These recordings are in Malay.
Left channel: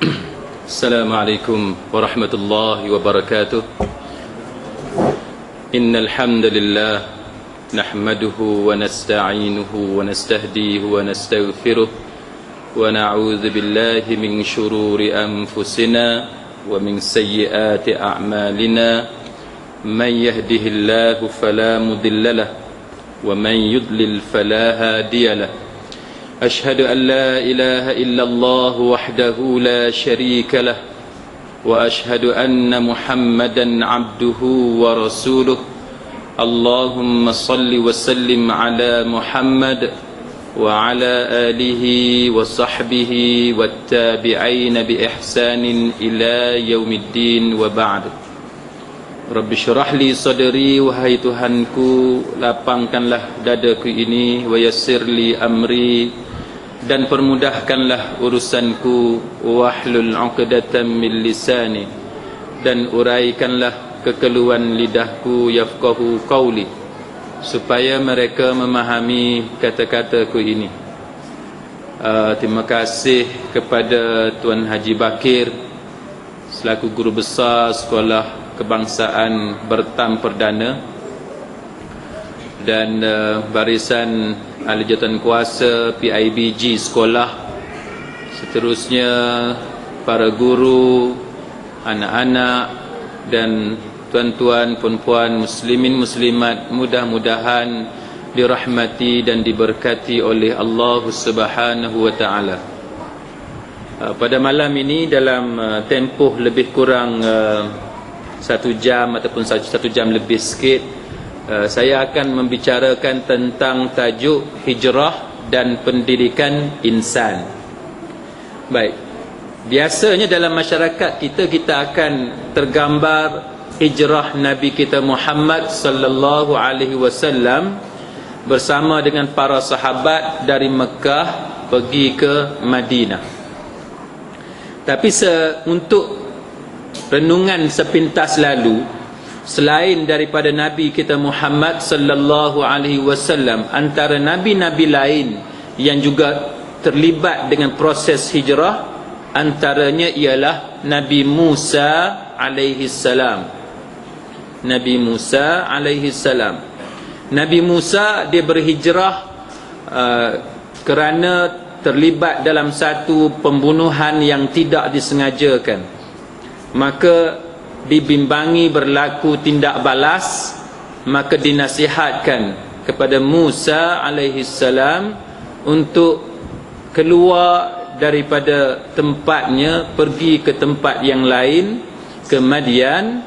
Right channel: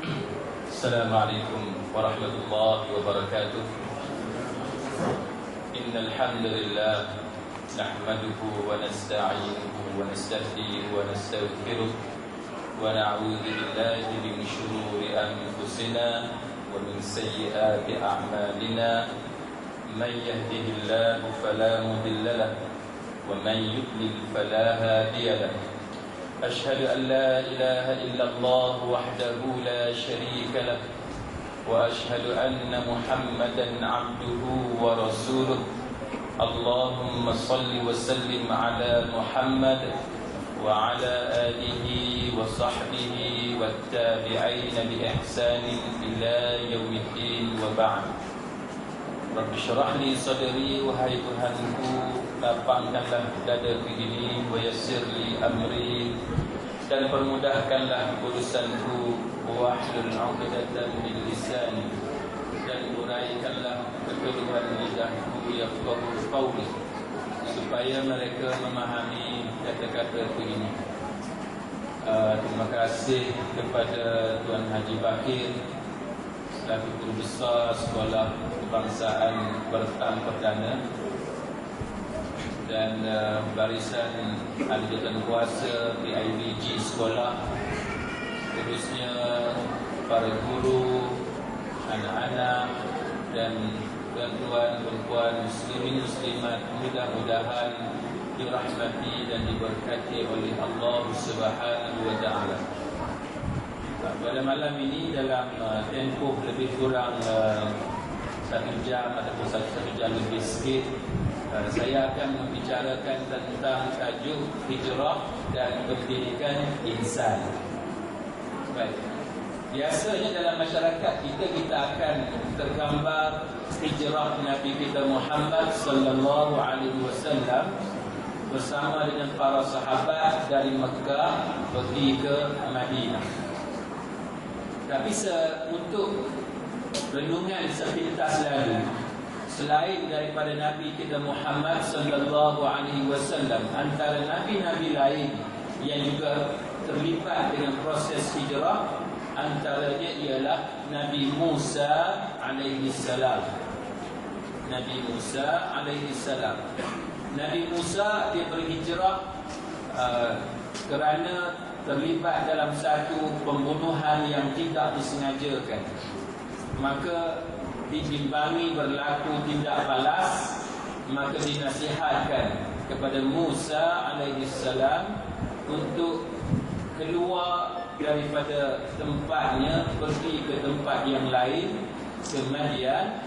السلام عليكم ورحمة الله وبركاته إن الحمد لله نحمده ونستعينه ونستهديه ونستغفره ونعوذ بالله من شرور أنفسنا ومن سيئات أعمالنا من يهده الله فلا مضل له ومن يضلل فلا هادي له أشهد أن لا إله إلا الله وحده لا شريك له وأشهد أن محمدا عبده ورسوله اللهم صل وسلم على محمد وعلى آله وصحبه والتابعين بإحسان إلى يوم الدين وبعد Rabbi syurah li sadri, wahai Tuhanku, lapangkanlah dadaku ini, wa yassir li amri, dan permudahkanlah urusanku, wahlul 'uqdatam min lisani, dan uraikanlah kekeluhan lidahku, yafqahu qawli, supaya mereka memahami kata-kataku ini. Terima kasih kepada Tuan Haji Bakir selaku guru besar Sekolah Kebangsaan Bertam Perdana dan barisan ahli jawatan kuasa PIBG sekolah, seterusnya para guru, anak-anak dan tuan-tuan, puan-puan, muslimin, muslimat, mudah-mudahan dirahmati dan diberkati oleh Allah Subhanahu wa taala. Pada malam ini dalam tempoh lebih kurang 1 jam ataupun 1 jam lebih sikit, saya akan membicarakan tentang tajuk hijrah dan pendidikan insan. Baik, biasanya dalam masyarakat kita akan tergambar hijrah Nabi kita Muhammad sallallahu alaihi wasallam bersama dengan para sahabat dari Mekah pergi ke Madinah. Tapi untuk renungan sepintas lalu, selain daripada Nabi kita Muhammad sallallahu alaihi wasallam, antara nabi-nabi lain yang juga terlibat dengan proses hijrah, antaranya ialah Nabi Musa alaihi salam. Nabi Musa alaihi salam. Nabi Musa dia berhijrah kerana terlibat dalam satu pembunuhan yang tidak disengajakan. Maka dibimbangi berlaku tindak balas, maka dinasihatkan kepada Musa alaihi salam untuk keluar daripada tempatnya, pergi ke tempat yang lain, ke Madian,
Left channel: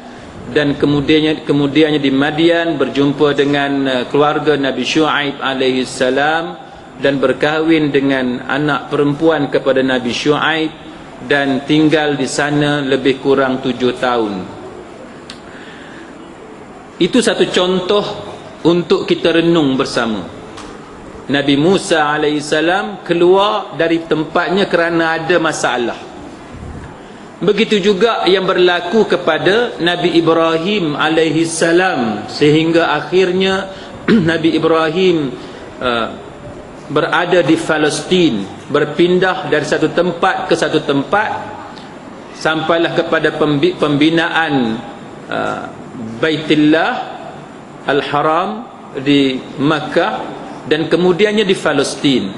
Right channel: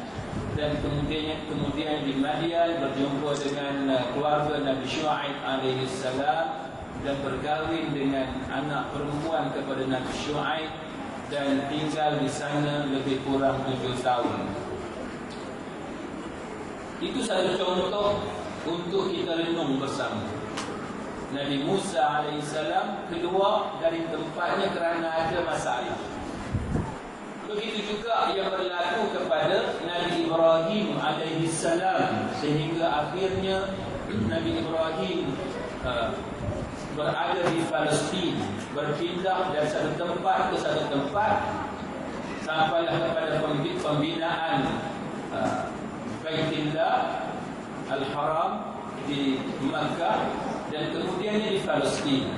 dan kemudiannya di Madian berjumpa dengan keluarga Nabi Syuaib alaihi salam dan berkahwin dengan anak perempuan kepada Nabi Syuaib dan tinggal di sana lebih kurang 7 tahun. Itu satu contoh untuk kita renung bersama. Nabi Musa alaihissalam keluar dari tempatnya kerana ada masalah. Begitu juga yang berlaku kepada Nabi Ibrahim alaihissalam, sehingga akhirnya Nabi Ibrahim berada di Palestin, berpindah dari satu tempat ke satu tempat, sampailah kepada pembinaan Baitullah Al-Haram di Makkah dan kemudiannya di Palestin.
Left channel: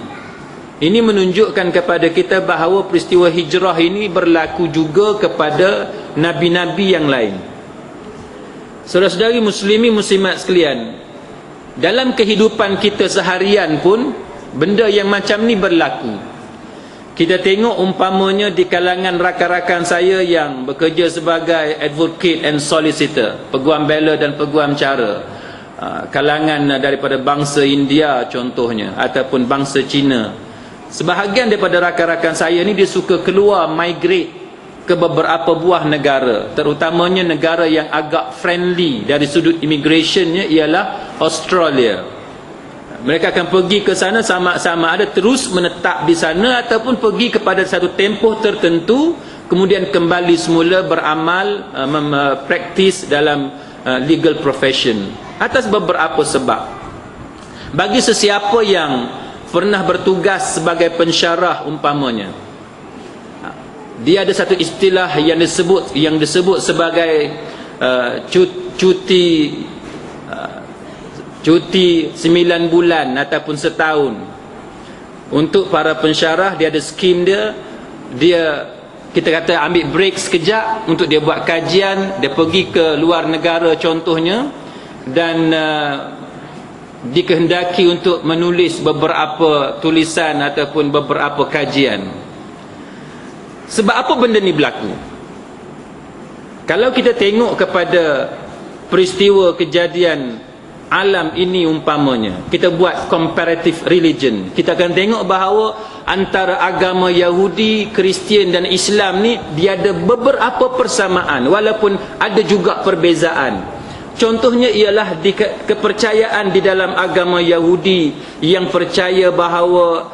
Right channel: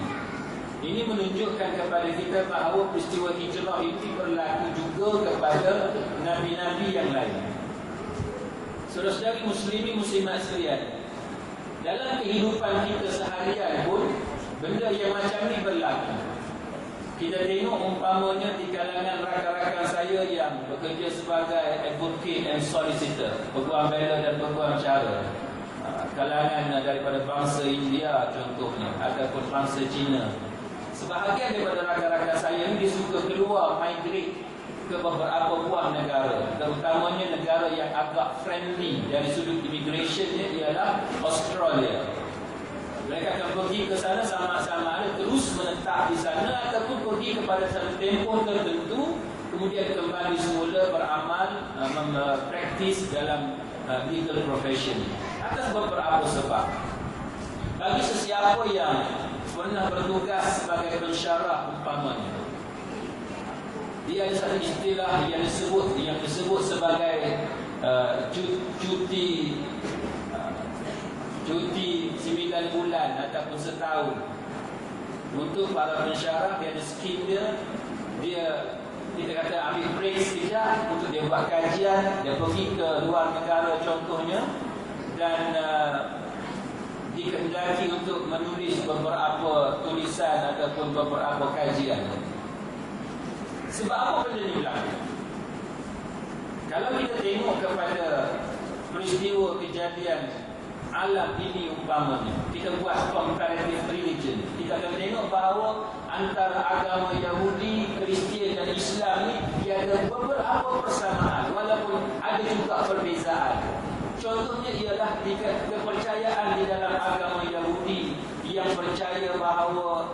Ini menunjukkan kepada kita bahawa peristiwa hijrah ini berlaku juga kepada nabi-nabi yang lain. Saudara-saudari muslimi muslimat sekalian, dalam kehidupan kita seharian pun benda yang macam ni berlaku. Kita tengok umpamanya di kalangan rakan-rakan saya yang bekerja sebagai advocate and solicitor, peguam bela dan peguam cara, kalangan daripada bangsa India contohnya, ataupun bangsa Cina. Sebahagian daripada rakan-rakan saya ni dia suka keluar, migrate ke beberapa buah negara, terutamanya negara yang agak friendly dari sudut immigrationnya ialah Australia. Mereka akan pergi ke sana sama-sama ada terus menetap di sana ataupun pergi kepada satu tempoh tertentu, kemudian kembali semula beramal, praktis dalam legal profession atas beberapa sebab. Bagi sesiapa yang pernah bertugas sebagai pensyarah umpamanya, dia ada satu istilah yang disebut sebagai cuti 9 bulan ataupun setahun. Untuk para pensyarah, dia ada skim dia kita kata ambil break sekejap untuk dia buat kajian, dia pergi ke luar negara contohnya, dan dikehendaki untuk menulis beberapa tulisan ataupun beberapa kajian. Sebab apa benda ni berlaku? Kalau kita tengok kepada peristiwa kejadian alam ini umpamanya, kita buat comparative religion, kita akan tengok bahawa antara agama Yahudi, Kristian dan Islam ni dia ada beberapa persamaan walaupun ada juga perbezaan. Contohnya ialah kepercayaan di dalam agama Yahudi yang percaya bahawa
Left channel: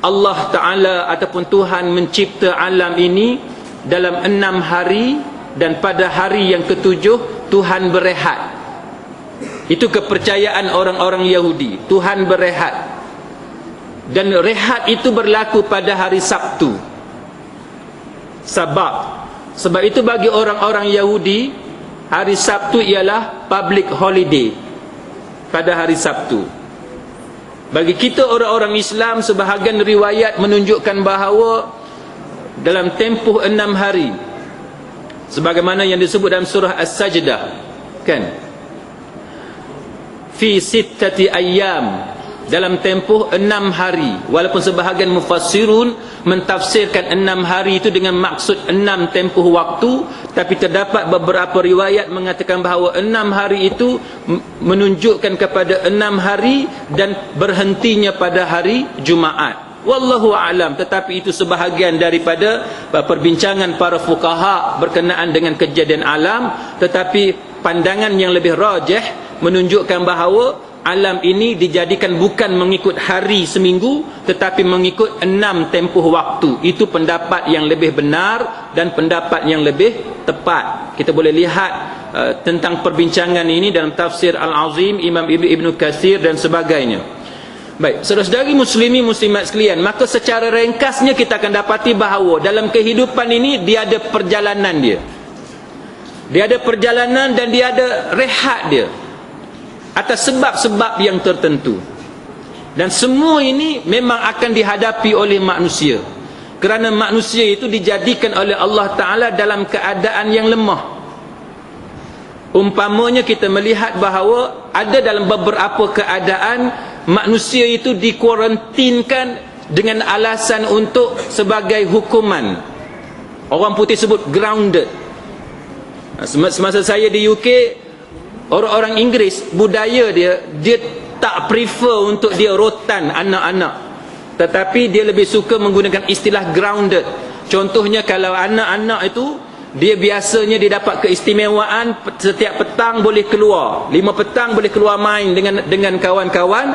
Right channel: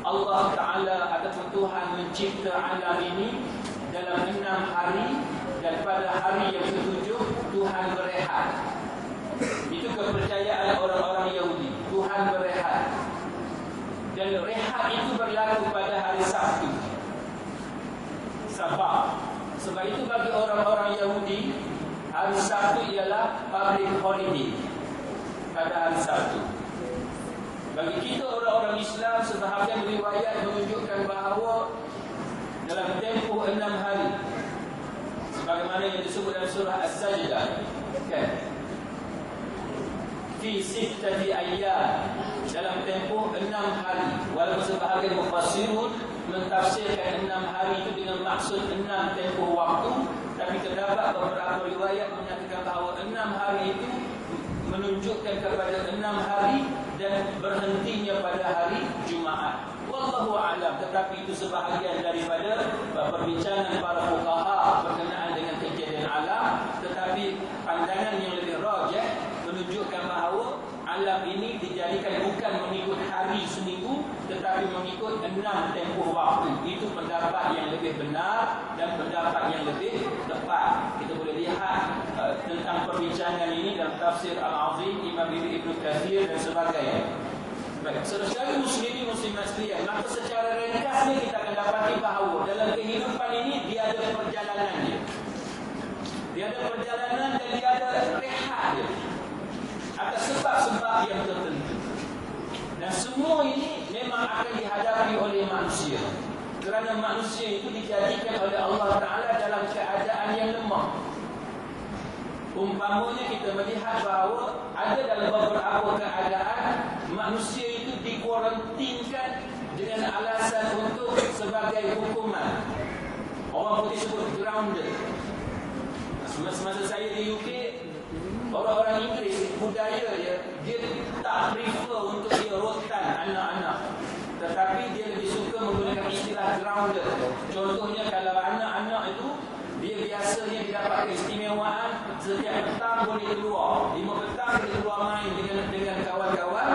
Allah Ta'ala ataupun Tuhan mencipta alam ini dalam 6 hari, dan pada hari yang ke-7 Tuhan berehat. Itu kepercayaan orang-orang Yahudi. Tuhan berehat, dan rehat itu berlaku pada hari Sabtu. Sebab itu bagi orang-orang Yahudi, hari Sabtu ialah public holiday pada hari Sabtu. Bagi kita orang-orang Islam, sebahagian riwayat menunjukkan bahawa dalam tempoh 6 hari, sebagaimana yang disebut dalam surah As-Sajdah, kan, fi sittati ayyam, dalam tempoh 6 hari. Walaupun sebahagian mufassirun mentafsirkan 6 hari itu dengan maksud 6 tempoh waktu, tapi terdapat beberapa riwayat mengatakan bahawa 6 hari itu menunjukkan kepada 6 hari dan berhentinya pada hari Jumaat. Wallahu a'lam. Tetapi itu sebahagian daripada perbincangan para fuqaha berkenaan dengan kejadian alam. Tetapi pandangan yang lebih rajih menunjukkan bahawa alam ini dijadikan bukan mengikut hari seminggu, tetapi mengikut 6 tempoh waktu. Itu pendapat yang lebih benar dan pendapat yang lebih tepat. Kita boleh lihat tentang perbincangan ini dalam tafsir Al-Azim Imam Ibn Katsir dan sebagainya. Baik, saudara-saudari muslimi muslimat sekalian, maka secara ringkasnya kita akan dapati bahawa dalam kehidupan ini dia ada perjalanan dia. Dia ada perjalanan dan dia ada rehat dia atas sebab-sebab yang tertentu. Dan semua ini memang akan dihadapi oleh manusia, kerana manusia itu dijadikan oleh Allah Ta'ala dalam keadaan yang lemah. Umpamanya kita melihat bahawa ada dalam beberapa keadaan manusia itu dikuarantinkan dengan alasan untuk sebagai hukuman. Orang putih sebut grounded. Semasa saya di UK, orang-orang Inggeris, budaya dia tak prefer untuk dia rotan anak-anak, tetapi dia lebih suka menggunakan istilah grounded. Contohnya kalau anak-anak itu, dia biasanya dia dapat keistimewaan setiap petang boleh keluar, 5 petang boleh keluar main dengan kawan-kawan.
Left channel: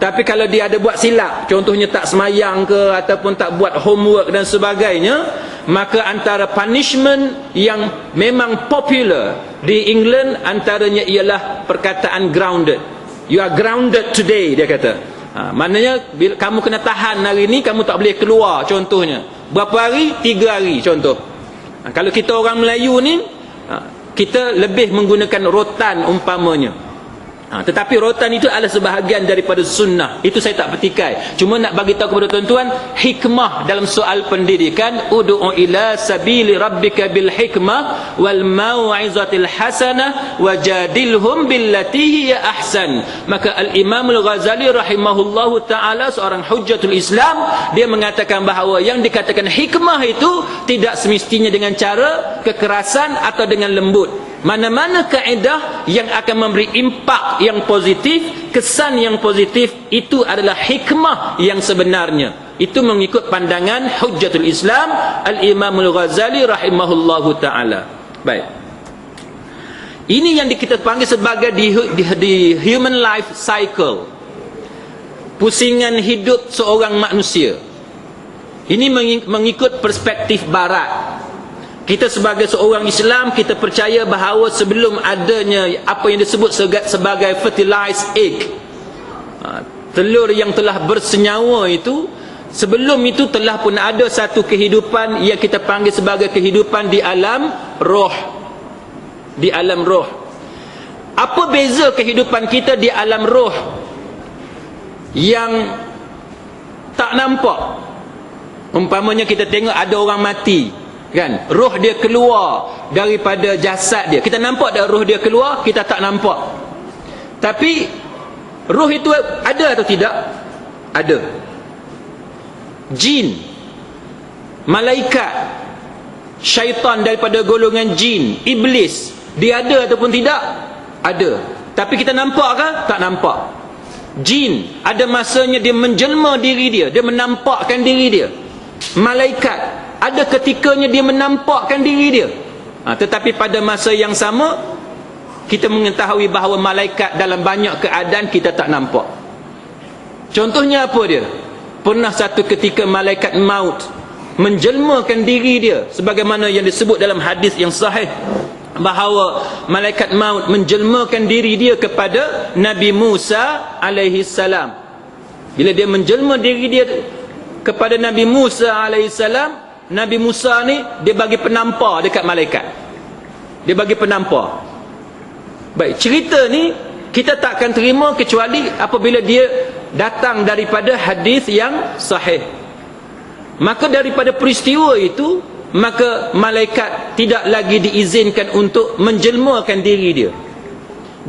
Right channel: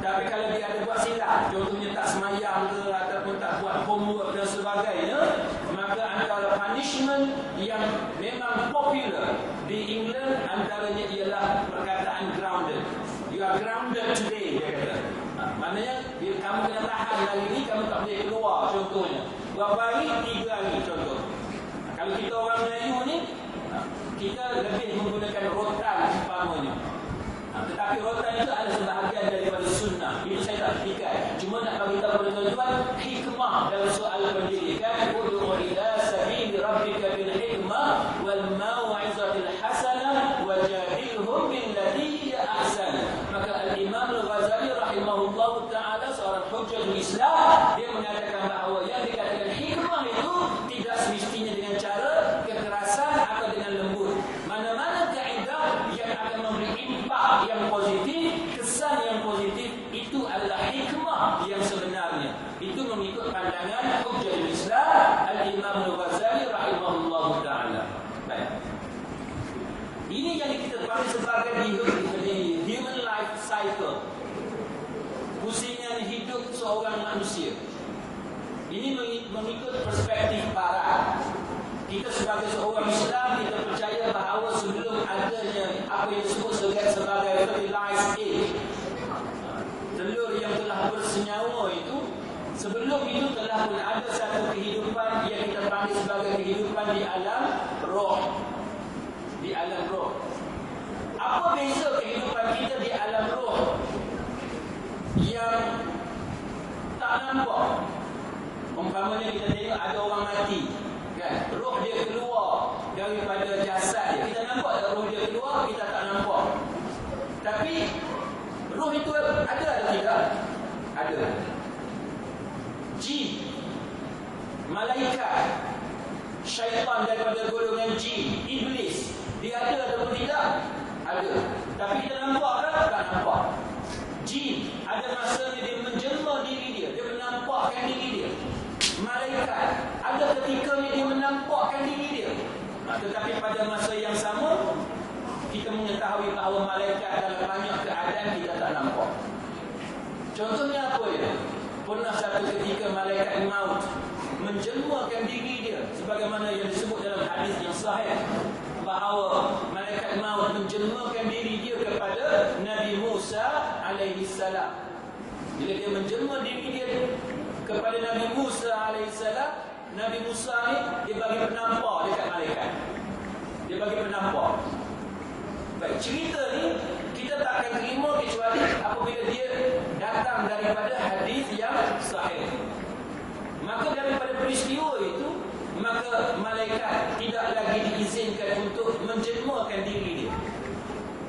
Tapi kalau dia ada buat silap, contohnya tak semayang ke ataupun tak buat homework dan sebagainya, maka antara punishment yang memang popular di England antaranya ialah perkataan grounded. You are grounded today, dia kata. Maknanya bila kamu kena tahan hari ni, kamu tak boleh keluar contohnya. Berapa hari? 3 hari contoh. Kalau kita orang Melayu ni, kita lebih menggunakan rotan umpamanya. Tetapi rotan itu adalah sebahagian daripada sunnah. Itu saya tak petikai. Cuma nak bagi tahu kepada tuan-tuan, hikmah dalam soal pendidikan, ud'u ila sabili rabbika bil hikmah wal mau'izatil hasanah wajadilhum billati hiya ahsan. Maka Al-Imam Al-Ghazali rahimahullahu ta'ala, seorang hujjatul Islam, dia mengatakan bahawa yang dikatakan hikmah itu tidak semestinya dengan cara kekerasan atau dengan lembut. Mana-mana kaedah yang akan memberi impak yang positif, kesan yang positif, itu adalah hikmah yang sebenarnya. Itu mengikut pandangan hujjatul Islam Al-Imam Al-Ghazali rahimahullahu ta'ala. Baik, ini yang kita panggil sebagai di human life cycle, pusingan hidup seorang manusia. Ini mengikut perspektif barat. Kita sebagai seorang Islam, kita percaya bahawa sebelum adanya apa yang disebut sebagai fertilized egg, telur yang telah bersenyawa itu, Sebelum itu telah pun ada satu kehidupan yang kita panggil sebagai kehidupan di alam roh. Di alam roh. Apa beza kehidupan kita di alam roh yang tak nampak? Umpamanya kita tengok ada orang mati, kan? Roh dia keluar daripada jasad dia. Kita nampak dah roh dia keluar, kita tak nampak. Tapi roh itu ada atau tidak? Ada. Jin, malaikat, syaitan daripada golongan jin, iblis, dia ada ataupun tidak? Ada. Tapi kita nampak ke? Tak nampak. Jin, ada masanya dia menjelma diri dia, dia menampakkan diri dia. Malaikat, ada ketikanya dia menampakkan diri dia. Tetapi pada masa yang sama, kita mengetahui bahawa malaikat dalam banyak keadaan kita tak nampak. Contohnya apa dia? Pernah satu ketika malaikat maut menjelmakan diri dia, sebagaimana yang disebut dalam hadis yang sahih, bahawa malaikat maut menjelmakan diri dia kepada Nabi Musa alaihi salam. Bila dia menjelma diri dia kepada Nabi Musa alaihi salam, Nabi Musa ni dia bagi penampar dekat malaikat. Dia bagi penampar. Baik, cerita ni kita tak akan terima kecuali apabila dia datang daripada hadis yang sahih. Maka daripada peristiwa itu, maka malaikat tidak lagi diizinkan untuk menjelmakan diri dia.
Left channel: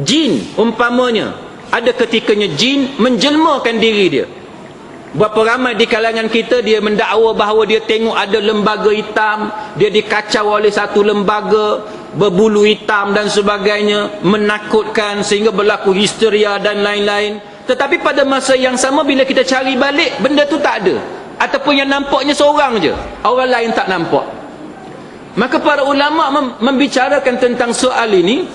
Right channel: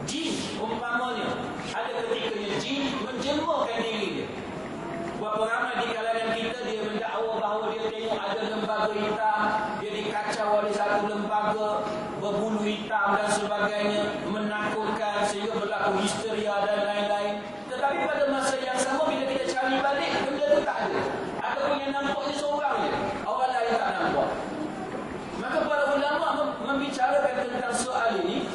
Jin umpamanya, ada ketikanya jin menjelmakan diri dia. Berapa ramai di kalangan kita dia mendakwa bahawa dia tengok ada lembaga hitam, dia dikacau oleh satu lembaga berbulu hitam dan sebagainya, menakutkan sehingga berlaku histeria dan lain-lain. Tetapi pada masa yang sama bila kita cari balik, benda tu tak ada, ataupun yang nampaknya seorang je, orang lain tak nampak. Maka para ulama membicarakan tentang soal ini,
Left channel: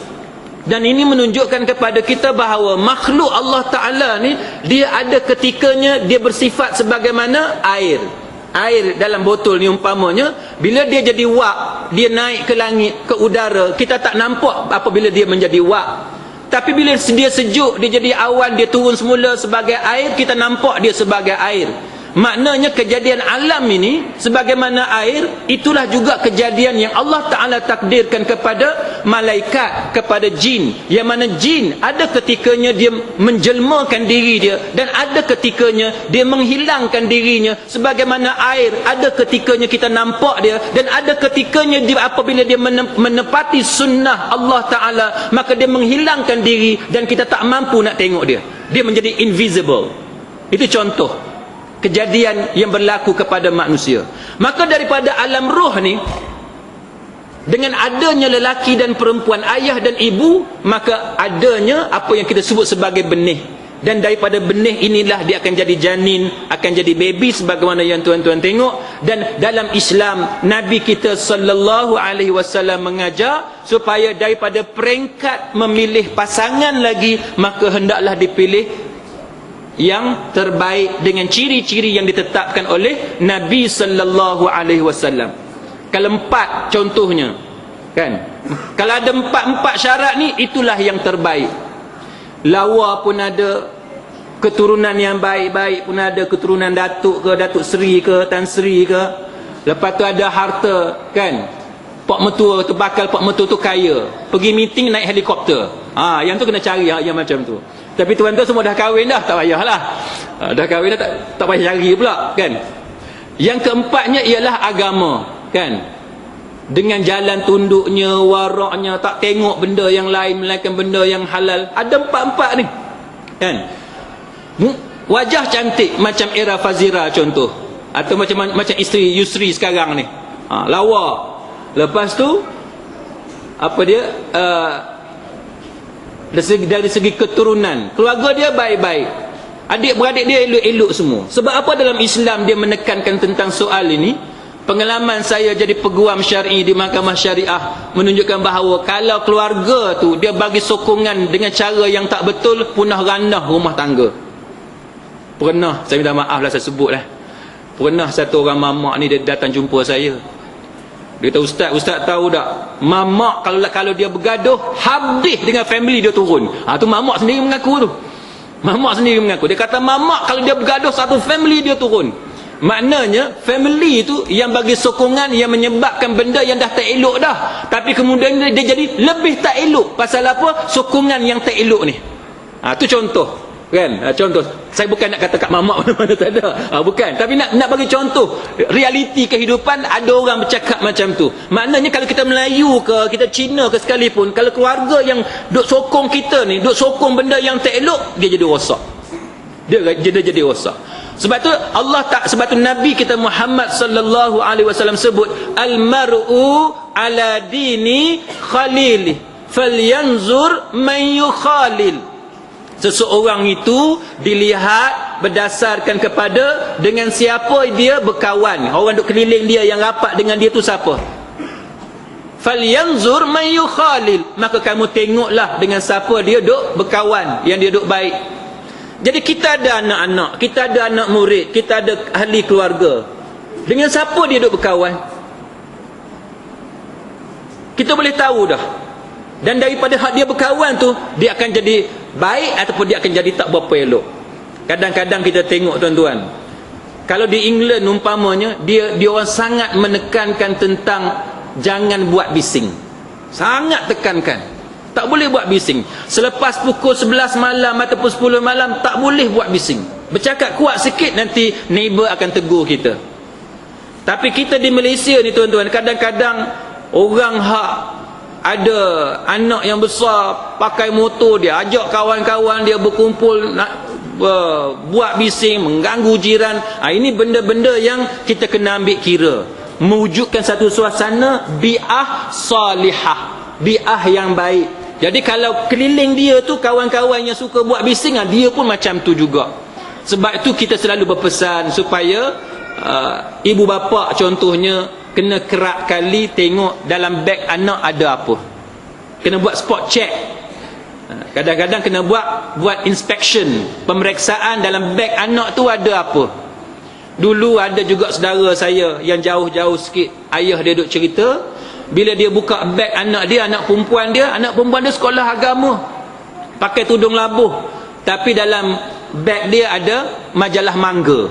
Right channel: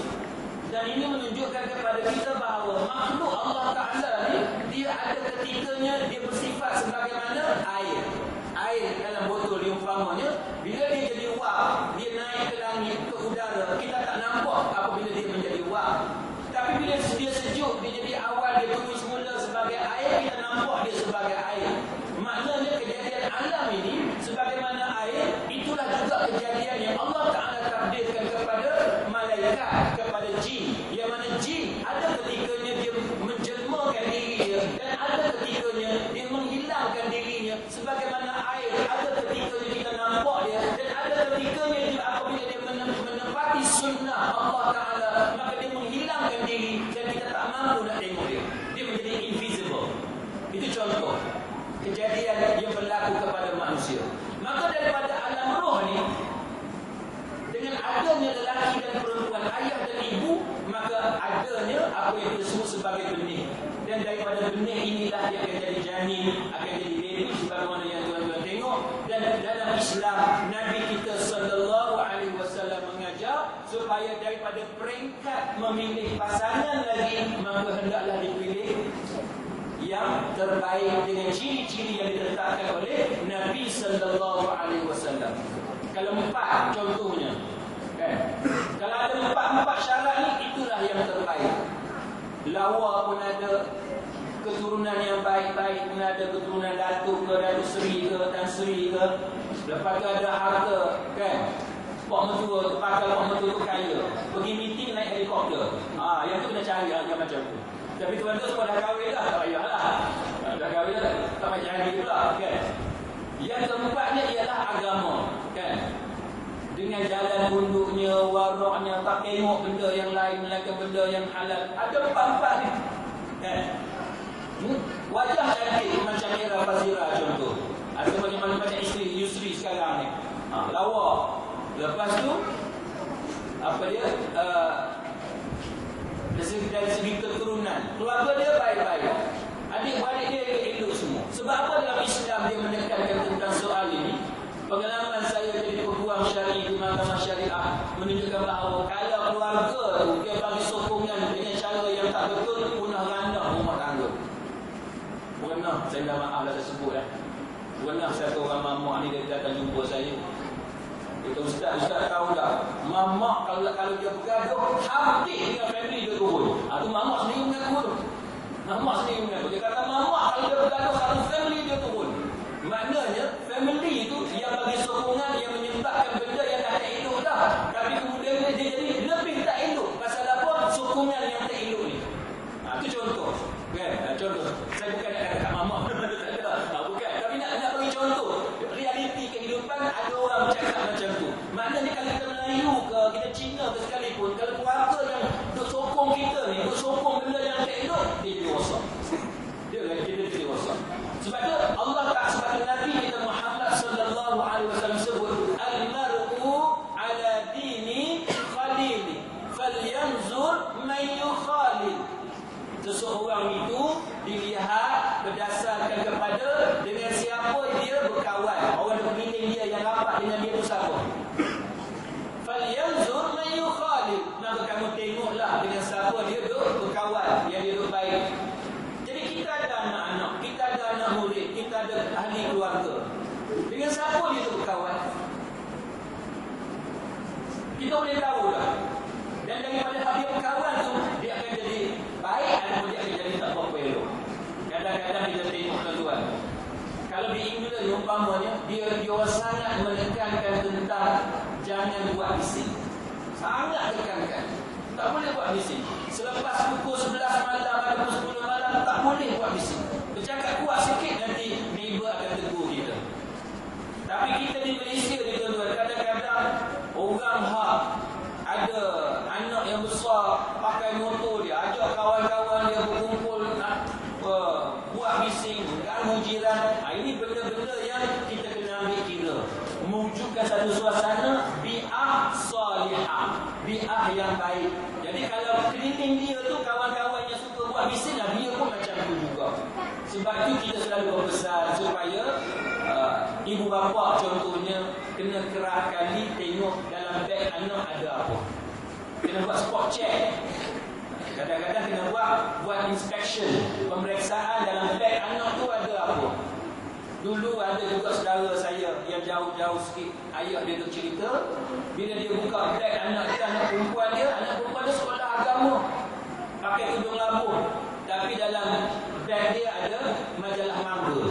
dan ini menunjukkan kepada kita bahawa makhluk Allah Ta'ala ni, dia ada ketikanya dia bersifat sebagaimana air. Air dalam botol ni umpamanya, bila dia jadi wap, dia naik ke langit, ke udara, kita tak nampak apabila dia menjadi wap. Tapi bila dia sejuk, dia jadi awan, dia turun semula sebagai air, kita nampak dia sebagai air. Maknanya kejadian alam ini sebagaimana air, itulah juga kejadian yang Allah Ta'ala takdirkan kepada malaikat, kepada jin. Yang mana jin ada ketikanya dia menjelmakan diri dia, dan ada ketikanya dia menghilangkan dirinya. Sebagaimana air, ada ketikanya kita nampak dia, dan ada ketikanya dia, apabila dia menepati sunnah Allah Ta'ala, maka dia menghilangkan diri dan kita tak mampu nak tengok dia. Dia menjadi invisible. Itu contoh kejadian yang berlaku kepada manusia. Maka daripada alam roh ni, dengan adanya lelaki dan perempuan, ayah dan ibu, maka adanya apa yang kita sebut sebagai benih. Dan daripada benih inilah dia akan jadi janin, akan jadi baby, sebagaimana yang tuan-tuan tengok. Dan dalam Islam, Nabi kita sallallahu alaihi wasallam mengajar supaya daripada peringkat memilih pasangan lagi, maka hendaklah dipilih yang terbaik dengan ciri-ciri yang ditetapkan oleh Nabi sallallahu alaihi wasallam. Kalau 4 contohnya, kan? Kalau ada 4 syarat ni, itulah yang terbaik. Lawa pun ada, keturunan yang baik-baik pun ada, keturunan datuk ke, datuk seri ke, tan seri ke. Lepas tu ada harta, kan? Pak mertua tu, bakal pak mertua tu kaya, pergi meeting naik helikopter. Yang tu kena cari yang macam tu. Tapi tuan-tuan semua dah kahwin dah, tak payahlah. Dah kahwin dah, tak payah cari pula, kan? Yang keempatnya ialah agama, kan? Dengan jalan tunduknya, waraknya, tak tengok benda yang lain melainkan benda yang halal. Ada 4 ni, kan? Wajah cantik macam Era Fazira contoh, atau macam isteri Yusri sekarang ni, lawa. Lepas tu apa dia, dari segi keturunan, keluarga dia baik-baik, adik-beradik dia elok-elok semua. Sebab apa dalam Islam dia menekankan tentang soal ini? Pengalaman saya jadi peguam syar'i di Mahkamah Syariah menunjukkan bahawa kalau keluarga tu dia bagi sokongan dengan cara yang tak betul, punah ranah rumah tangga. Pernah, saya minta maaf lah saya sebut lah, pernah satu orang mamak ni dia datang jumpa saya. Dia kata, Ustaz tahu tak, mamak kalau dia bergaduh, habis dengan family dia turun. Tu mamak sendiri mengaku tu. Mamak sendiri mengaku. Dia kata mamak kalau dia bergaduh, satu family dia turun. Maknanya family itu yang bagi sokongan, yang menyebabkan benda yang dah tak elok dah, tapi kemudian dia jadi lebih tak elok. Pasal apa? Sokongan yang tak elok ni. Tu contoh kan. Contoh, saya bukan nak kata kat mamak mana-mana, tak ada. Bukan, tapi nak bagi contoh realiti kehidupan. Ada orang bercakap macam tu. Maknanya kalau kita Melayu ke, kita Cina ke sekalipun, kalau keluarga yang duk sokong kita ni, duk sokong benda yang tak elok, dia jadi rosak. Dia jadi rosak. Sebab tu sebab tu Nabi kita Muhammad sallallahu alaihi wasallam sebut, al-mar'u ala dini khalili falyanzur man yukhalil. Seseorang itu dilihat berdasarkan kepada dengan siapa dia berkawan. Orang duk keliling dia, yang rapat dengan dia tu siapa? Falyanzur man yukhalil. Maka kamu tengoklah dengan siapa dia duk berkawan, yang dia duk baik. Jadi kita ada anak-anak, kita ada anak murid, kita ada ahli keluarga. Dengan siapa dia duk berkawan? Kita boleh tahu dah. Dan daripada hak dia berkawan tu, dia akan jadi baik ataupun dia akan jadi tak berapa elok. Kadang-kadang kita tengok tuan-tuan, kalau di England umpamanya, dia orang sangat menekankan tentang jangan buat bising. Sangat tekankan, tak boleh buat bising. Selepas pukul 11 malam ataupun 10 malam, tak boleh buat bising. Bercakap kuat sikit, nanti neighbor akan tegur kita. Tapi kita di Malaysia ni tuan-tuan, kadang-kadang orang hak ada anak yang besar, pakai motor dia, ajak kawan-kawan dia berkumpul, nak buat bising, mengganggu jiran. Ini benda-benda yang kita kena ambil kira, mewujudkan satu suasana bi'ah salihah, bi'ah yang baik. Jadi kalau keliling dia tu kawan-kawan yang suka buat bising, dia pun macam tu juga. Sebab itu kita selalu berpesan supaya ibu bapa contohnya kena kerap kali tengok dalam beg anak ada apa. Kena buat spot check. Kadang-kadang kena buat inspection, pemeriksaan dalam beg anak tu ada apa. Dulu ada juga saudara saya yang jauh-jauh sikit, ayah dia duk cerita, bila dia buka beg anak dia, anak perempuan dia sekolah agama, pakai tudung labuh, tapi dalam beg dia ada majalah mangga.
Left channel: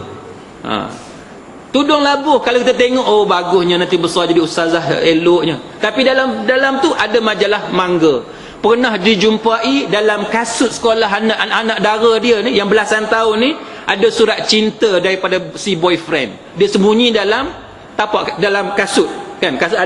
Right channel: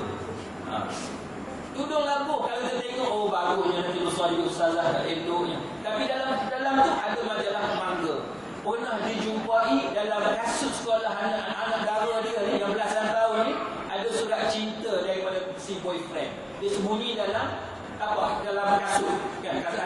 Tudung labuh, kalau kita tengok, oh bagusnya, nanti besar jadi ustazah, eloknya. Tapi dalam tu ada majalah mangga. Pernah dijumpai dalam kasut sekolah anak-anak dara dia ni, yang belasan tahun ni, ada surat cinta daripada si boyfriend. Dia sembunyi dalam tapak, dalam kasut kan. Kasut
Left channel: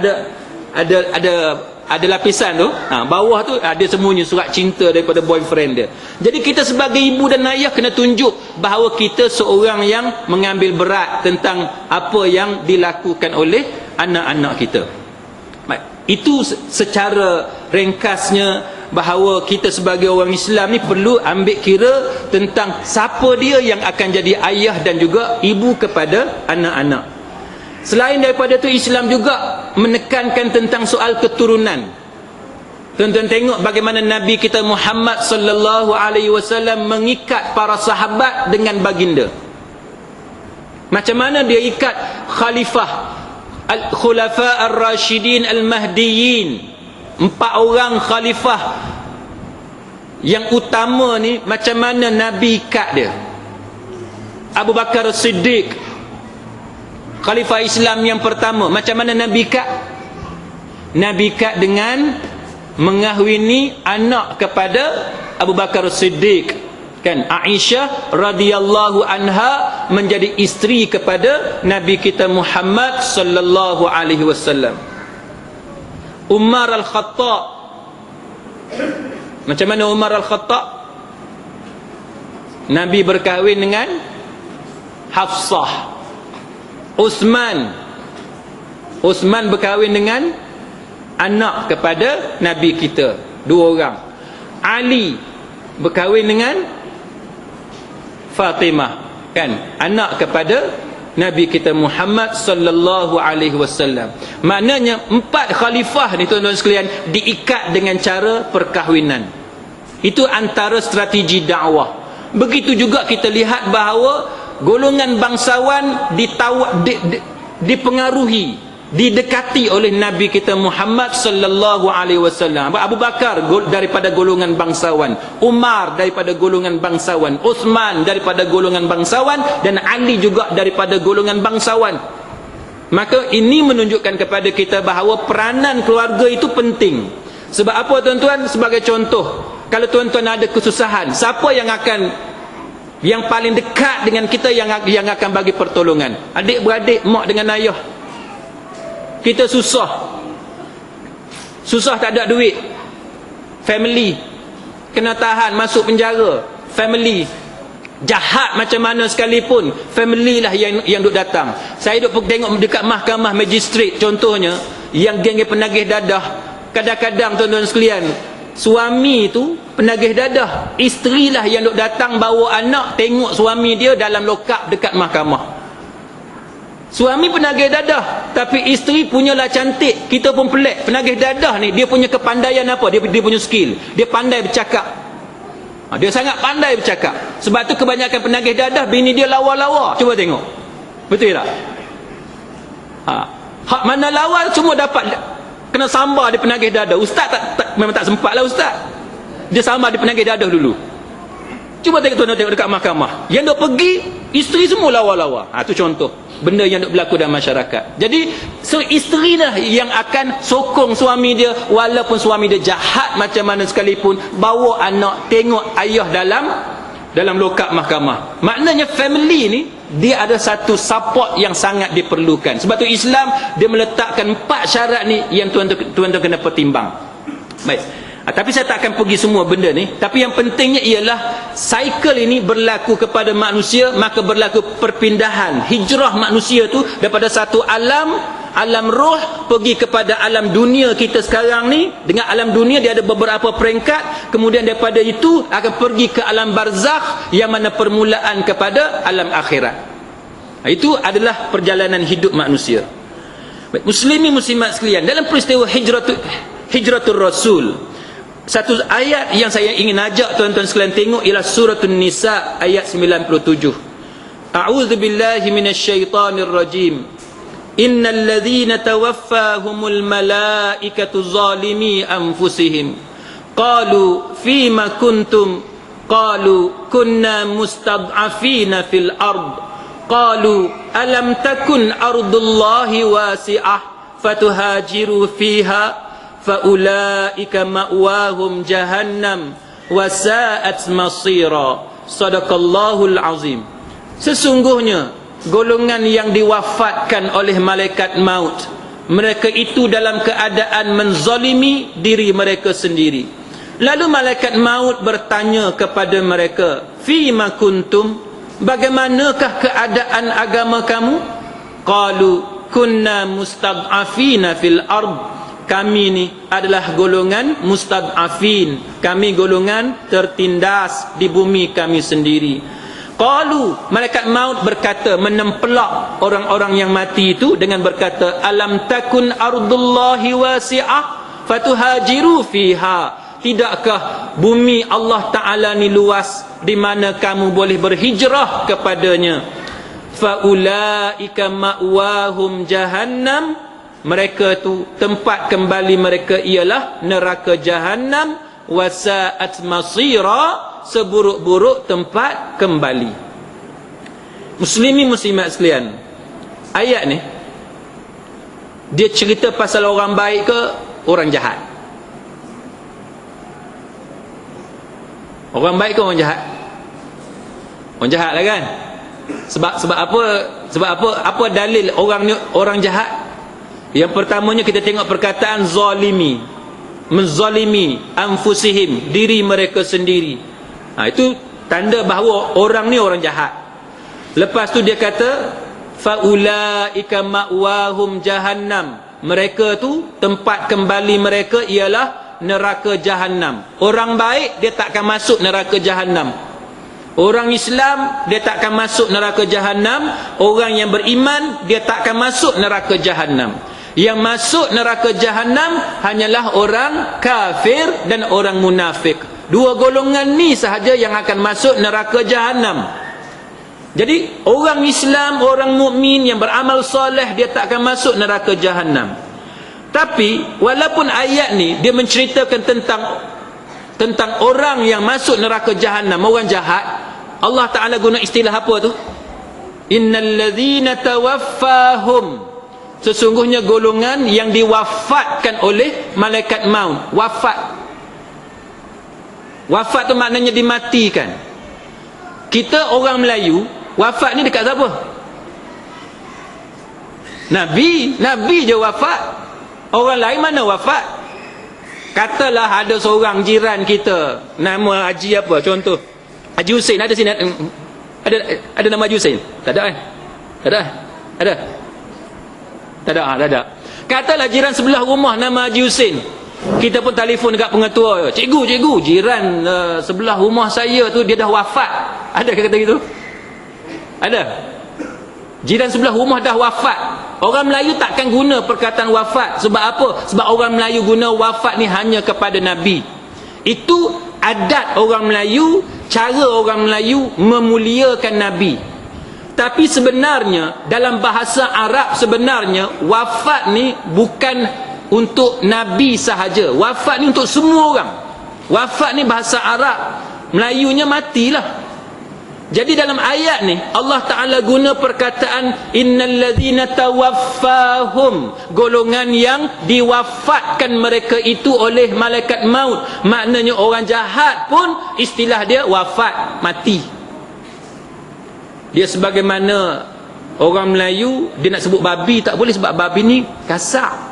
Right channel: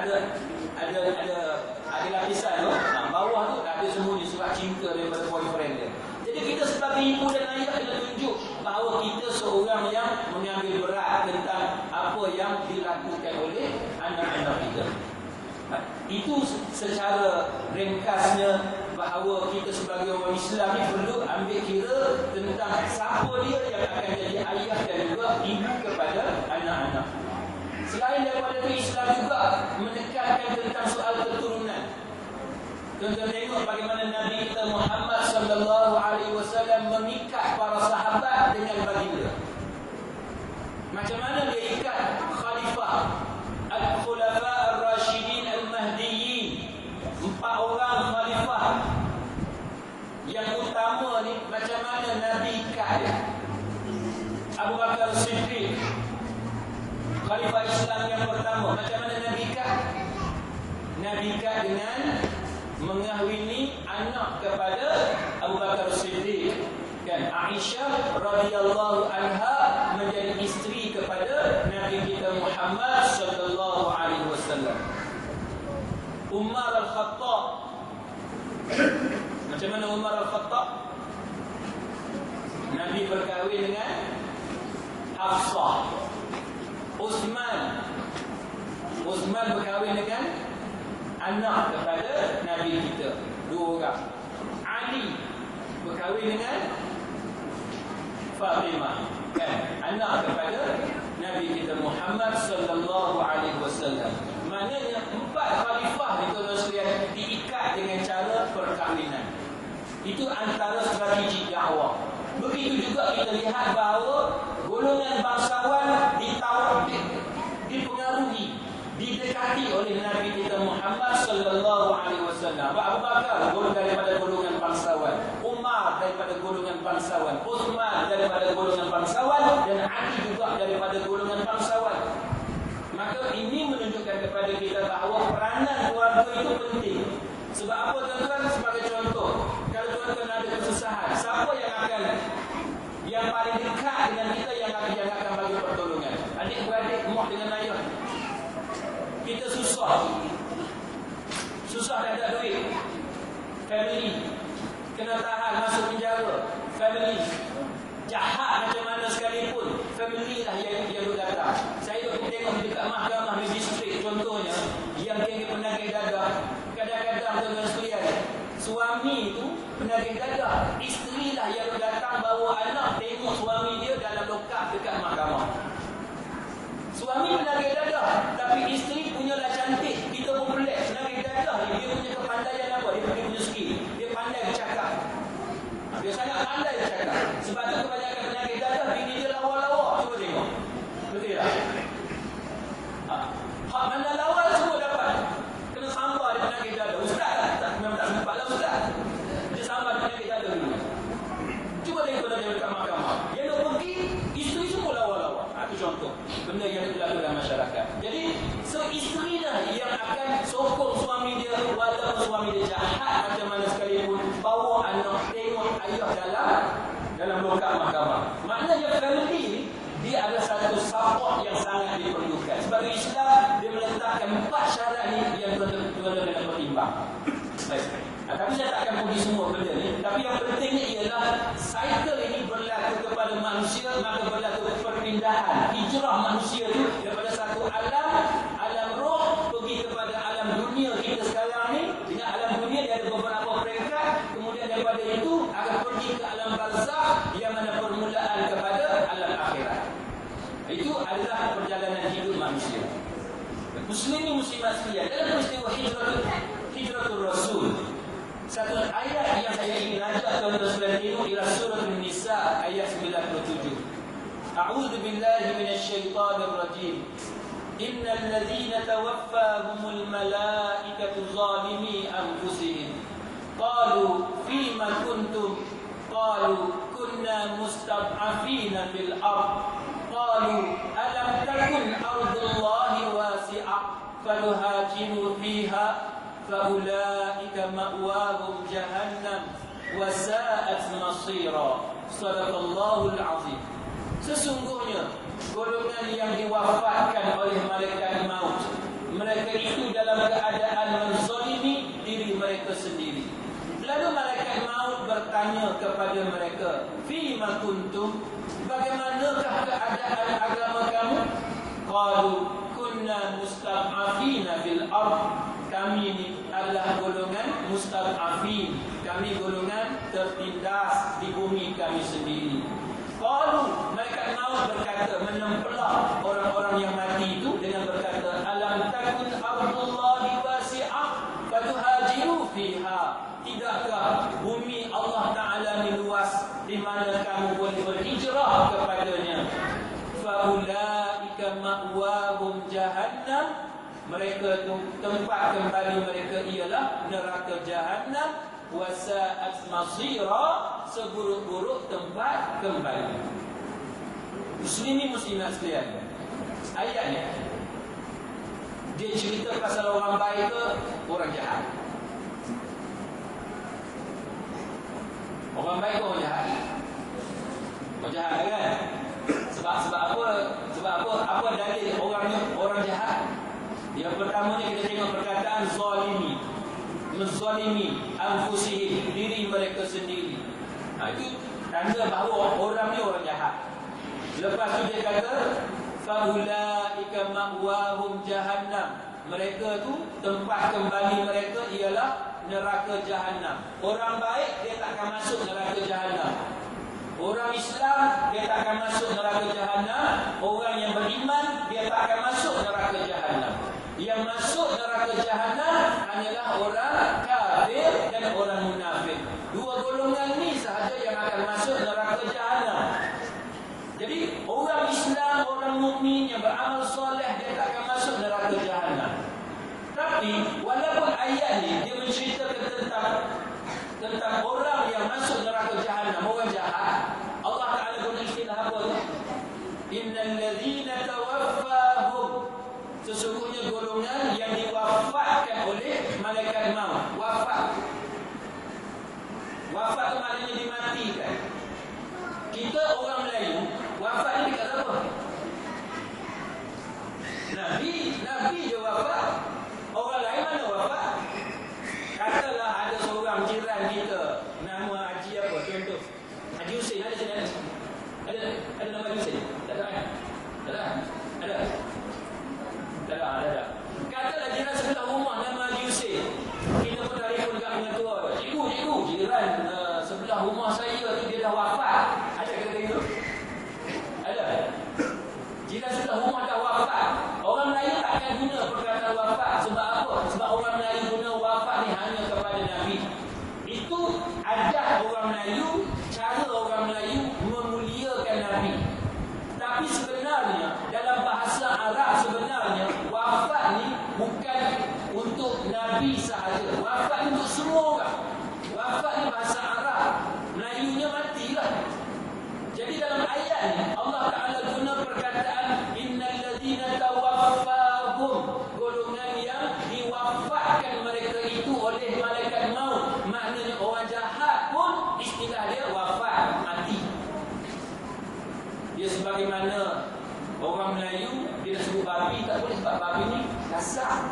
ada lapisan tu, bawah tu ada sembunyi surat cinta daripada boyfriend dia. Jadi kita sebagai ibu dan ayah kena tunjuk bahawa kita seorang yang mengambil berat tentang apa yang dilakukan oleh anak-anak kita. Itu secara ringkasnya bahawa kita sebagai orang Islam ni perlu ambil kira tentang siapa dia yang akan jadi ayah dan juga ibu kepada anak-anak. Selain daripada itu, Islam juga menekankan tentang soal keturunan. Tuan-tuan tengok bagaimana Nabi kita Muhammad sallallahu alaihi wasallam mengikat para sahabat dengan baginda. Macam mana dia ikat khalifah, al-khulafa ar-rasyidin al-mahdiyyin, 4 orang khalifah yang utama ni, macam mana Nabi ikat dia. Abu Bakar Siddiq, khalifah Islam yang pertama, macam mana Nabi ikat? Nabi ikat dengan mengahwini anak kepada Abu Bakar Siddiq kan. Aisyah radhiyallahu anha menjadi isteri kepada Nabi kita Muhammad sallallahu alaihi wasallam. Umar al-Khattab, macam mana Umar al-Khattab? Nabi berkahwin dengan Hafsah. Uthman berkahwin dengan anak kepada Nabi kita, 2 orang. Ali berkahwin dengan Fatimah kan, anak kepada Nabi kita Muhammad sallallahu alaihi wasallam. Maknanya 4 khalifah ni tuan-tuan sekalian diikat dengan cara perkahwinan. Itu antara strategi dakwah. Begitu juga kita lihat bahawa golongan bangsawan dipengaruhi didekati oleh Nabi kita Muhammad sallallahu alaihi wasallam. Abu Bakar daripada golongan bangsawan, Umar daripada golongan bangsawan, Uthman daripada golongan bangsawan, dan Ali juga daripada golongan bangsawan. Maka ini menunjukkan kepada kita bahawa peranan keluarga itu penting. Sebab apa tuan-tuan? Sebagai contoh, kalau tuan-tuan ada kesusahan, siapa yang paling dekat dengan kita yang akan bagi pertolongan? Adik-beradik, mak dengan ayah. Kita susah tak ada duit, family kena tahan, masuk penjara, family jahat macam mana sekalipun, family lah yang duk datang. Saya duk tengok dekat mahkamah magistrate contohnya, yang geng penagih dadah, kadang-kadang tuan-tuan sekalian, suami tu penagih dadah, isteri lah yang duk datang bawa anak tengok suami dia dalam lokap dekat mahkamah. Suami penagih dadah, tapi isteri punyalah cantik. Kita pun pelik. Penagih dadah ni, dia punya kepandaian apa? Dia punya skill. Dia pandai bercakap. Dia sangat pandai bercakap. Sebab tu kebanyakan penagih dadah, bini dia lawa-lawa. Cuba tengok. Betul tak? Hak mana lawa, semua dapat kena sambar di penagih dadah. Ustaz memang tak sempat lah ustaz. Dia sambar di penagih dadah dulu. Cuba tengok dekat mahkamah. Yang duk pergi, isteri semua lawa-lawa. Itu contoh benda yang duk berlaku dalam masyarakat. Jadi, isteri lah yang akan sokong suami dia, walaupun suami dia jahat macam mana sekalipun, bawa anak tengok ayah dalam lokap mahkamah. Maknanya family ni, dia ada satu support yang sangat diperlukan. Sebab tu Islam, dia meletakkan 4 syarat ni yang tuan-tuan kena pertimbang. Baik. Tapi saya tak akan pergi semua benda ni. Tapi yang pentingnya ialah cycle ini berlaku kepada manusia, maka berlaku perpindahan, hijrah manusia tu daripada satu alam roh pergi kepada alam dunia kita sekarang ni. Dengan alam dunia dia ada beberapa peringkat, kemudian daripada itu akan pergi ke alam barzakh yang mana permulaan kepada alam akhirat. Itu adalah perjalanan hidup manusia. Baik, muslimin muslimat sekalian, dalam peristiwa hijratul Rasul, satu ayat yang saya ingin ajak tuan-tuan sekalian tengok ialah suratul Nisa ayat 97. A'udzubillahi minasyaitonir rajim. Innal ladzina tawaffahumul malaikatu zalimi anfusihim qalu fima kuntum qalu kunna mustad'afina fil ard qalu alam takun ardullahi wasi'ah fatuhajiru fiha faulaika ma'wahum jahannam wasa'at masira. Sadaqallahul azim. Sesungguhnya golongan yang diwafatkan oleh malaikat maut, mereka itu dalam keadaan menzalimi diri mereka sendiri. Lalu malaikat maut bertanya kepada mereka, fima kuntum, bagaimanakah keadaan agama kamu? Qalu kunna mustad'afina fil ard. Kami ni adalah golongan mustad'afin, kami golongan tertindas di bumi kami sendiri. Qalu, malaikat maut berkata, menempelak orang-orang yang mati itu dengan berkata, alam takun ardullahi wasi'ah fatuhajiru fiha. Tidakkah bumi Allah Ta'ala ni luas di mana kamu boleh berhijrah kepadanya? Faulaika ma'wahum jahannam. Mereka tu tempat kembali mereka ialah neraka Jahannam. Wasa'at masira, seburuk-buruk tempat kembali. Muslimin muslimat sekalian, ayat ni dia cerita pasal orang baik ke orang jahat? Orang baik ke orang jahat? Orang jahat lah kan? Sebab apa dalil orang jahat? Yang pertamanya kita tengok perkataan zalimi, menzalimi anfusihim, diri mereka sendiri. Itu tanda bahawa orang ni orang jahat. Lepas tu dia kata faulaika ma'wahum jahannam. Mereka tu tempat kembali mereka ialah neraka Jahannam. Orang baik dia takkan masuk neraka Jahannam. Orang Islam dia takkan masuk neraka Jahannam. Orang yang beriman dia takkan masuk neraka Jahannam. Yang masuk neraka Jahannam hanyalah orang kafir dan orang munafik. Dua golongan ni sahaja yang akan masuk neraka Jahannam. Jadi orang Islam, orang mukmin yang beramal soleh, dia tak akan masuk neraka Jahannam. Tapi walaupun ayat ni dia menceritakan tentang orang yang masuk neraka Jahannam, orang jahat, Allah Ta'ala guna istilah apa tu? Innal ladzina tawaffahum, sesungguhnya golongan yang diwafatkan oleh malaikat maut. Wafat tu maknanya dimatikan. Kita orang Melayu, wafat ni dekat siapa? Nabi je wafat. Orang lain mana wafat? Katalah ada seorang jiran kita, nama Haji apa contoh, Haji Hussein, ada sini, ada nama Haji Hussein? Tak ada kan? Tak ada. Katalah jiran sebelah rumah nama Haji Hussein. Kita pun telefon dekat pengetua, cikgu, jiran sebelah rumah saya tu dia dah wafat. Ada kata gitu? Ada. Jiran sebelah rumah dah wafat. Orang Melayu takkan guna perkataan wafat. Sebab apa? Sebab orang Melayu guna wafat ni hanya kepada Nabi. Itu adat orang Melayu, cara orang Melayu memuliakan Nabi. Tapi sebenarnya dalam bahasa Arab, sebenarnya wafat ni bukan untuk Nabi sahaja. Wafat ni untuk semua orang. Wafat ni bahasa Arab, Melayunya matilah. Jadi dalam ayat ni Allah Ta'ala guna perkataan innal ladzina tawaffahum, golongan yang diwafatkan mereka itu oleh malaikat maut. Maknanya orang jahat pun istilah dia wafat, mati. Dia sebagaimana orang Melayu, dia nak sebut babi tak boleh sebab babi ni kasar,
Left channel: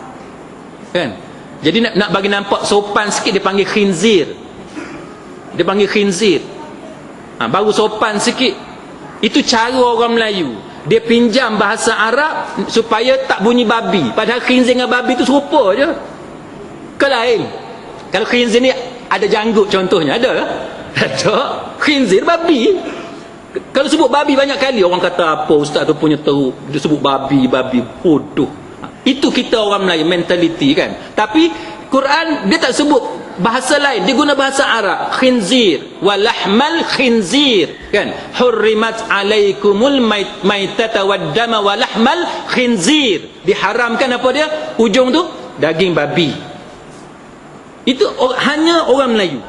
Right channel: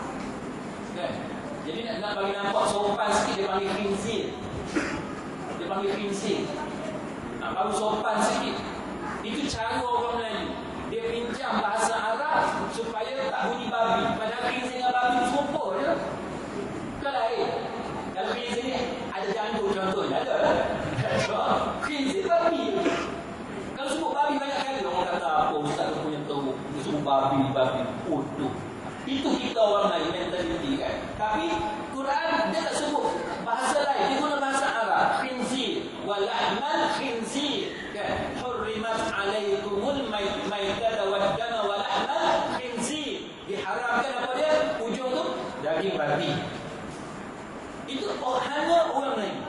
kan? Jadi nak bagi nampak sopan sikit dia panggil khinzir. Baru sopan sikit. Itu cara orang Melayu. Dia pinjam bahasa Arab supaya tak bunyi babi. Padahal khinzir dengan babi tu serupa je. Ke lain? Kalau khinzir ni ada janggut contohnya, ada? Ada. Khinzir babi. Kalau sebut babi banyak kali orang kata apa ustaz tu punya teruk, dia sebut babi bodoh. Itu kita orang Melayu mentaliti kan. Tapi Quran dia tak sebut bahasa lain, dia guna bahasa Arab, khinzir walahmal khinzir, kan? Hurrimat alaikumul maitata waddama walahmal khinzir. Diharamkan apa dia? Ujung tu daging babi. Itu hanya orang Melayu.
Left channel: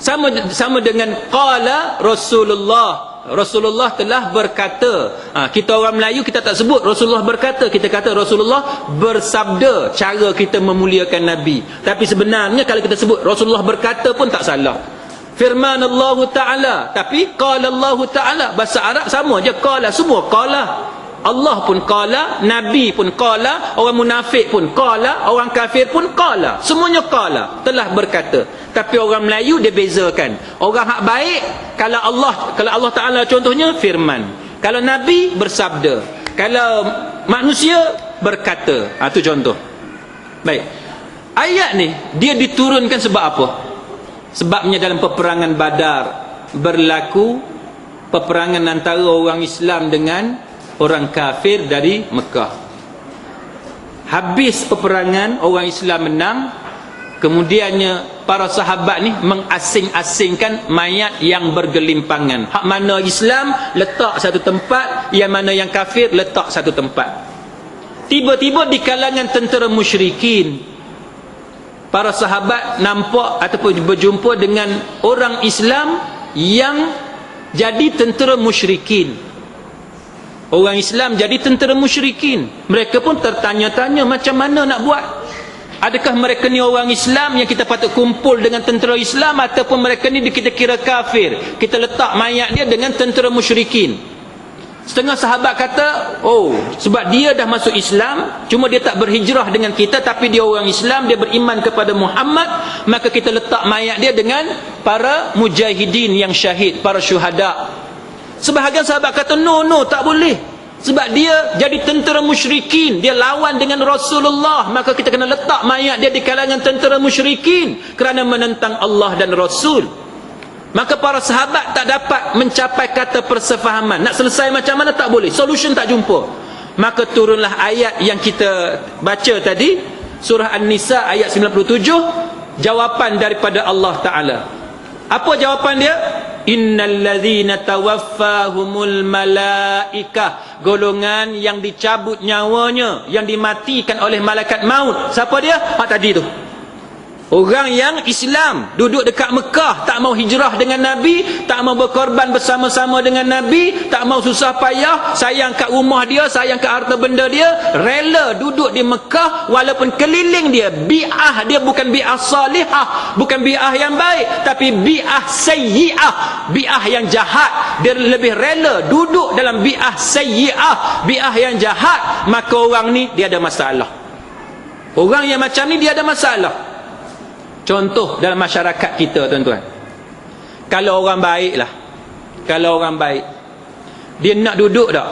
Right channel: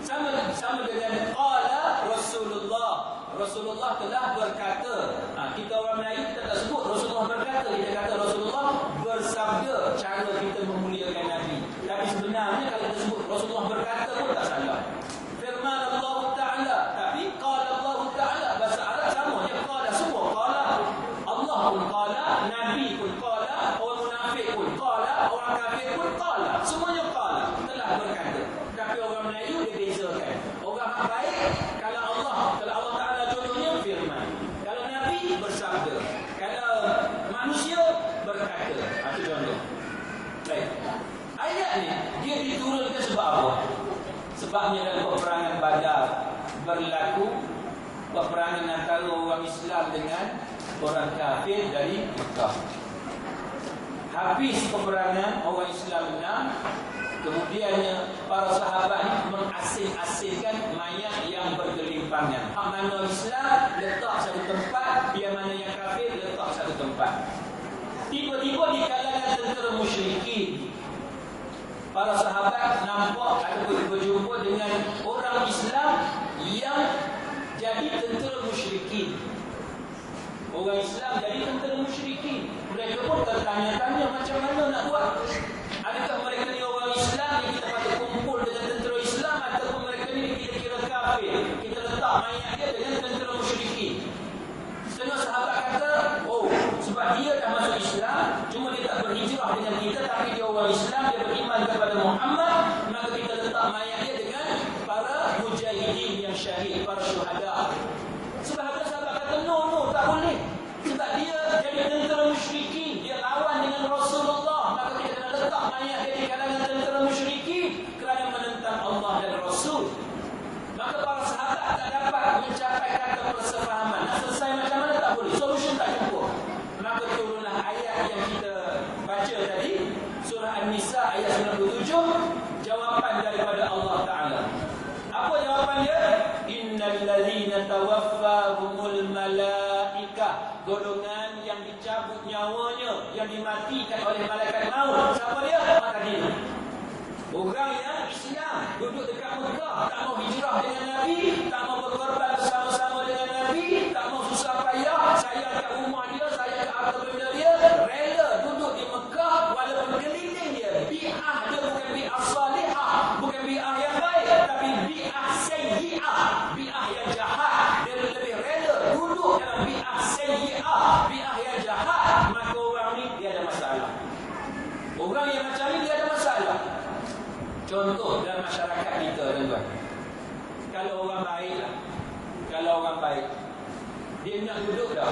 Sama dengan qala Rasulullah telah berkata. Kita orang Melayu kita tak sebut Rasulullah berkata, kita kata Rasulullah bersabda. Cara kita memuliakan Nabi. Tapi sebenarnya kalau kita sebut Rasulullah berkata pun tak salah. Firman Allah Ta'ala. Tapi qala Allah Ta'ala, bahasa Arab sama je, qala, semua qala. Allah pun qala, Nabi pun qala, orang munafik pun qala, orang kafir pun qala. Semuanya qala, telah berkata. Tapi orang Melayu dia bezakan. Orang hak baik, kalau Allah Ta'ala contohnya firman. Kalau Nabi bersabda. Kalau manusia berkata. Itu contoh. Baik. Ayat ni dia diturunkan sebab apa? Sebabnya dalam peperangan Badar berlaku peperangan antara orang Islam dengan orang kafir dari Mekah. Habis peperangan, orang Islam menang. Kemudiannya para sahabat ni mengasing-asingkan mayat yang bergelimpangan. Hak mana Islam letak satu tempat, yang mana yang kafir letak satu tempat. Tiba-tiba di kalangan tentera musyrikin, para sahabat nampak ataupun berjumpa dengan orang Islam yang jadi tentera musyrikin. Orang Islam jadi tentera musyrikin. Mereka pun tertanya-tanya macam mana nak buat. Adakah mereka ni orang Islam yang kita patut kumpul dengan tentera Islam, ataupun mereka ni kita kira kafir, kita letak mayat dia dengan tentera musyrikin. Setengah sahabat kata, oh, sebab dia dah masuk Islam, cuma dia tak berhijrah dengan kita, tapi dia orang Islam, dia beriman kepada Muhammad, maka kita letak mayat dia dengan para mujahidin yang syahid, para syuhada. Sebahagian sahabat kata, no, tak boleh. Sebab dia jadi tentera musyrikin, dia lawan dengan Rasulullah, maka kita kena letak mayat dia di kalangan tentera musyrikin kerana menentang Allah dan Rasul. Maka para sahabat tak dapat mencapai kata persefahaman. Nak selesai macam mana tak boleh, solution tak jumpa. Maka turunlah ayat yang kita baca tadi, surah An-Nisa ayat 97, jawapan daripada Allah Ta'ala. Apa jawapan dia? Innal ladzina tawaffahumul malaikah, golongan yang dicabut nyawanya, yang dimatikan oleh malaikat maut. Siapa dia? Hak tadi tu. Orang yang Islam, duduk dekat Mekah, tak mau hijrah dengan Nabi, tak mau berkorban bersama-sama dengan Nabi, tak mau susah payah, sayang kat rumah dia, sayang kat harta benda dia, rela duduk di Mekah walaupun keliling dia bi'ah dia bukan bi'ah salihah, bukan bi'ah yang baik, tapi bi'ah sayyi'ah, bi'ah yang jahat. Dia lebih rela duduk dalam bi'ah sayyi'ah, bi'ah yang jahat. Maka orang ni dia ada masalah. Orang yang macam ni dia ada masalah. Contoh dalam masyarakat kita, tuan-tuan, kalau orang baik lah, kalau orang baik, dia nak duduk tak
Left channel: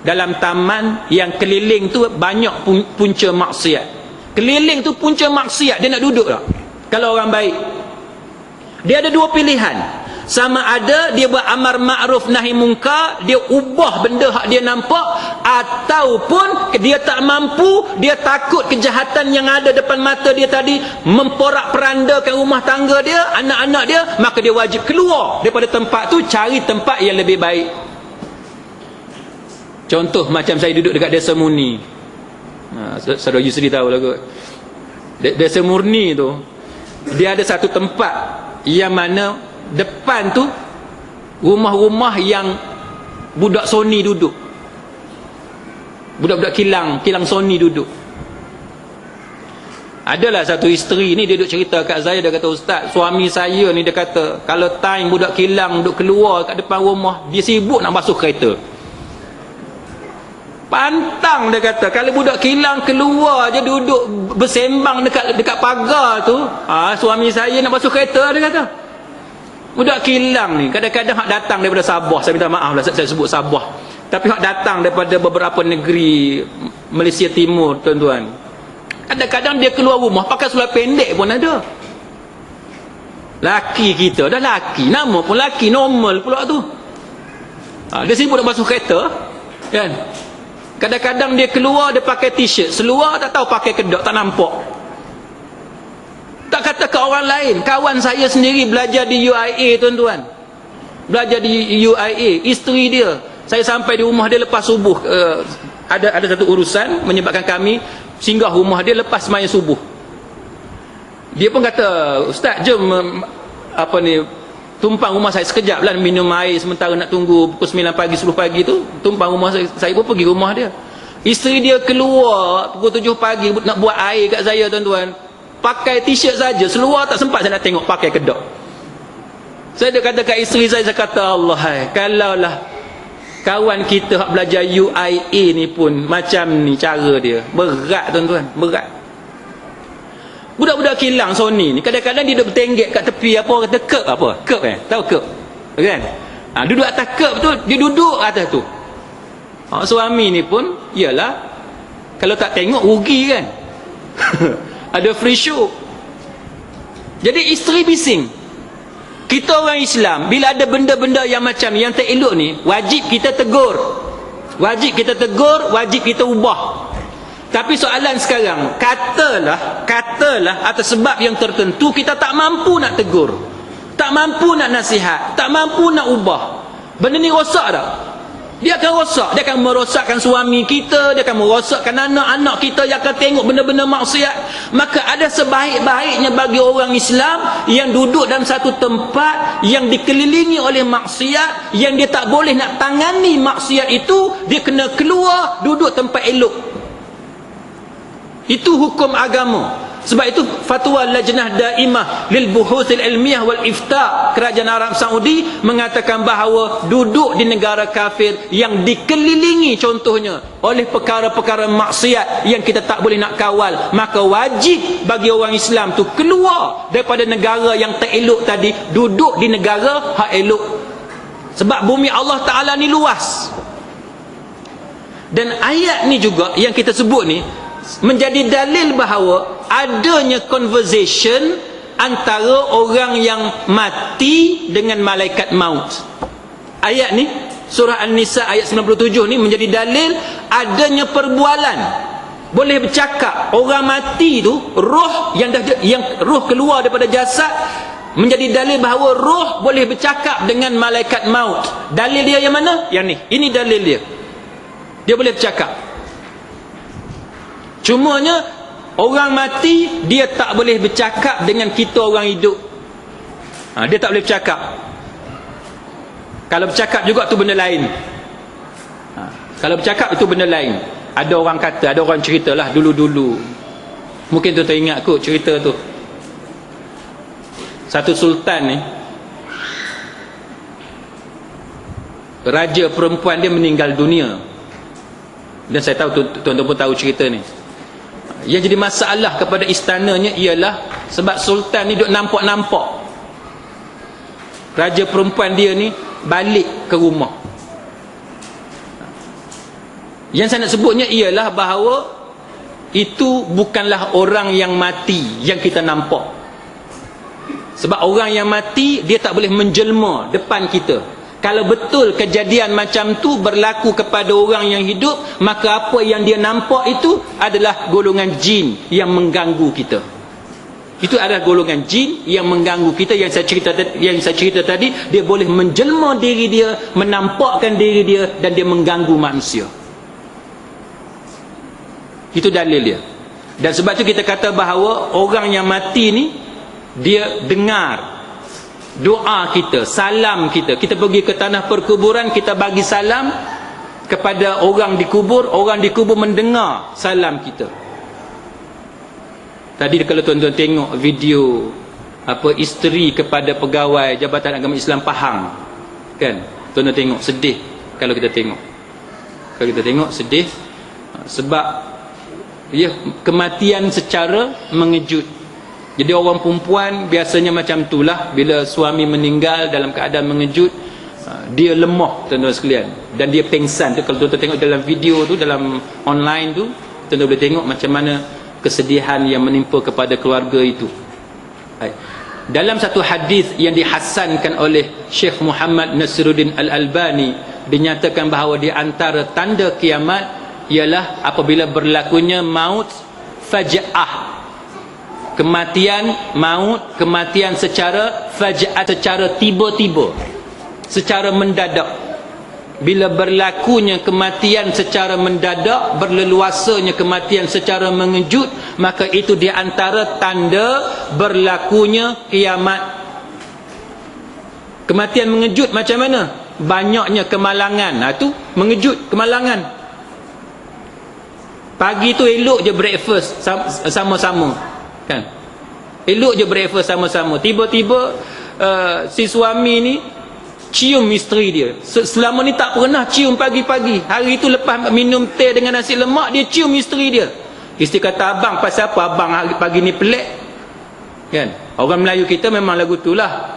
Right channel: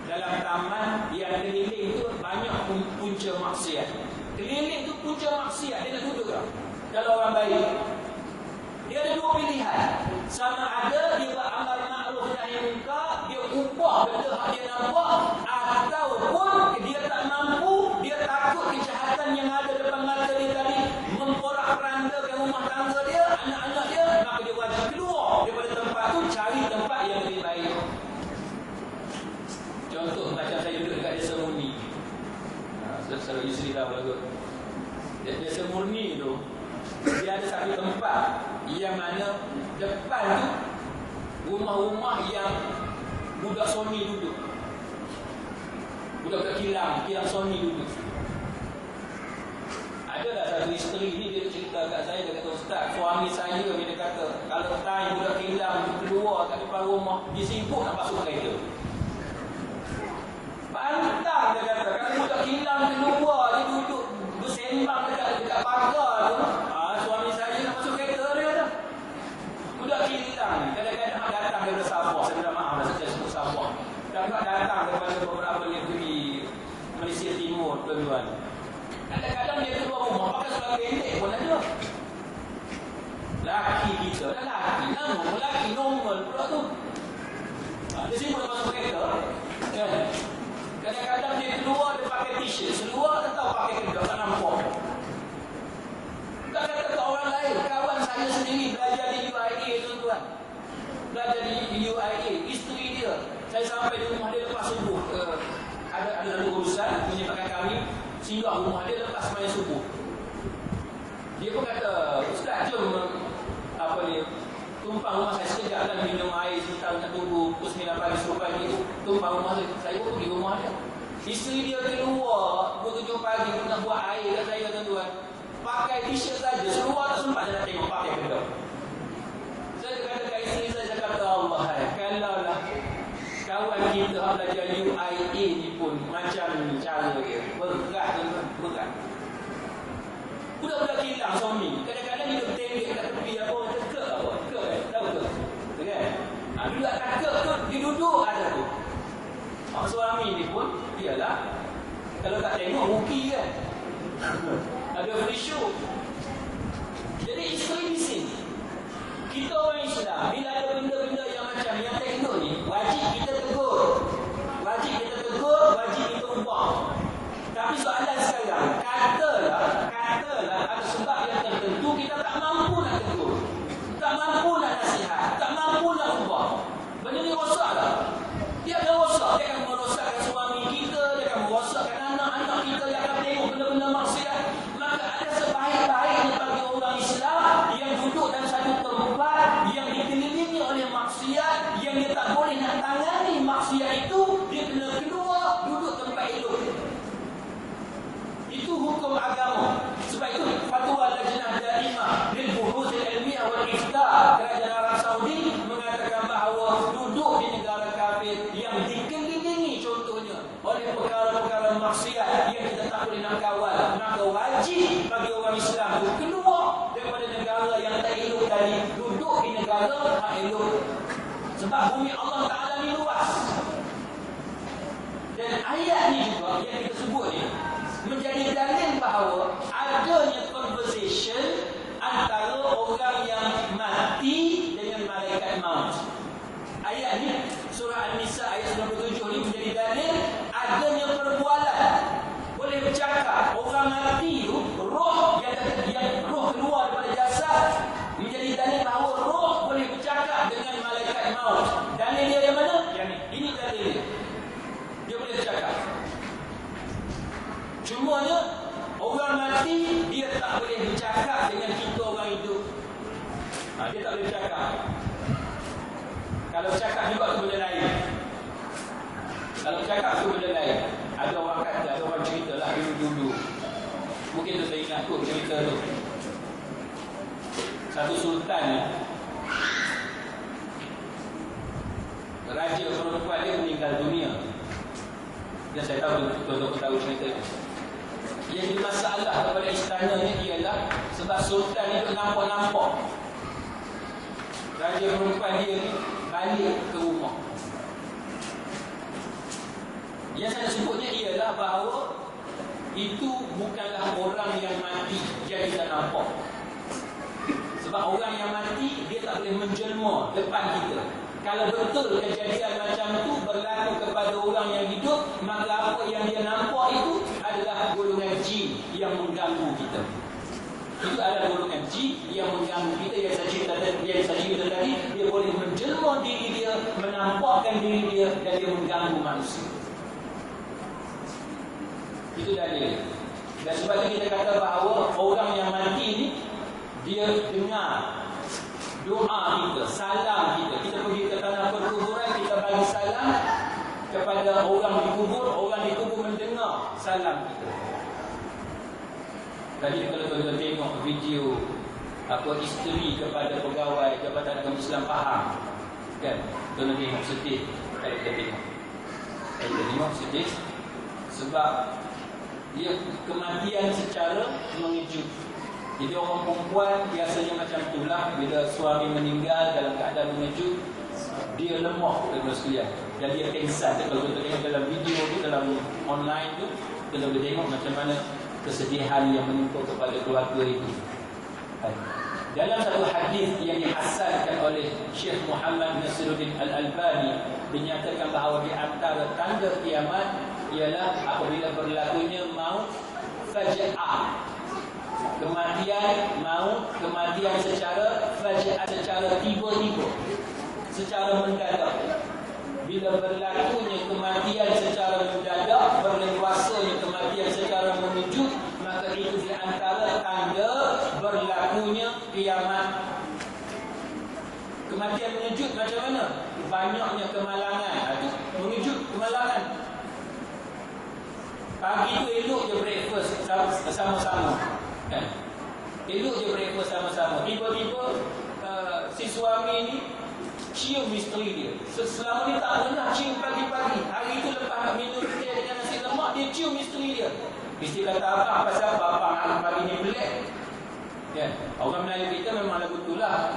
dalam taman yang keliling tu banyak punca maksiat, keliling tu punca maksiat, dia nak duduk tak? Kalau orang baik, dia ada dua pilihan. Sama ada dia buat amar ma'ruf nahi munkar, dia ubah benda hak dia nampak, ataupun dia tak mampu, dia takut kejahatan yang ada depan mata dia tadi memporak-perandakan rumah tangga dia, anak-anak dia, maka dia wajib keluar daripada tempat tu, cari tempat yang lebih baik. Contoh macam saya duduk dekat Desa Murni. Saudara Yusri tahu lah kot. Desa Murni tu, dia ada satu tempat yang mana depan tu rumah-rumah yang budak Sony duduk, budak-budak kilang Sony duduk. Adalah satu isteri ni, dia duduk cerita kat saya, dia kata, "Ustaz, suami saya ni," dia kata, "kalau time budak kilang duduk keluar kat depan rumah, dia sibuk nak basuh kereta. Pantang," dia kata, "kalau budak kilang keluar je duduk bersembang dekat pagar tu, suami saya nak basuh kereta," dia kata. Budak kilang ni kadang-kadang hak datang daripada Sabah, saya minta maaf lah saya sebut Sabah, tapi hak datang daripada beberapa negeri Malaysia Timur, tuan-tuan, kadang-kadang dia keluar rumah pakai seluar pendek pun ada. Laki kita dah laki, nama pun laki, normal pula tu. Dia sibuk nak basuh kereta kan. Kadang-kadang dia keluar, dia pakai t-shirt, seluar tak tahu pakai kedok, tak nampak. Tak kata ke orang lain, kawan saya sendiri belajar di UIA, tuan-tuan, belajar di UIA, isteri dia, saya sampai di rumah dia lepas subuh, ada satu urusan menyebabkan kami singgah rumah dia lepas sembahyang subuh. Dia pun kata, "Ustaz, jom tumpang rumah saya sekejap lah, minum air sementara nak tunggu pukul 9 pagi 10 pagi tu." Tumpang rumah saya pun pergi rumah dia. Isteri dia keluar pukul 7 pagi nak buat air kat saya, tuan-tuan, pakai t-shirt saja, seluar tak sempat saya nak tengok pakai kedok. Saya dah kata kat isteri saya kata, "Allah, kalaulah kawan kita hak belajar UIA ni pun macam ni cara dia." Berat, tuan-tuan, berat. Budak-budak kilang Sony ni kadang-kadang dia duduk bertenggek kat tepi, apa kata, kerb apa? Kerb tahu kerb? Kan? Duduk atas kerb tu, dia duduk atas tu. Suami ni pun, iyalah, kalau tak tengok rugi kan. Ada free show. Jadi isteri bising. Kita orang Islam, bila ada benda-benda yang macam yang tak elok ni, wajib kita tegur. Wajib kita tegur, wajib kita ubah. Tapi soalan sekarang, katalah atas sebab yang tertentu kita tak mampu nak tegur, tak mampu nak nasihat, tak mampu nak ubah. Benda ni rosak tak? Dia akan rosak, dia akan merosakkan suami kita, dia akan merosakkan anak-anak kita yang akan tengok benda-benda maksiat. Maka ada sebaik-baiknya bagi orang Islam yang duduk dalam satu tempat yang dikelilingi oleh maksiat, yang dia tak boleh nak tangani maksiat itu, dia kena keluar duduk tempat elok. Itu hukum agama. Sebab itu fatwa Lajnah Daimah lil Buhuthil Ilmiah wal Ifta, kerajaan Arab Saudi mengatakan bahawa duduk di negara kafir yang dikelilingi contohnya oleh perkara-perkara maksiat yang kita tak boleh nak kawal, maka wajib bagi orang Islam tu keluar daripada negara yang tak elok tadi, duduk di negara hak elok. Sebab bumi Allah Ta'ala ni luas. Dan ayat ni juga yang kita sebut ni menjadi dalil bahawa adanya conversation antara orang yang mati dengan malaikat maut. Ayat ni, surah An-Nisa ayat 97 ni menjadi dalil adanya perbualan. Boleh bercakap, orang mati tu, roh yang roh keluar daripada jasad, menjadi dalil bahawa roh boleh bercakap dengan malaikat maut. Dalil dia yang mana? Yang ni. Ini dalil dia. Dia boleh bercakap. Cumanya orang mati dia tak boleh bercakap dengan kita orang hidup. Dia tak boleh bercakap. Kalau bercakap juga tu benda lain. Kalau bercakap itu benda lain. Ada orang kata, ada orang ceritalah dulu-dulu. Mungkin tu teringat kot cerita tu. Satu sultan ni, raja perempuan dia meninggal dunia. Dan saya tahu tuan-tuan pun tahu cerita ni. Yang jadi masalah kepada istananya ialah sebab sultan ni duk nampak-nampak raja perempuan dia ni balik ke rumah. Yang saya nak sebutnya ialah bahawa itu bukanlah orang yang mati yang kita nampak. Sebab orang yang mati dia tak boleh menjelma depan kita. Kalau betul kejadian macam tu berlaku kepada orang yang hidup, maka apa yang dia nampak itu adalah golongan jin yang mengganggu kita. Itu adalah golongan jin yang mengganggu kita. Yang saya cerita tadi, dia boleh menjelma diri dia, menampakkan diri dia, dan dia mengganggu manusia. Itu dalil dia. Dan sebab tu kita kata bahawa orang yang mati ni dia dengar doa kita, salam kita. Kita pergi ke tanah perkuburan, kita bagi salam kepada orang dikubur, orang dikubur mendengar salam kita. Tadi kalau tuan-tuan tengok video isteri kepada pegawai Jabatan Agama Islam Pahang, kan? Tuan-tuan tengok, sedih kalau kita tengok. Kalau kita tengok sedih sebab kematian secara mengejut. Jadi orang perempuan biasanya macam itulah, bila suami meninggal dalam keadaan mengejut, dia lemah tuan-tuan sekalian, dan dia pengsan. Kalau tuan-tuan tengok dalam video tu, dalam online tu, tuan-tuan boleh tengok macam mana kesedihan yang menimpa kepada keluarga itu. Dalam satu hadis yang dihasankan oleh Syekh Muhammad Nasiruddin Al-Albani, dinyatakan bahawa di antara tanda kiamat ialah apabila berlakunya maut faja'ah. Kematian maut, kematian secara faja'ah, secara tiba-tiba, secara mendadak. Bila berlakunya kematian secara mendadak, berleluasanya kematian secara mengejut, maka itu di antara tanda berlakunya kiamat. Kematian mengejut macam mana? Banyaknya kemalangan. Itu mengejut, kemalangan. Pagi tu elok je breakfast sama-sama, kan? Elok je breakfast sama-sama. Tiba-tiba si suami ni cium isteri dia. Selama ni tak pernah cium pagi-pagi. Hari tu lepas minum teh dengan nasi lemak, dia cium isteri dia. Isteri kata, abang pasal apa abang pagi ni pelik, kan? Orang Melayu kita memang lagu tu lah.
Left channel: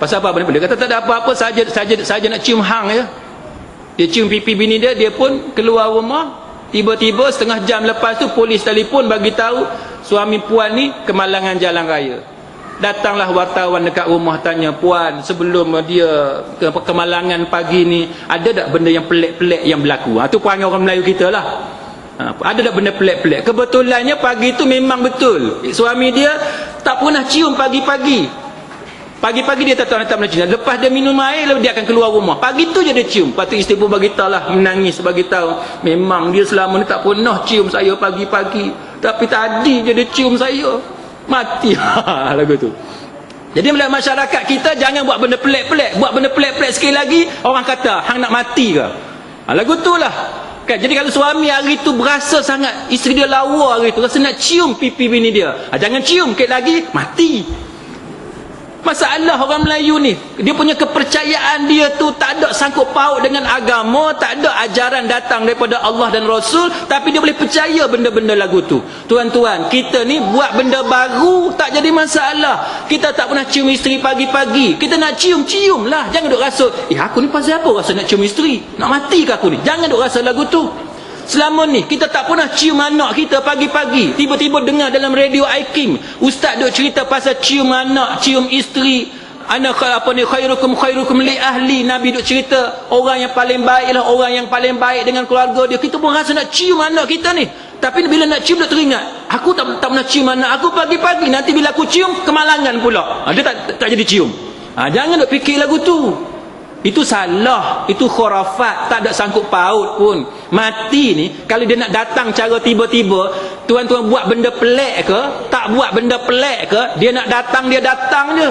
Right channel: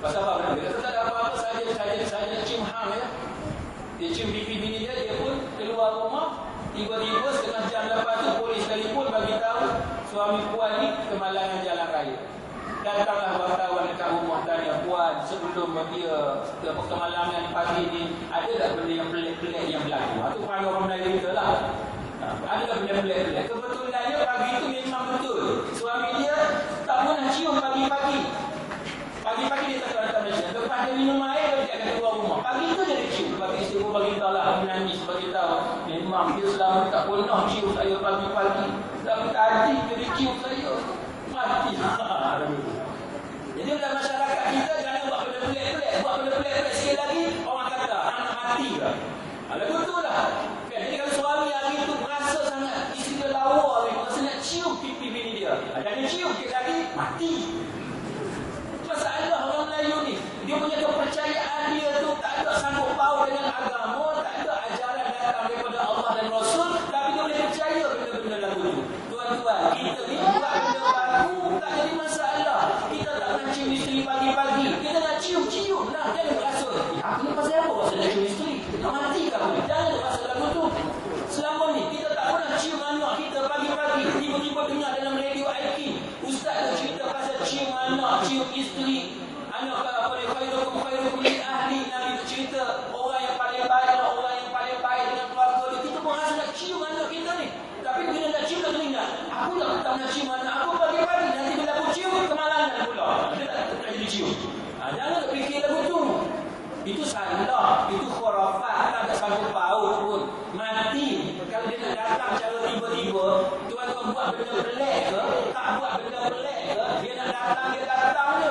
Pasal apa abang ni pelik? Kata tak ada apa-apa, saja nak cium hang je. Dia cium pipi bini dia, dia pun keluar rumah. Tiba-tiba setengah jam lepas tu polis telefon bagi tahu suami puan ni kemalangan jalan raya. Datanglah wartawan dekat rumah tanya, puan, sebelum dia kemalangan pagi ni, ada tak benda yang pelik-pelik yang berlaku? Tu perangai orang Melayu kita lah. Ada tak benda pelik-pelik? Kebetulannya pagi tu memang betul suami dia tak pernah cium pagi-pagi. Pagi-pagi dia tak pernah cium. Lepas dia minum air, lalu dia akan keluar rumah. Pagi tu je dia cium. Lepas tu isteri pun beritahu lah, menangis beritahu, memang dia selama ni tak pernah cium saya pagi-pagi, tapi tadi je dia cium saya. Mati lagu tu. Jadi dalam masyarakat kita, jangan buat benda pelik-pelik. Buat benda pelik-pelik sekali lagi, orang kata hang nak mati ke? Lagu tu lah, kan? Jadi kalau suami hari tu berasa sangat isteri dia lawa hari tu, rasa nak cium pipi bini dia, jangan cium, sikit lagi mati. Masalah orang Melayu ni, dia punya kepercayaan dia tu tak ada sangkut paut dengan agama, tak ada ajaran datang daripada Allah dan Rasul, tapi dia boleh percaya benda-benda lagu tu. Tuan-tuan, kita ni buat benda baru tak jadi masalah. Kita tak pernah cium isteri pagi-pagi, kita nak cium lah. Jangan duk rasa, aku ni pasal apa rasa nak cium isteri? Nak mati ke aku ni? Jangan duk rasa lagu tu. Selama ni kita tak pernah cium anak kita pagi-pagi. Tiba-tiba dengar dalam radio iKing, ustaz duk cerita pasal cium anak, cium isteri. Ana khairukum li ahli. Nabi duk cerita orang yang paling baik ialah orang yang paling baik dengan keluarga dia. Kita pun rasa nak cium anak kita ni. Tapi bila nak cium dia teringat, aku tak pernah cium anak aku pagi-pagi, nanti bila aku cium kemalangan pula. Dia tak jadi cium. Jangan nak fikir lagu tu. Itu salah, itu khurafat, tak ada sangkut paut pun. Mati ni kalau dia nak datang cara tiba-tiba, tuan-tuan buat benda pelik ke, tak buat benda pelik ke, dia nak datang dia datang je.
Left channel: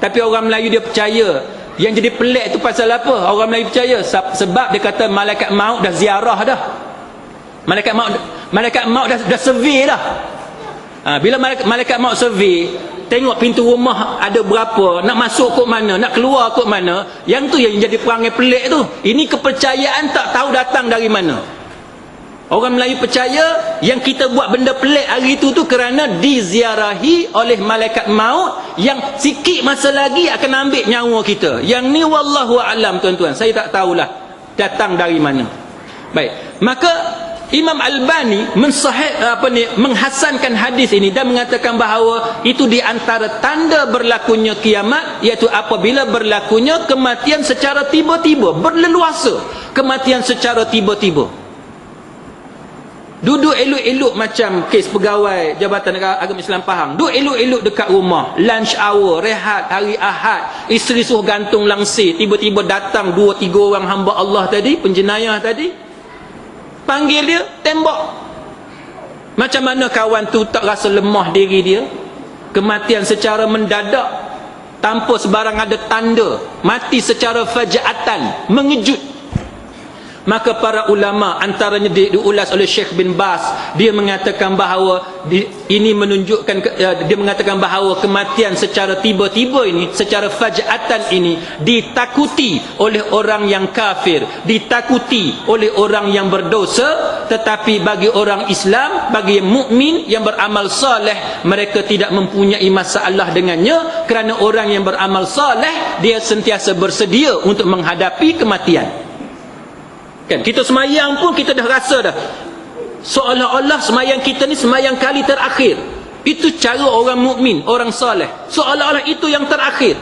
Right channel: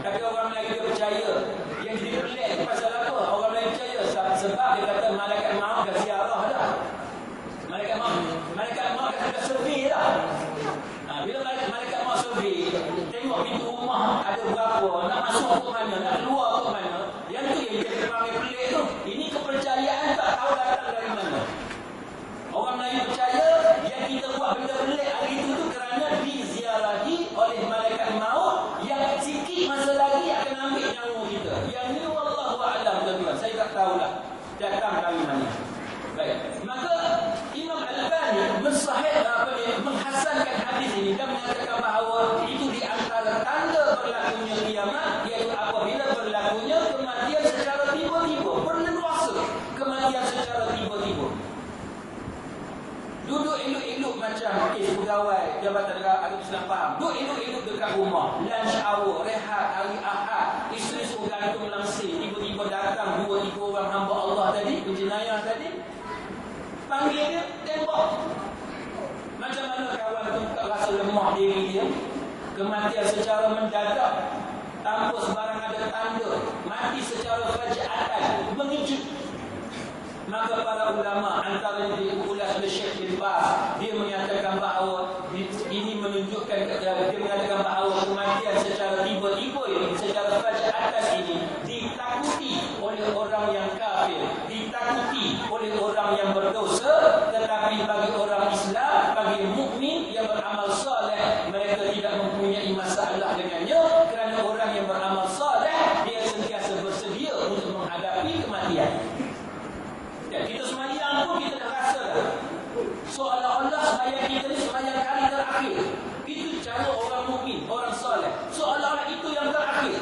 Tapi orang Melayu dia percaya. Yang jadi pelik tu pasal apa? Orang Melayu percaya sebab dia kata malaikat maut dah ziarah dah. Malaikat maut dah survey dah. Bila malaikat maut survey, tengok pintu rumah ada berapa, nak masuk kot mana, nak keluar kot mana, yang tu yang jadi perangai pelik tu. Ini kepercayaan tak tahu datang dari mana. Orang Melayu percaya yang kita buat benda pelik hari itu tu kerana diziarahi oleh malaikat maut yang sikit masa lagi akan ambil nyawa kita. Yang ni wallahu a'lam tuan-tuan, saya tak tahulah datang dari mana. Baik, maka Imam Albani menghasankan hadis ini dan mengatakan bahawa itu di antara tanda berlakunya kiamat, iaitu apabila berlakunya kematian secara tiba-tiba, berleluasa, kematian secara tiba-tiba. Duduk elok-elok macam kes pegawai Jabatan Agama Islam Pahang, duduk elok-elok dekat rumah, lunch hour, rehat hari Ahad, isteri suruh gantung langsir, tiba-tiba datang 2-3 orang hamba Allah tadi, penjenayah tadi, panggil dia, tembak. Macam mana kawan tu tak rasa lemah diri dia? Kematian secara mendadak, tanpa sebarang ada tanda, mati secara faja'atan, mengejut. Maka para ulama, antaranya diulas oleh Syekh bin Baz, dia mengatakan bahawa ini menunjukkan, dia mengatakan bahawa kematian secara tiba-tiba ini, secara faja'atan ini ditakuti oleh orang yang kafir, ditakuti oleh orang yang berdosa. Tetapi bagi orang Islam, bagi mukmin yang beramal soleh, mereka tidak mempunyai masalah dengannya, kerana orang yang beramal soleh dia sentiasa bersedia untuk menghadapi kematian. Kan, kita semayang pun kita dah rasa dah, seolah-olah semayang kita ni semayang kali terakhir. Itu cara orang mukmin, orang soleh, seolah-olah itu yang terakhir.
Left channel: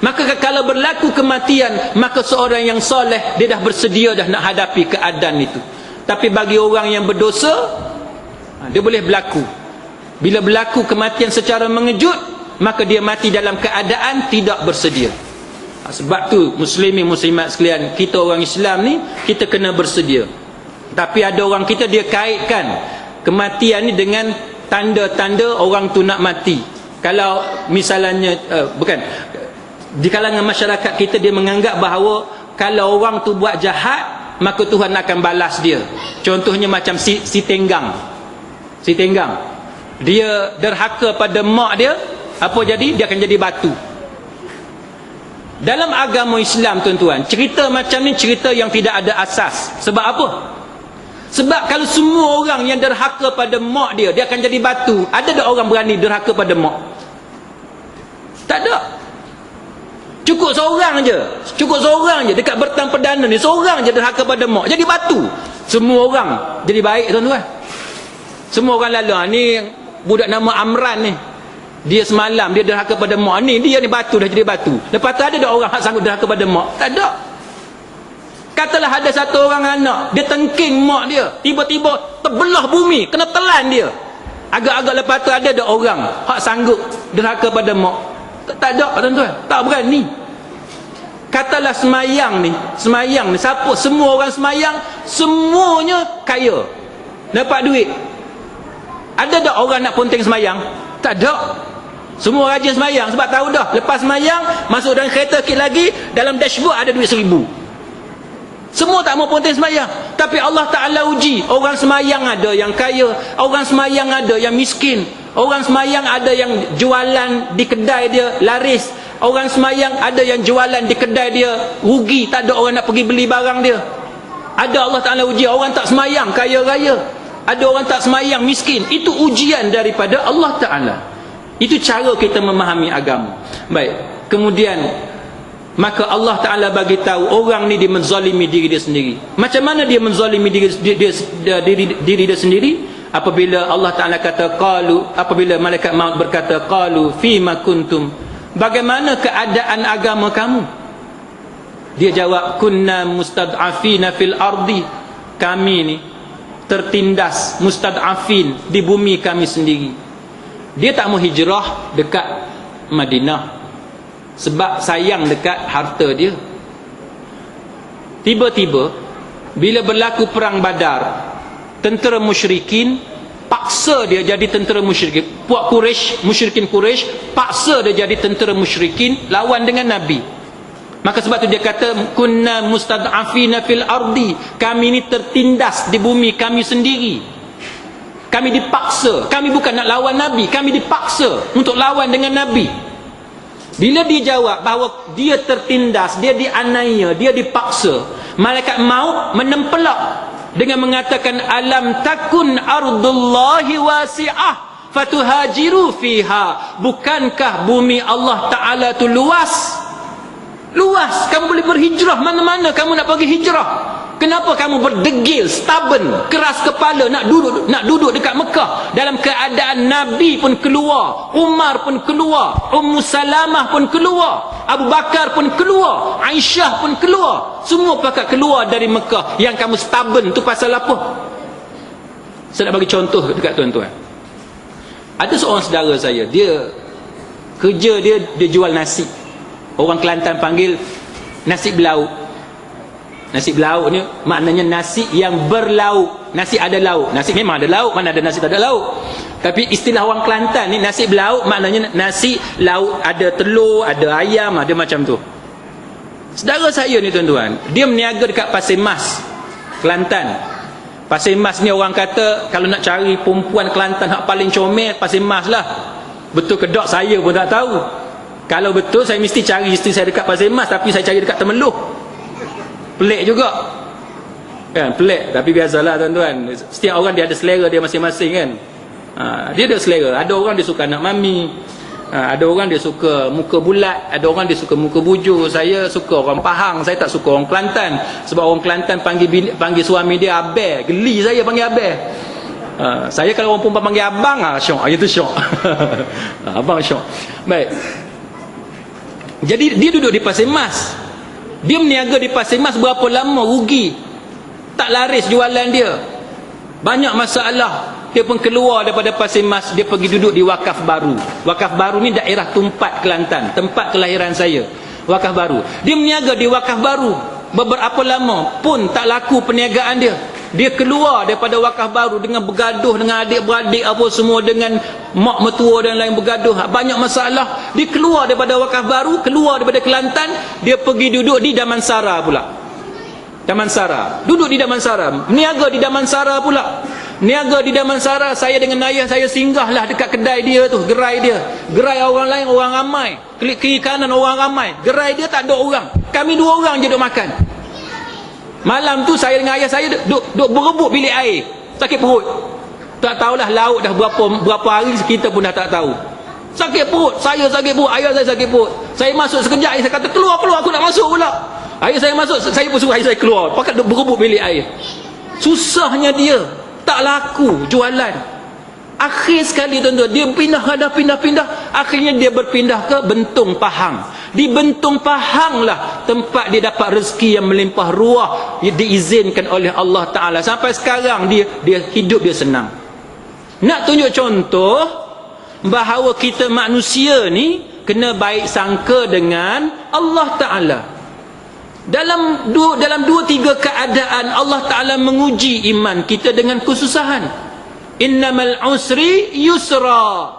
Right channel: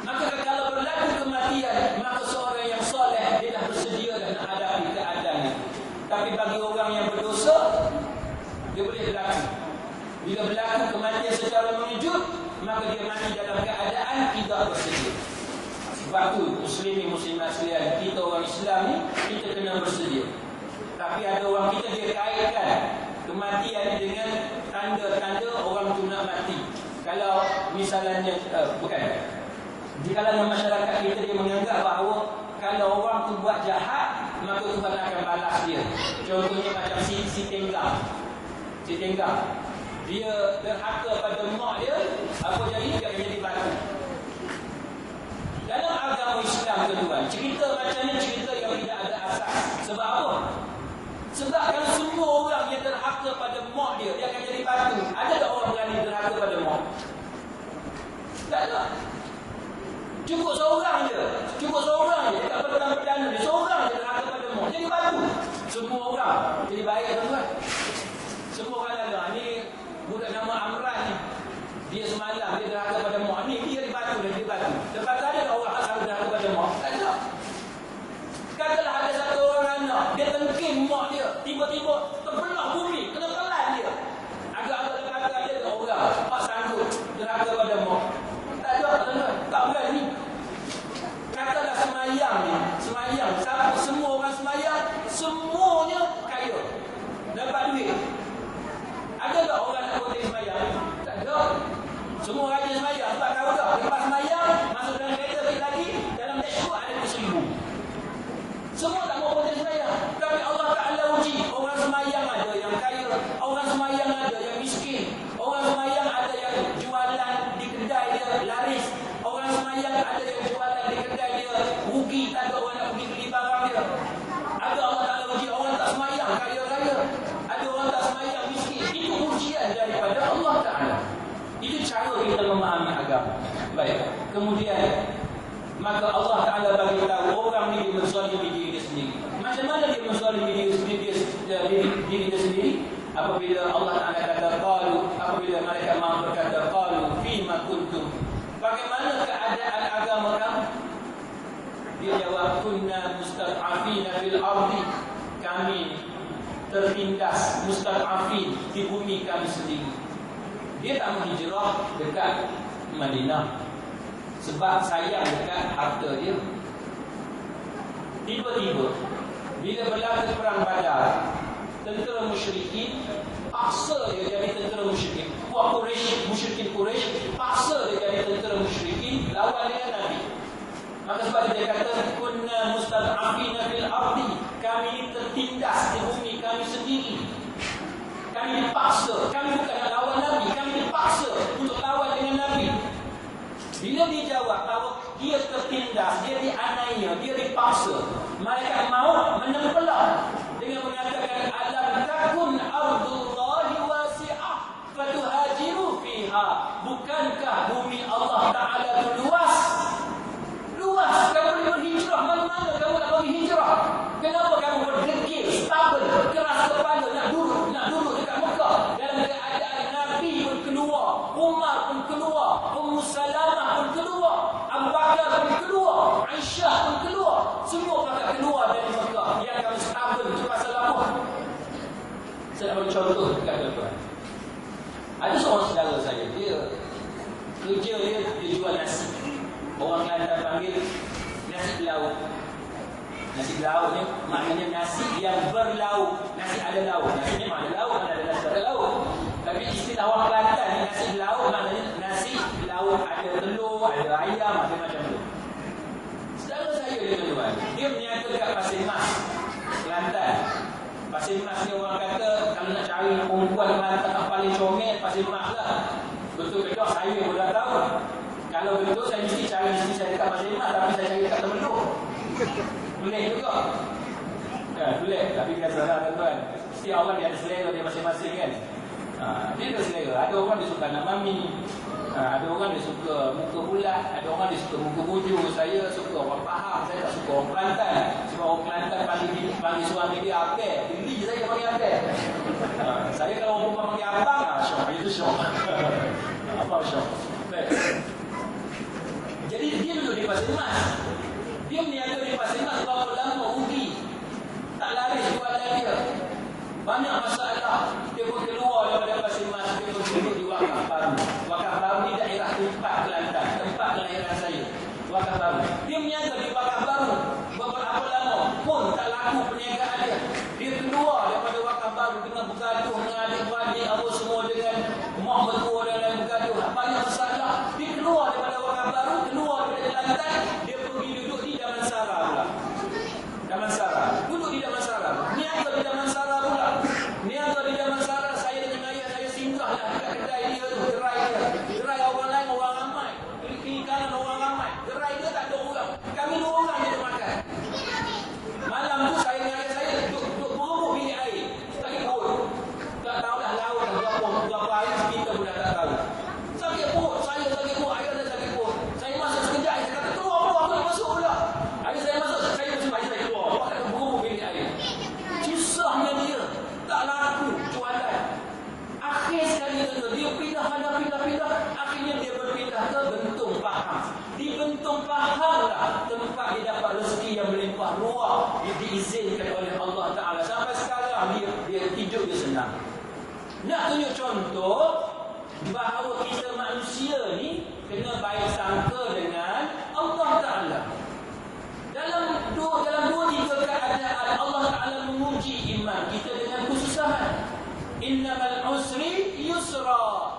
Maka kalau berlaku kematian, maka seorang yang soleh dia dah bersedia dah nak hadapi keadaan itu. Tapi bagi orang yang berdosa, dia boleh berlaku. Bila berlaku kematian secara mengejut, maka dia mati dalam keadaan tidak bersedia. Sebab tu muslimin muslimat sekalian, kita orang Islam ni kita kena bersedia. Tapi ada orang kita dia kaitkan kematian ni dengan tanda-tanda orang tu nak mati. Kalau misalnya bukan, di kalangan masyarakat kita dia menganggap bahawa kalau orang tu buat jahat, maka Tuhan akan balas dia. Contohnya macam si Tenggang. Si Tenggang, dia derhaka pada mak dia, apa jadi? Dia akan jadi batu. Dalam agama Islam tuan-tuan, cerita macam ni cerita yang tidak ada asas. Sebab apa? Sebab kalau semua orang yang derhaka pada mak dia, dia akan jadi batu. Ada tak orang berani derhaka pada mak? Tak ada. Cukup seorang je. Cukup seorang je dekat Bertang Perdana ni, seorang je derhaka pada mak, jadi batu. Semua orang jadi baik tuan-tuan. Semua orang lalu, ni budak nama Amran ni, dia semalam dia derhaka pada mak ni, dia ni batu, dah jadi batu. Lepas tu ada tak orang yang sanggup derhaka pada mak? Tak ada. Katalah ada satu orang anak, dia tengking mak dia, tiba-tiba terbelah bumi, kena telan dia. Agak-agak lepas tu ada tak orang yang sanggup derhaka pada mak? Tak ada tuan-tuan, tak berani. Katalah semayang ni, siapa, semua orang semayang, semuanya kaya, dapat duit. Ada tak orang nak ponteng semayang? Tak ada. Semua rajin semayang sebab tahu dah, lepas semayang masuk dalam kereta sikit lagi, dalam dashboard ada duit 1,000. Semua tak mau ponteng semayang. Tapi Allah Ta'ala uji. Orang semayang ada yang kaya, orang semayang ada yang miskin, orang semayang ada yang jualan di kedai dia laris, orang semayang ada yang jualan di kedai dia rugi, tak ada orang nak pergi beli barang dia. Ada Allah Ta'ala uji. Orang tak semayang kaya raya, ada orang tak semayang miskin. Itu ujian daripada Allah Ta'ala. Itu cara kita memahami agama. Baik, kemudian maka Allah Ta'ala bagi tahu orang ni dia menzalimi diri dia sendiri. Macam mana dia menzalimi diri dia sendiri? Apabila Allah Ta'ala kata qalu, apabila malaikat maut berkata qalu fima kuntum, bagaimana keadaan agama kamu? Dia jawab kunna mustad'afina fil ardi, kami ni tertindas, mustad'afin di bumi kami sendiri. Dia tak mau hijrah dekat Madinah sebab sayang dekat harta dia. Tiba-tiba bila berlaku perang Badar, tentera musyrikin paksa dia jadi tentera musyrikin. Puak Quraisy, musyrikin Quraisy paksa dia jadi tentera musyrikin lawan dengan Nabi. Maka sebab tu dia kata kunna mustad'afina fil ardi, kami ni tertindas di bumi kami sendiri. Kami dipaksa, kami bukan nak lawan Nabi, kami dipaksa untuk lawan dengan Nabi. Bila dia jawab bahawa dia tertindas, dia dianiaya, dia dipaksa, malaikat maut menempelak dengan mengatakan alam takun ardullahi wasi'ah fatuhajiru fiha, bukankah bumi Allah Ta'ala tu luas? Luas, kamu boleh berhijrah mana-mana kamu nak pergi hijrah. Kenapa kamu berdegil, stubborn, keras kepala nak duduk dekat Mekah dalam keadaan Nabi pun keluar, Umar pun keluar, Ummu Salamah pun keluar, Abu Bakar pun keluar, Aisyah pun keluar, semua pakat keluar dari Mekah. Yang kamu stubborn tu pasal apa? Saya nak bagi contoh dekat tuan-tuan. Ada seorang saudara saya, dia kerja dia jual nasi. Orang Kelantan panggil nasi belauk. Nasi belauk ni maknanya nasi yang berlauk. Nasi ada lauk. Nasi memang ada lauk, mana ada nasi tak ada lauk. Tapi istilah orang Kelantan ni nasi belauk maknanya nasi lauk, ada telur, ada ayam, ada macam tu. Saudara saya ni tuan-tuan, dia berniaga dekat Pasir Mas, Kelantan. Pasir Mas ni orang kata kalau nak cari perempuan Kelantan hak paling comel, Pasir Mas lah. Betul ke tak saya pun tak tahu. Kalau betul saya mesti cari isteri saya dekat Pasir Mas, tapi saya cari dekat Temeloh. Pelik juga kan, pelik. Tapi biasalah tuan-tuan, setiap orang dia ada selera dia masing-masing kan. Dia ada selera. Ada orang dia suka anak mami, ada orang dia suka muka bulat, ada orang dia suka muka bujur. Saya suka orang Pahang, saya tak suka orang Kelantan. Sebab orang Kelantan panggil suami dia abang, geli saya panggil abang. Saya kalau orang perempuan panggil abang, syok, itu syok. Abang syok. Baik. Jadi dia duduk di Pasir Mas. Dia berniaga di Pasir Mas berapa lama, rugi. Tak laris jualan dia. Banyak masalah. Dia pun keluar daripada Pasir Mas, dia pergi duduk di Wakaf Baru. Wakaf Baru ni daerah Tumpat, Kelantan, tempat kelahiran saya. Wakaf Baru. Dia berniaga di Wakaf Baru. Beberapa lama pun tak laku perniagaan dia. Dia keluar daripada Wakaf Baru dengan bergaduh dengan adik-beradik apa semua, dengan mak mertua dan lain bergaduh. Banyak masalah. Dia keluar daripada Wakaf Baru, keluar daripada Kelantan, dia pergi duduk di Damansara pula. Damansara. Duduk di Damansara. Niaga di Damansara pula. Niaga di Damansara, saya dengan ayah saya singgahlah dekat kedai dia tu, gerai dia. Gerai orang lain, orang ramai. Klik kiri kanan orang ramai. Gerai dia tak ada orang. Kami dua orang je duduk makan. Malam tu saya dengan ayah saya duduk berebut bilik air. Sakit perut. Tak tahulah laut dah berapa hari kita pun dah tak tahu. Sakit perut, saya sakit perut, ayah saya sakit perut. Saya masuk sekejap, ayah saya kata keluar aku nak masuk pula. Ayah saya masuk, saya pun suruh ayah saya keluar. Pakat berebut bilik air. Susahnya dia, tak laku jualan. Akhir sekali tuan-tuan, dia pindah. Akhirnya dia berpindah ke Bentung Pahang. Di Bentung Pahang lah tempat dia dapat rezeki yang melimpah ruah, diizinkan oleh Allah Ta'ala. Sampai sekarang dia hidup dia senang. Nak tunjuk contoh bahawa kita manusia ni kena baik sangka dengan Allah Ta'ala. Dalam dua tiga keadaan Allah Ta'ala menguji iman kita dengan kesusahan. Innamal usri yusra.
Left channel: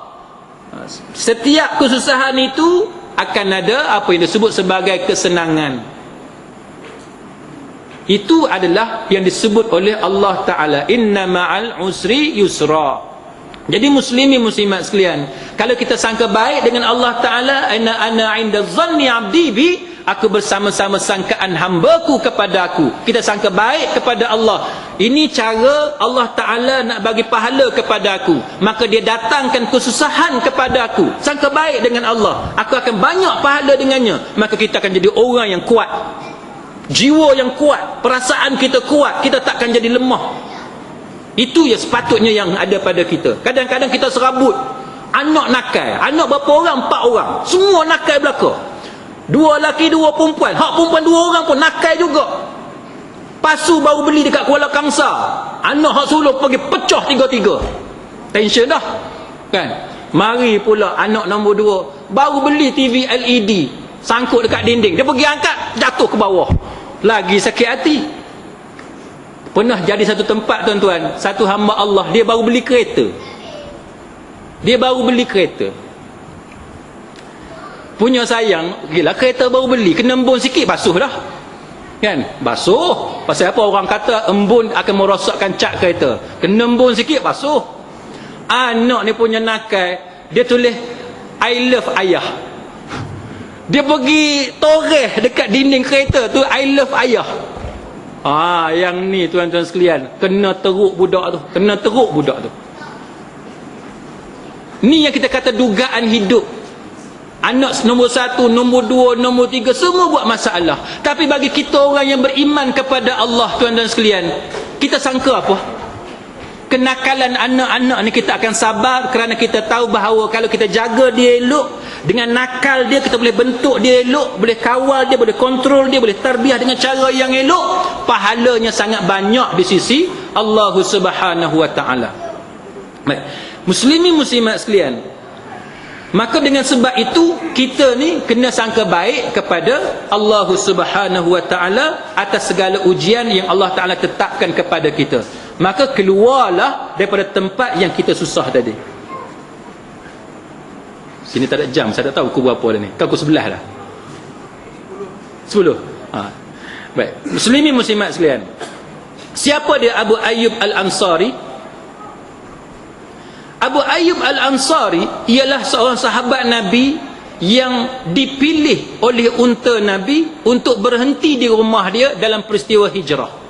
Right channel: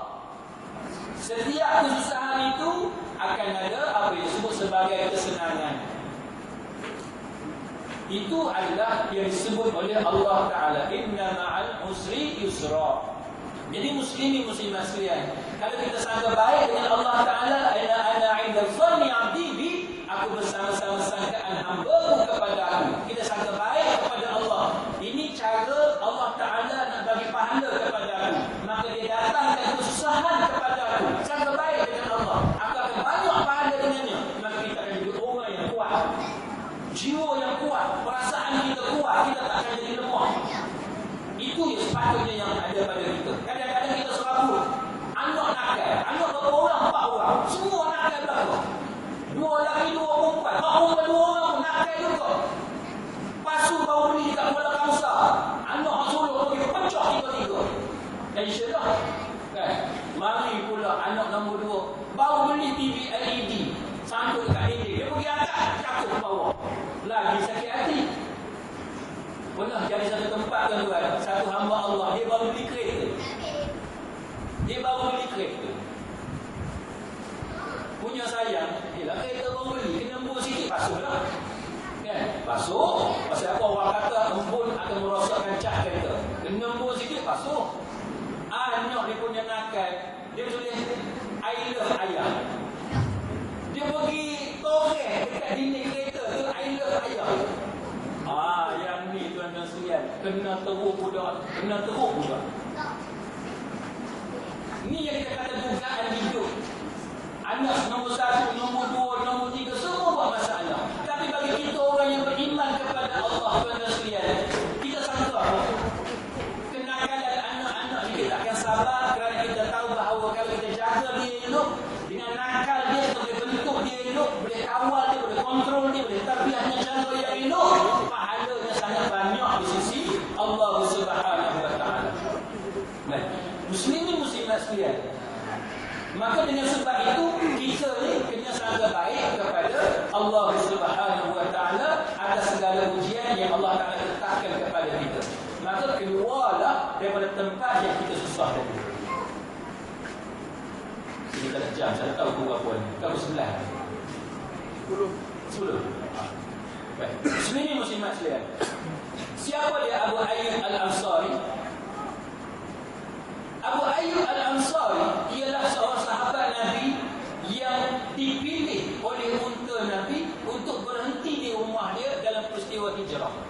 Setiap kesusahan itu akan ada apa yang disebut sebagai kesenangan. Itu adalah yang disebut oleh Allah Ta'ala, inna ma'al usri yusra. Jadi muslimin muslimat sekalian, kalau kita sangka baik dengan Allah Ta'ala, ana 'inda dhanni 'abdi bi, aku bersama-sama sangkaan hamba-Ku kepada aku. Kita sangka baik kepada Allah. Ini cara Allah Ta'ala nak bagi pahala kepada aku. Maka dia datangkan kesusahan kepada aku. Sangka baik dengan Allah, aku akan banyak pahala dengannya. Maka kita akan jadi orang yang kuat, jiwa yang kuat, perasaan kita kuat, kita takkan jadi lemah. Itu ya sepatutnya yang ada pada kita. Kadang-kadang kita serabut anak nakal. Anak berapa orang? 4 orang. Semua nakal belaka. 2 lelaki 2 perempuan. Hak perempuan 2 orang pun nakal juga. Pasu baru beli dekat Kuala Kangsar, anak hak sulung pergi pecah tiga-tiga. Tension dah kan. Mari pula anak nombor 2 baru beli TV LED, sangkut dekat dinding, dia pergi angkat jatuh ke bawah, lagi sakit hati. Pernah jadi satu tempat tuan-tuan, satu hamba Allah, dia baru beli kereta. Punya sayang, gila kereta baru beli, kena embun sikit basuh dah kan. Basuh, pasal apa orang kata embun akan merosakkan cat kereta, kena embun sikit basuh. Anak ni punya nakal, dia tulis I love ayah. Dia pergi toreh dekat dinding kereta tu, I love ayah. Yang ni tuan-tuan sekalian, kena teruk budak tu. Ni yang kita kata dugaan hidup. Anak nombor 1, nombor 2, nombor 3 semua buat masalah. Tapi bagi kita orang yang beriman kepada Allah, tuan-tuan sekalian, kita sangka apa? Kenakalan anak-anak ni kita akan sabar, kerana kita tahu bahawa kalau kita jaga dia elok, dengan nakal dia kita boleh bentuk dia elok, boleh kawal dia, boleh kontrol dia, boleh tarbiyah dengan cara yang elok, pahalanya sangat banyak di sisi Allah Subhanahu wa taala. Muslimin muslimat sekalian, maka dengan sebab itu kita ni kena sangka baik kepada Allah Subhanahu wa taala atas segala ujian yang Allah taala tetapkan kepada kita. Maka keluarlah daripada tempat yang kita susah tadi. Sini tak ada jam, saya tak tahu pukul berapa dah ni. Kau pukul 11 dah. 10. Baik. Muslimin muslimat sekalian, siapa dia Abu Ayyub Al-Ansari? Abu Ayyub Al-Ansari ialah seorang sahabat Nabi yang dipilih oleh unta Nabi untuk berhenti di rumah dia dalam peristiwa hijrah.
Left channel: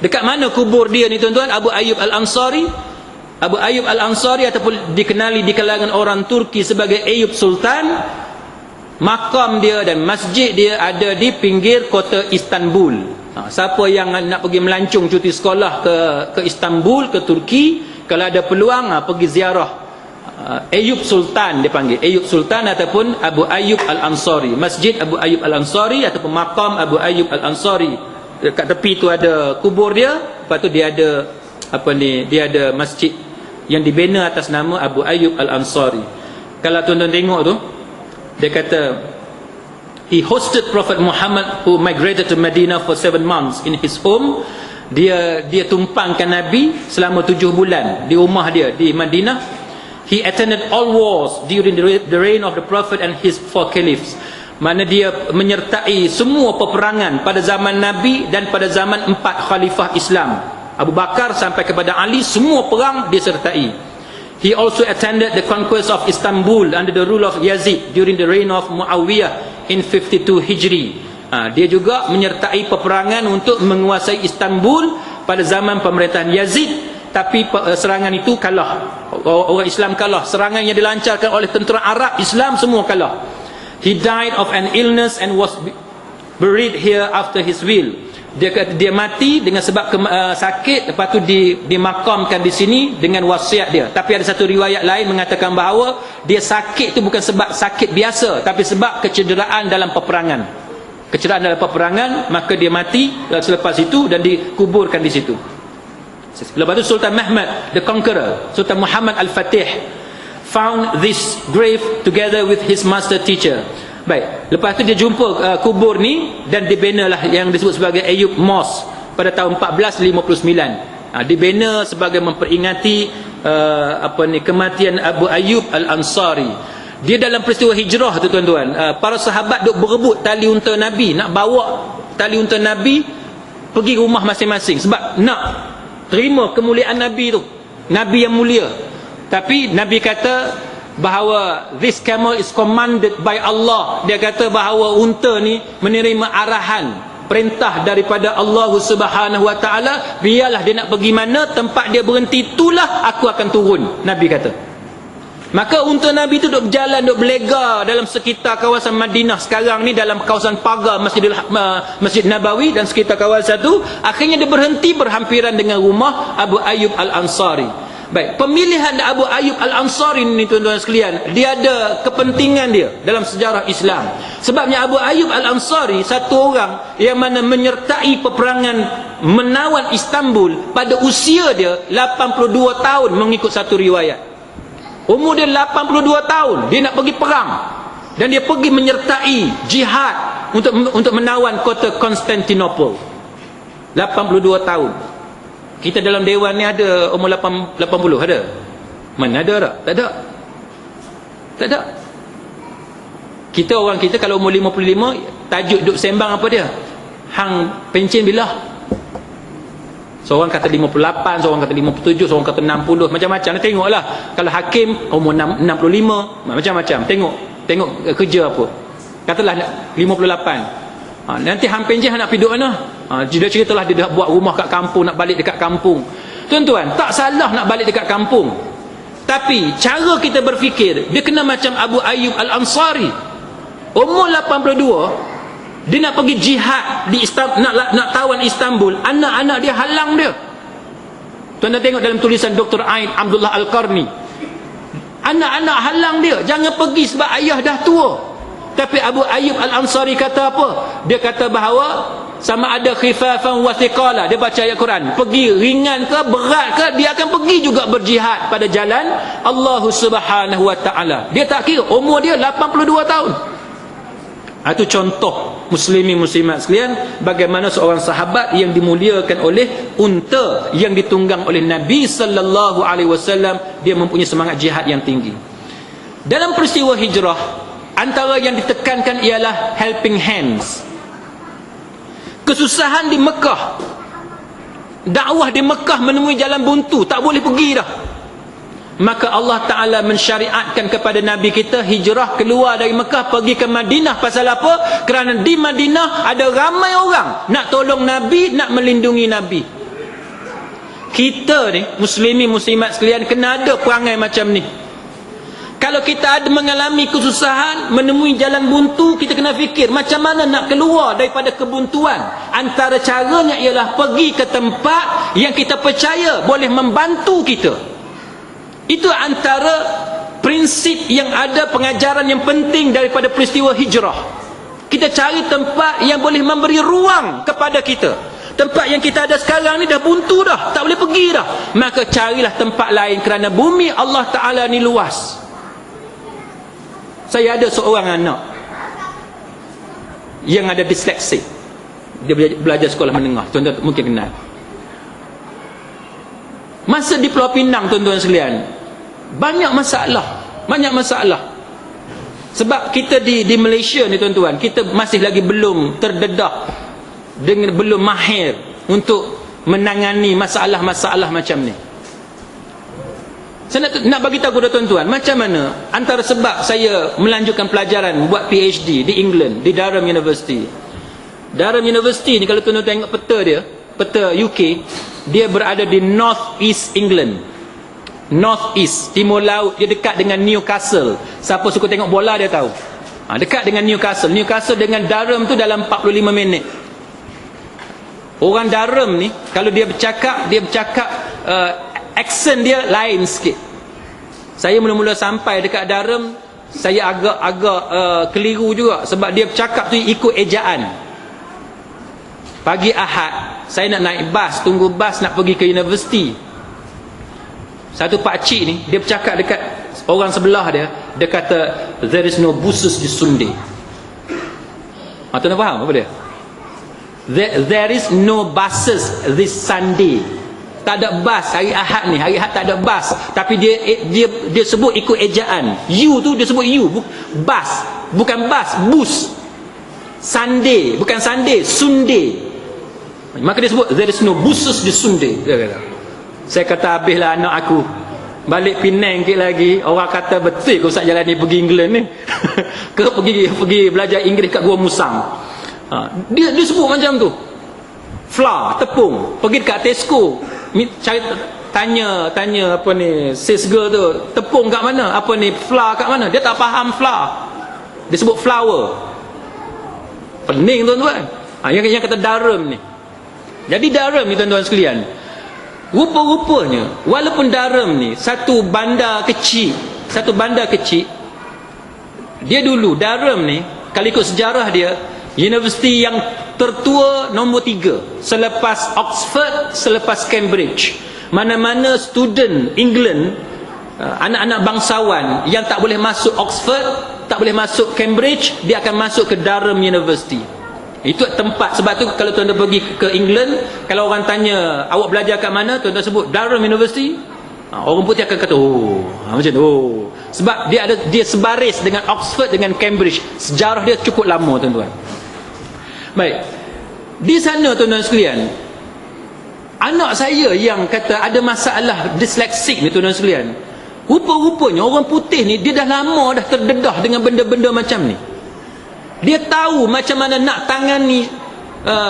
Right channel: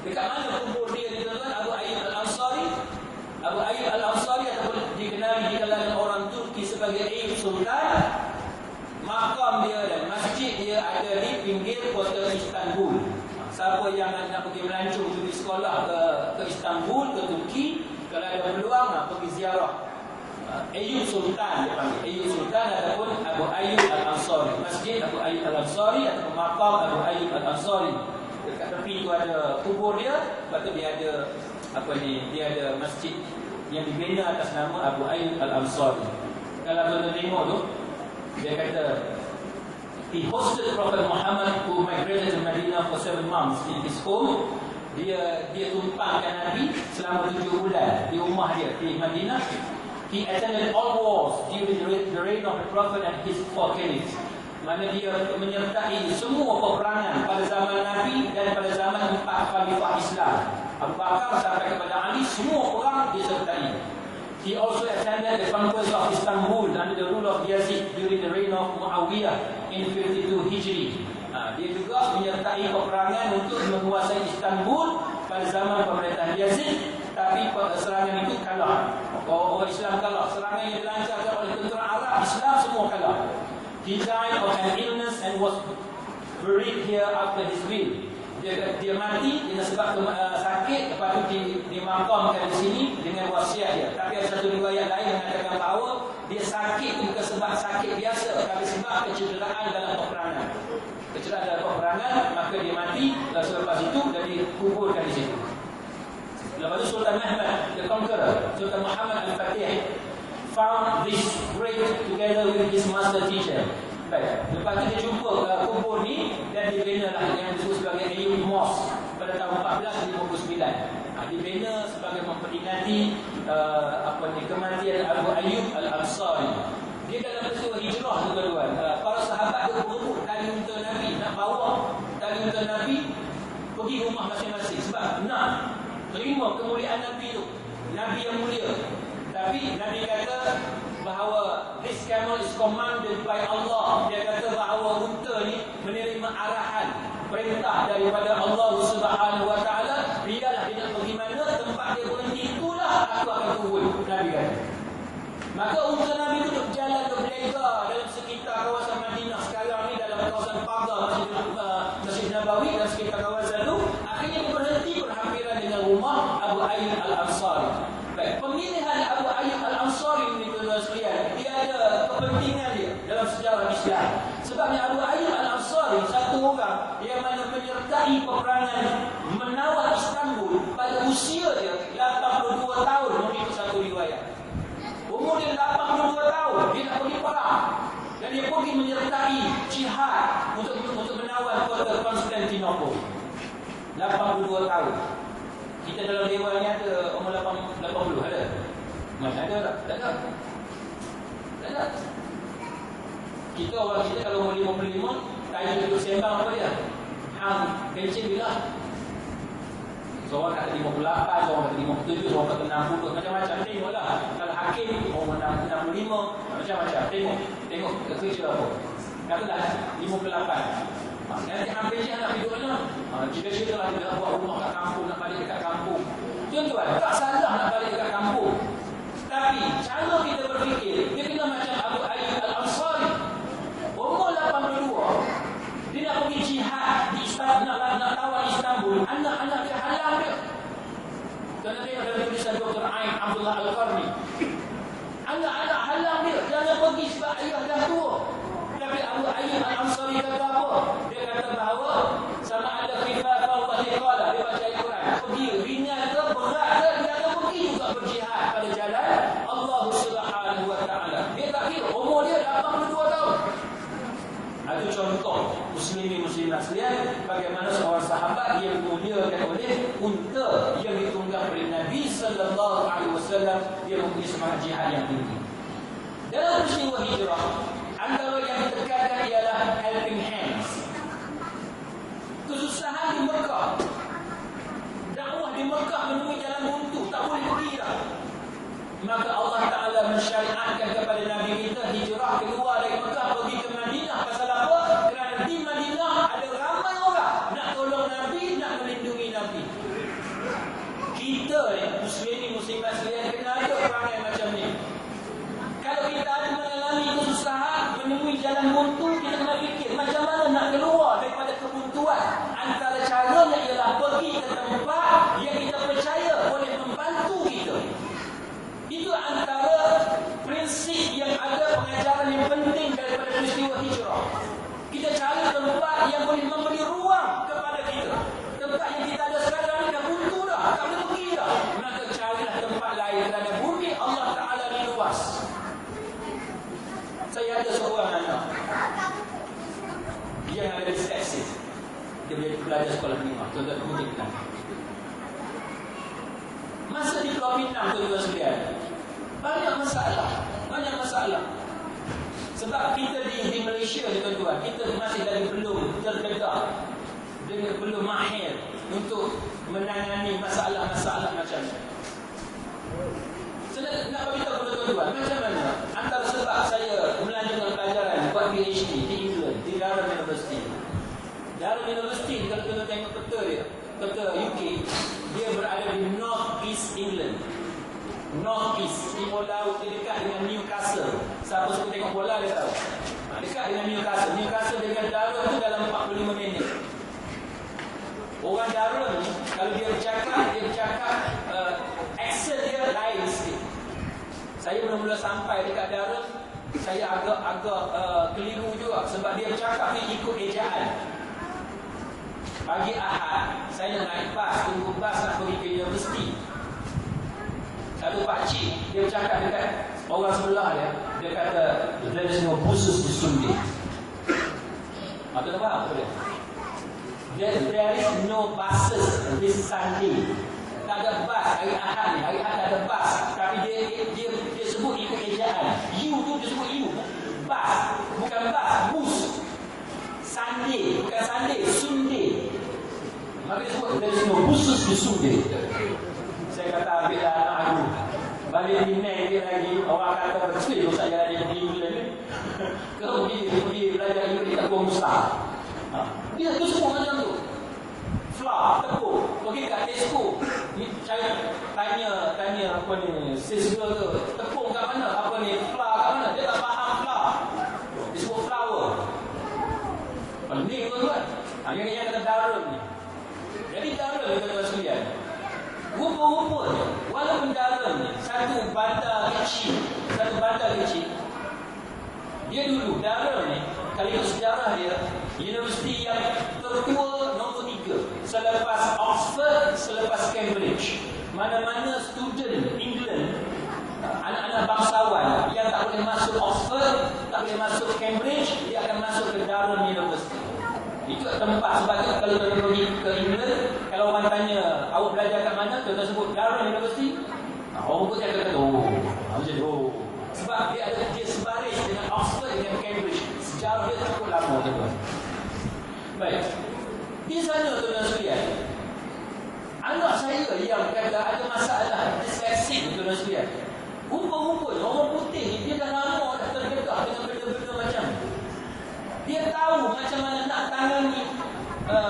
Dekat mana kubur dia ni tuan-tuan? Abu Ayyub Al-Ansari. Abu Ayyub Al-Ansari ataupun dikenali di kalangan orang Turki sebagai Ayyub Sultan. Makam dia dan masjid dia ada di pinggir kota Istanbul. Siapa yang nak pergi melancong cuti sekolah ke Istanbul, ke Turki, kalau ada peluang pergi ziarah Ayyub Sultan, dia panggil Ayyub Sultan ataupun Abu Ayyub Al-Ansari. Masjid Abu Ayyub Al-Ansari ataupun makam Abu Ayyub Al-Ansari. Dekat tepi tu ada kubur dia, lepas tu dia ada dia ada masjid yang dibina atas nama Abu Ayyub Al-Ansari. Kalau tuan-tuan tengok tu, dia kata he hosted Prophet Muhammad who migrated to Medina for 7 months in his home. Dia tumpangkan Nabi selama 7 bulan di rumah dia di Madinah. He attended all wars during the reign of the Prophet and his 4 caliphs. Mana dia menyertai semua peperangan pada zaman Nabi dan pada zaman 4 khalifah Islam, Abu Bakar sampai kepada Ali, semua perang dia sertai. He also attended the conquest of Istanbul under the rule of Yazid during the reign of Muawiyah in 52 Hijri. Dia juga menyertai peperangan untuk menguasai Istanbul pada zaman pemerintahan Yazid, tapi serangan itu kalah. Orang Islam kalah. Serangan yang dilancarkan oleh tentera Arab Islam semua kalah. He died of an illness and was buried here after his will. Dia mati dengan sebab sakit, lepas tu dimakamkan di sini dengan wasiat dia. Tapi ada satu riwayat lain mengatakan bahawa dia sakit itu bukan sebab sakit biasa, tapi sebab kecederaan dalam peperangan. Kecederaan dalam peperangan, maka dia mati selepas itu dan dikuburkan di situ. Lepas tu Sultan Mahmud the Conqueror, Sultan Muhammad Al-Fatih, found this grave together with his master teacher. Baik, lepas tu dia jumpa kubur ni dan dibinalah yang disebut sebagai Ayyub Mosque pada tahun 1459. Dibina sebagai memperingati kematian Abu Ayyub Al-Ansari. Dia dalam peristiwa hijrah tu tuan-tuan, para sahabat duk berebut tali unta Nabi, nak bawa tali unta Nabi pergi rumah masing-masing sebab nak terima kemuliaan Nabi tu, Nabi yang mulia. Tapi Nabi kata bahawa this camel is commanded by Allah. Dia kata bahawa unta ni menerima arahan, perintah daripada Allah Subhanahu wa taala, biarlah dia nak pergi mana, tempat dia berhenti itulah aku akan turun, Nabi kata. Maka unta Nabi tu duk berjalan, duk berlega dalam sekitar kawasan Madinah sekarang ni, dalam kawasan pagar Masjid Nabawi dan sekitar kawasan tu. Akhirnya dia berhenti berhampiran dengan rumah Abu Ayyub Al-Ansari. Baik, pemilihan Abu Ayyub Al-Ansari ni tuan-tuan sekalian, dia ada kepentingan dia dalam sejarah Islam. Sebabnya Abu Ayyub Al-Ansari satu orang yang mana menyertai peperangan menawan Istanbul pada usia dia 82 tahun mengikut satu riwayat. Umur dia 82 tahun, dia nak pergi perang. Dan dia pergi menyertai jihad untuk menawan kota Konstantinopel. 82 tahun. Kita dalam dewan ni ada umur 80 ada? Mana ada tak? Tak ada. Tak ada. Kita kalau umur 55, tajuk duk sembang apa dia? Hang pencen bila? Seorang kata 58, seorang kata 57, seorang kata 60, macam-macam. Tengoklah. Kalau hakim umur 65, macam-macam. Tengok kerja apa. Katalah 58. Nanti hampir je nak pergi duduk mana? Dia ceritalah dia dah buat rumah kat kampung, nak balik dekat kampung. Tuan-tuan, tak salah nak balik dekat kampung. Tapi cara kita berfikir, dia kena macam Abu Ayyub Al-Ansari. Umur 82, dia nak pergi jihad di Istanbul, nak tawan Istanbul. Anak-anak dia halang dia. Tuan-tuan tengok dalam tulisan Dr. Ain Abdullah Al-Qarni. Anak-anak halang dia, jangan pergi sebab ayah dah tua. Tapi Abu Ayyub Al-Ansari kata apa? Dia kata bahawa sama ada khifafan wa thiqala. Dia baca ayat Quran. Pergi ringan ke berat ke, dia akan pergi juga berjihad pada jalan Allah Subhanahu wa taala. Dia tak kira umur dia 82 tahun. Itu contoh muslimin muslimat sekalian, bagaimana seorang sahabat yang dimuliakan oleh unta yang ditunggang oleh Nabi sallallahu alaihi wasallam, dia mempunyai semangat jihad yang tinggi. Dalam peristiwa hijrah, antara yang ditekankan ialah helping hands. Kesusahan di Mekah, dakwah di Mekah menemui jalan buntu, tak boleh pergi dah. Maka Allah Ta'ala mensyariatkan kepada Nabi kita hijrah keluar dari Mekah pergi ke Madinah. Pasal apa? Kerana di Madinah ada ramai orang nak tolong Nabi, nak melindungi Nabi. Kita ni muslimin muslimat sekalian kena ada perangai macam ni. Kalau kita ada mengalami kesusahan, menemui jalan buntu, kita kena fikir macam mana nak keluar daripada kebuntuan. Antara caranya ialah pergi ke tempat yang kita percaya boleh membantu kita. Itu antara prinsip yang ada, pengajaran yang penting daripada peristiwa hijrah. Kita cari tempat yang boleh memberi ruang kepada kita. Tempat yang kita ada sekarang ni dah buntu dah, tak boleh pergi dah. Maka carilah tempat lain kerana bumi Allah Ta'ala ni luas. Saya ada seorang anak yang ada disleksi. Dia belajar sekolah menengah. Tuan-tuan mungkin kenal. Masa di Pulau Pinang, tuan-tuan sekalian, banyak masalah. Sebab kita di Malaysia ni, tuan-tuan, kita masih lagi belum terdedah, dengan belum mahir untuk menangani masalah-masalah macam ni. Saya nak bagi tahu kepada tuan-tuan macam mana antara sebab saya melanjutkan pelajaran buat PhD di England, di Durham University. Durham University ni kalau tuan-tuan tengok peta UK, dia berada di North East England. North East, timur laut, dia dekat dengan Newcastle. Siapa suka tengok bola dia tahu. Dekat dengan Newcastle. Newcastle dengan Durham tu dalam 45 minit. Orang Durham ni kalau dia bercakap aksen dia lain sikit. Saya mula-mula sampai dekat Durham, saya agak keliru juga sebab dia bercakap tu ikut ejaan. Pagi Ahad saya nak naik bas, tunggu bas nak pergi ke universiti. Satu pakcik ni dia bercakap dekat orang sebelah dia, dia kata there is no buses this Sunday. Tuan faham apa dia? There is no buses this Sunday. Tak ada bas hari Ahad ni. Hari Ahad tak ada bas. Tapi dia sebut ikut ejaan. You tu dia sebut you. Bas. Bukan bas. Bus. Sunday. Bukan Sunday. Sunday. Maka dia sebut there is no buses this Sunday. Saya kata habislah anak aku. Balik Penang sikit lagi. Orang kata betul ke Ustaz jalan ni pergi England ni. Ke pergi belajar Inggeris kat Gua Musang. Dia sebut macam tu. Flour, tepung, pergi dekat Tesco, cari tanya apa ni, sales girl tu, tepung kat mana, apa ni, flour kat mana, dia tak faham flour, dia sebut flour. Pening tuan-tuan. Yang kata Durham ni. Jadi Durham ni tuan-tuan sekalian, Rupa-rupanya walaupun Durham ni satu bandar kecil, dia dulu Durham ni kalau ikut sejarah dia universiti yang tertua nombor 3 selepas Oxford, selepas Cambridge. Mana-mana student England, anak-anak bangsawan yang tak boleh masuk Oxford, tak boleh masuk Cambridge, dia akan masuk ke Durham University. Itu tempat. Sebab tu kalau tuan-tuan pergi ke England, kalau orang tanya awak belajar kat mana, tuan-tuan sebut Durham University, orang putih akan kata macam tu. Sebab dia sebaris dengan Oxford, dengan Cambridge. Sejarah dia cukup lama, tuan-tuan. Baik, di sana tuan-tuan sekalian, anak saya yang kata ada masalah disleksik ni, tuan-tuan sekalian, rupa-rupanya orang putih ni dia dah lama dah terdedah dengan benda-benda macam ni. Dia tahu macam mana nak tangani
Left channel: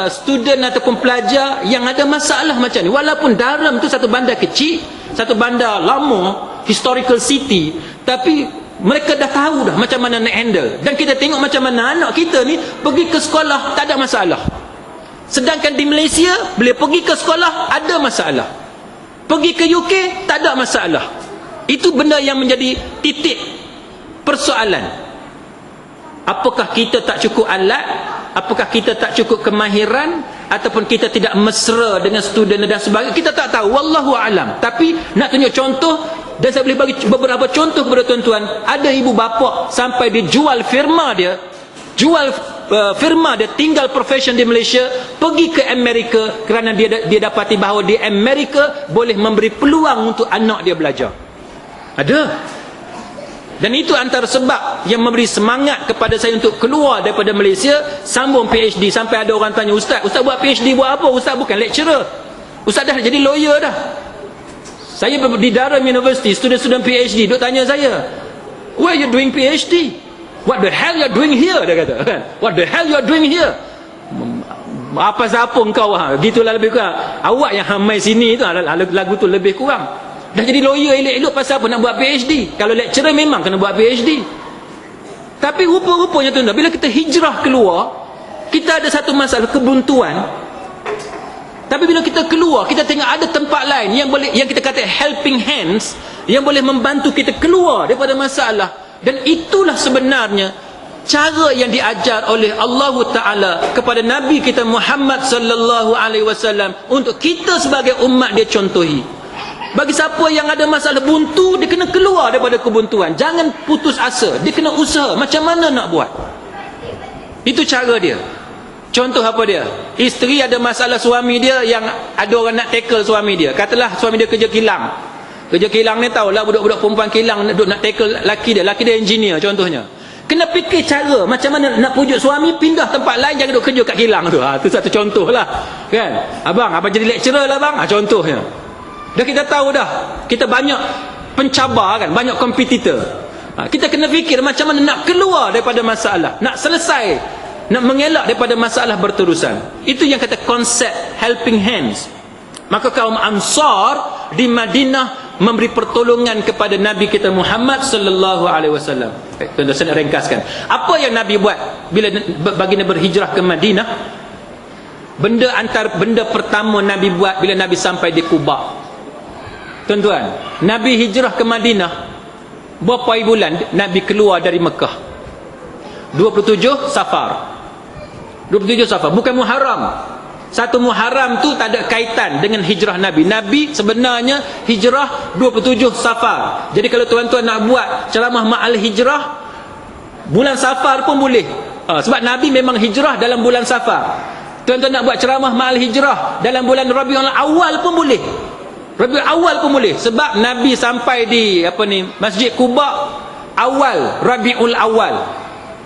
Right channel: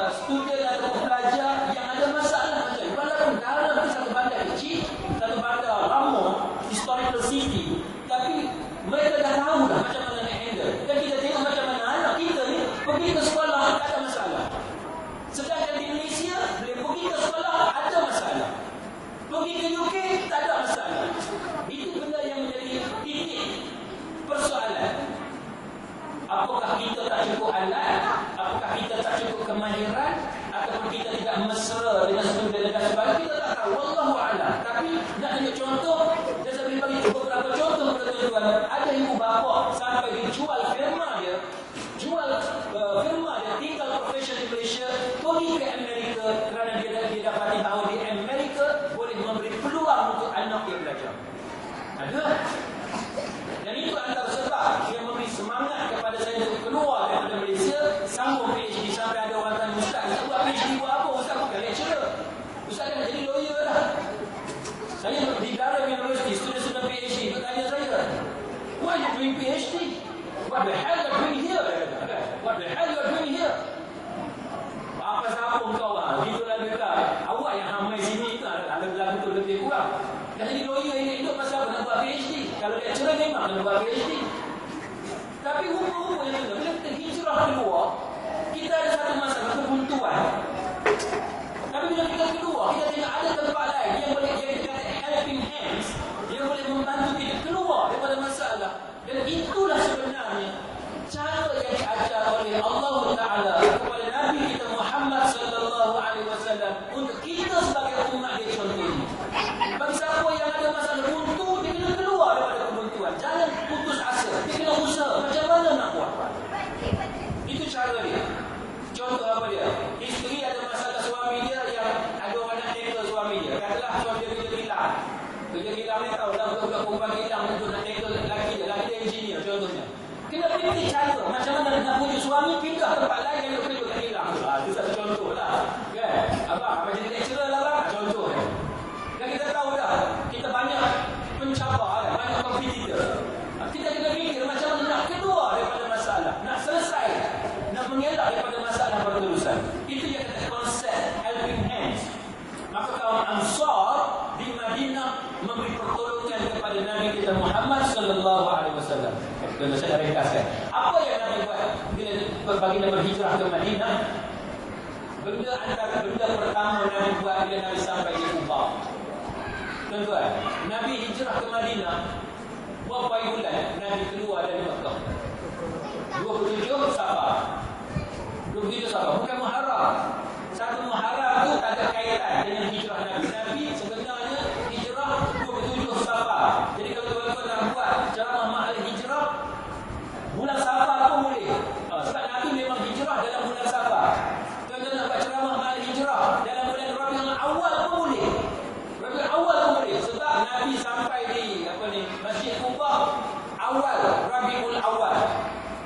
student ataupun pelajar yang ada masalah macam ni. Walaupun Durham tu satu bandar kecil, satu bandar lama, historical city, tapi mereka dah tahu dah macam mana nak handle. Dan kita tengok macam mana anak kita ni pergi ke sekolah tak ada masalah. Sedangkan di Malaysia, bila pergi ke sekolah ada masalah, pergi ke UK tak ada masalah. Itu benda yang menjadi titik persoalan. Apakah kita tak cukup alat, apakah kita tak cukup kemahiran, ataupun kita tidak mesra dengan student dan sebagainya, kita tak tahu, wallahu alam. Tapi nak tunjuk contoh, dan saya boleh bagi beberapa contoh kepada tuan-tuan. Ada ibu bapa sampai dia jual firma dia, tinggal profession di Malaysia, pergi ke Amerika kerana dia dapati bahawa di Amerika boleh memberi peluang untuk anak dia belajar. Ada. Dan itu antara sebab yang memberi semangat kepada saya untuk keluar daripada Malaysia, sambung PhD. Sampai ada orang tanya, Ustaz buat PhD buat apa? Ustaz bukan lecturer, Ustaz dah jadi lawyer dah. Saya di Durham University, student PhD duk tanya saya, why you doing PhD? What the hell you are doing here? Dia kata, what the hell you are doing here? Apa siapa engkau? Gitulah lebih kurang. Awak yang hamai sini tu, lagu tu lebih kurang. Dah jadi lawyer elok-elok, pasal apa nak buat PhD? Kalau lecturer memang kena buat PhD. Tapi rupa-rupanya tuan-tuan, bila kita hijrah keluar, kita ada satu masalah kebuntuan. Tapi bila kita keluar, kita tengok ada tempat lain yang kita kata helping hands, yang boleh membantu kita keluar daripada masalah. Dan itulah sebenarnya cara yang diajar oleh Allah Ta'ala kepada Nabi kita Muhammad sallallahu alaihi wasallam untuk kita sebagai umat dia contohi. Bagi siapa yang ada masalah buntu, dia kena keluar daripada kebuntuan. Jangan putus asa, dia kena usaha macam mana nak buat. Itu cara dia. Contoh apa dia? Isteri ada masalah suami dia, yang ada orang nak tackle suami dia. Katalah suami dia kerja kilang. Kerja kilang ni tahulah, budak-budak perempuan kilang nak tackle laki dia engineer contohnya. Kena fikir cara macam mana nak pujuk suami pindah tempat lain, jangan duduk kerja kat kilang tu. Itu satu contoh lah, kan? Abang jadi lecturer lah bang, contohnya. Dah kita tahu dah, kita banyak pencabar kan, banyak kompetitor. Kita kena fikir macam mana nak keluar daripada masalah, nak selesai, nak mengelak daripada masalah berterusan. Itu yang kata konsep helping hands. Maka kaum Ansar di Madinah memberi pertolongan kepada Nabi kita Muhammad sallallahu alaihi wasallam. Tuan-tuan, saya nak ringkaskan. Apa yang Nabi buat bila baginda berhijrah ke Madinah? Benda pertama Nabi buat bila Nabi sampai di Quba. Tuan-tuan, Nabi hijrah ke Madinah, berapa bulan Nabi keluar dari Mekah? 27 Safar. 27 Safar, bukan Muharram. Satu Muharram tu tak ada kaitan dengan hijrah Nabi. Nabi sebenarnya hijrah 27 Safar. Jadi kalau tuan-tuan nak buat ceramah ma'al hijrah, bulan Safar pun boleh. Sebab Nabi memang hijrah dalam bulan Safar. Tuan-tuan nak buat ceramah ma'al hijrah dalam bulan Rabiul Awal pun boleh. Rabiul Awal pun boleh. Sebab Nabi sampai di Masjid Quba awal Rabiul Awal.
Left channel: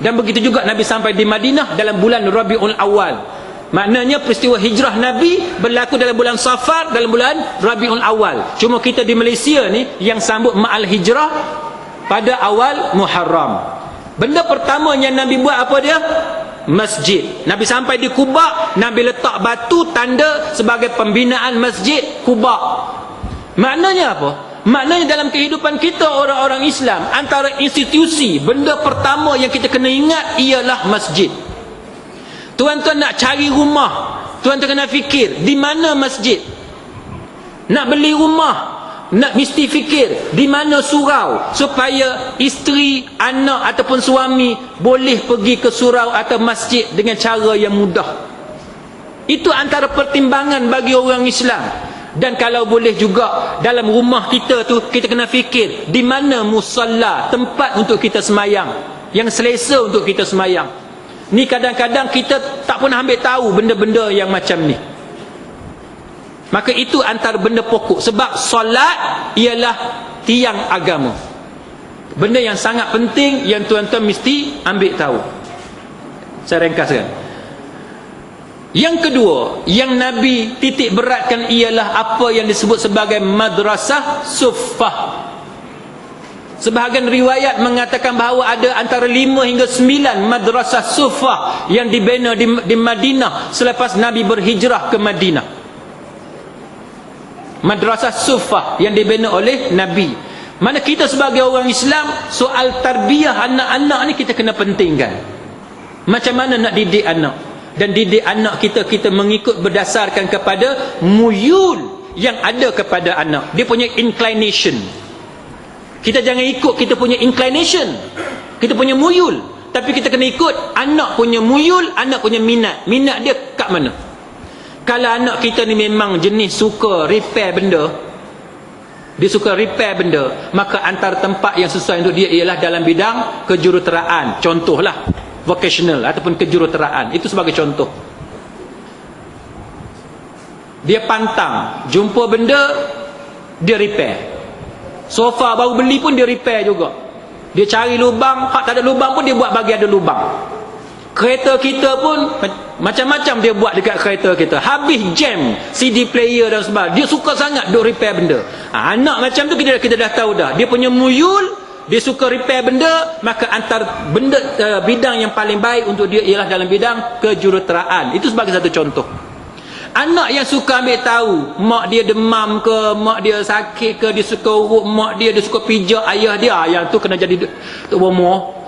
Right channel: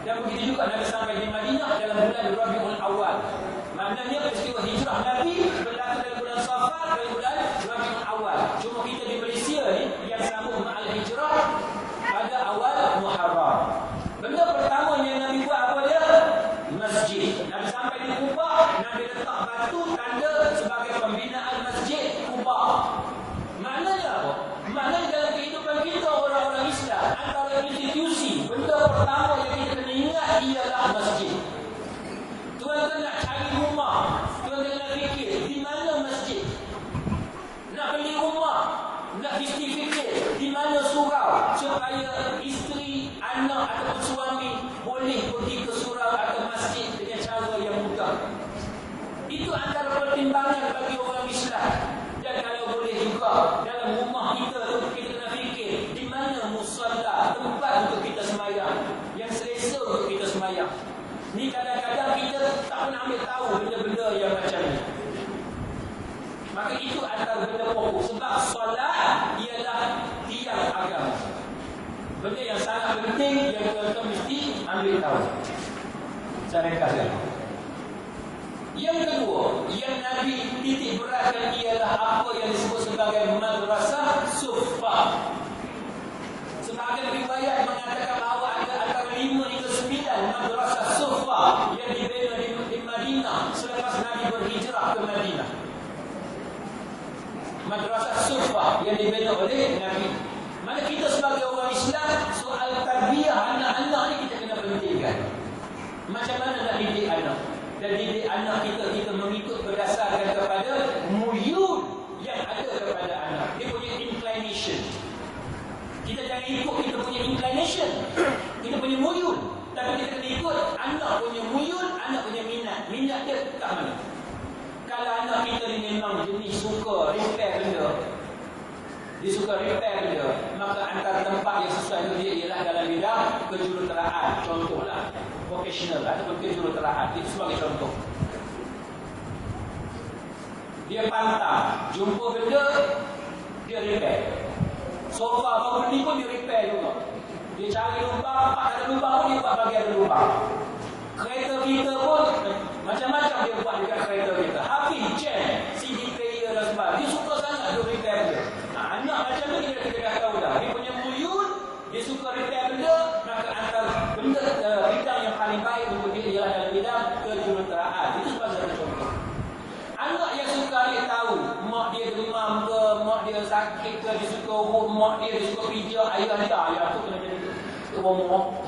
Dan begitu juga Nabi sampai di Madinah dalam bulan Rabiul Awal. Maknanya peristiwa hijrah Nabi berlaku dalam bulan Safar, dalam bulan Rabiul Awal. Cuma kita di Malaysia ni yang sambut ma'al hijrah pada awal Muharram. Benda pertama yang Nabi buat apa dia? Masjid. Nabi sampai di Quba, Nabi letak batu tanda sebagai pembinaan Masjid Quba. Maknanya apa? Maknanya dalam kehidupan kita orang-orang Islam, antara institusi, benda pertama yang kita kena ingat ialah masjid. Tuan-tuan nak cari rumah, tuan-tuan kena fikir di mana masjid. Nak beli rumah, nak mesti fikir di mana surau supaya isteri, anak ataupun suami boleh pergi ke surau atau masjid dengan cara yang mudah. Itu antara pertimbangan bagi orang Islam. Dan kalau boleh juga dalam rumah kita tu, kita kena fikir di mana musalla, tempat untuk kita semayang, yang selesa untuk kita semayang. Ni kadang-kadang kita tak pernah ambil tahu benda-benda yang macam ni. Maka itu antara benda pokok. Sebab solat ialah tiang agama. Benda yang sangat penting yang tuan-tuan mesti ambil tahu. Saya ringkaskan. Yang kedua, yang Nabi titik beratkan ialah apa yang disebut sebagai madrasah suffah. Sebahagian riwayat mengatakan bahawa ada antara 5 hingga 9 madrasah suffah yang dibina di Madinah selepas Nabi berhijrah ke Madinah. Madrasah suffah yang dibina oleh Nabi. Mana kita sebagai orang Islam, soal tarbiyah anak-anak ni kita kena pentingkan. Macam mana nak didik anak? Dan didik anak kita mengikut berdasarkan kepada muyul yang ada kepada anak. Dia punya inclination. Kita jangan ikut kita punya inclination, kita punya muyul. Tapi kita kena ikut anak punya muyul, anak punya minat. Minat dia kat mana? Kalau anak kita ni memang jenis suka repair benda, dia suka repair benda, maka antara tempat yang sesuai untuk dia ialah dalam bidang kejuruteraan. Contohlah vocational ataupun kejuruteraan. Itu sebagai contoh. Dia pantang, jumpa benda dia repair. Sofa baru beli pun dia repair juga. Dia cari lubang, hak tak ada lubang pun dia buat bagi ada lubang. Kereta kita pun macam-macam dia buat dekat kereta kita. Habis jam CD player dan sebagainya, dia suka sangat duk repair benda. Anak macam tu kita dah tahu dah, dia punya muyul, dia suka repair benda. Maka antara benda bidang yang paling baik untuk dia ialah dalam bidang kejuruteraan. Itu sebagai satu contoh. Anak yang suka ambil tahu mak dia demam ke, mak dia sakit ke, dia suka urut mak dia suka pijak ayah dia, yang tu kena jadi Tok Bomo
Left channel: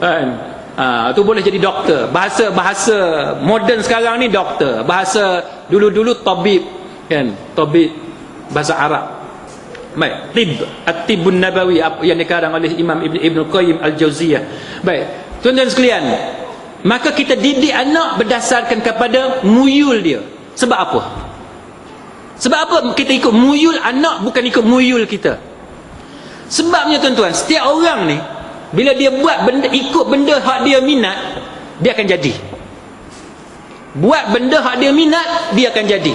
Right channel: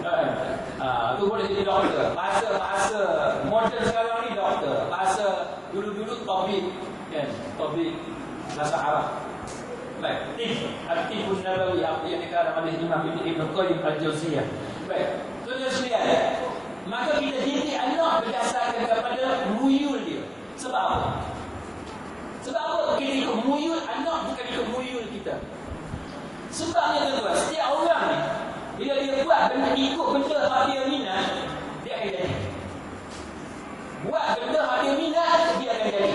kan. Tu boleh jadi doktor. Bahasa moden sekarang ni doktor. Bahasa dulu-dulu tabib kan, tabib bahasa Arab. Baik, at-tibbun nabawi yang dikarang oleh Imam Ibn Qayyim Al-Jauziyah. Baik, tuan-tuan sekalian, maka kita didik anak berdasarkan kepada muyul dia. Sebab apa? Sebab apa kita ikut muyul anak, bukan ikut muyul kita? Sebabnya tuan-tuan, setiap orang ni bila dia buat benda, ikut benda hak dia minat, dia akan jadi. Buat benda hak dia minat, dia akan jadi.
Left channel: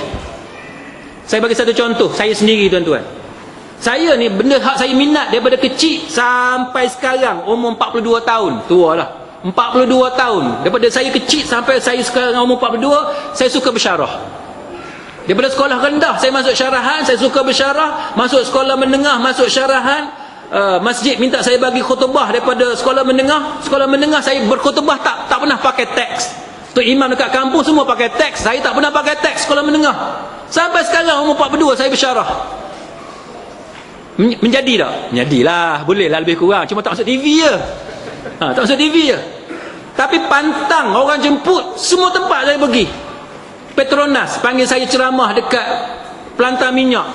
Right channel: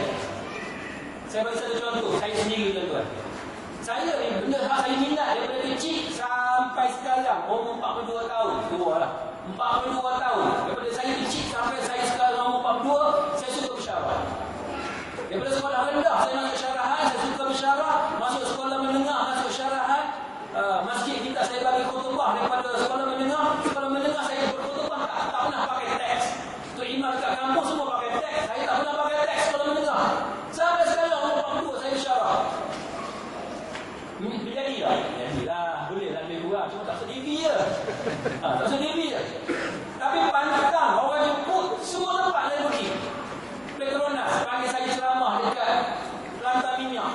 Saya bagi satu contoh, saya sendiri tuan-tuan. Saya ni benda hak saya minat daripada kecil sampai sekarang, umur 42 tahun. Tua lah, 42 tahun. Daripada saya kecil sampai saya sekarang umur 42, saya suka bersyarah. Daripada sekolah rendah saya masuk syarahan, saya suka bersyarah. Masuk sekolah menengah, masuk syarahan. Masjid minta saya bagi khutbah daripada sekolah menengah. Sekolah menengah saya berkhutbah tak pernah pakai teks. Tu imam dekat kampung semua pakai teks, saya tak pernah pakai teks sekolah menengah. Sampai sekarang umur 42 saya bersyarah. Menjadi tak? Menjadilah, bolehlah lebih kurang. Cuma tak masuk TV je. Tak masuk TV je. Tapi pantang orang jemput, semua tempat saya pergi. Petronas panggil saya ceramah dekat pelantar minyak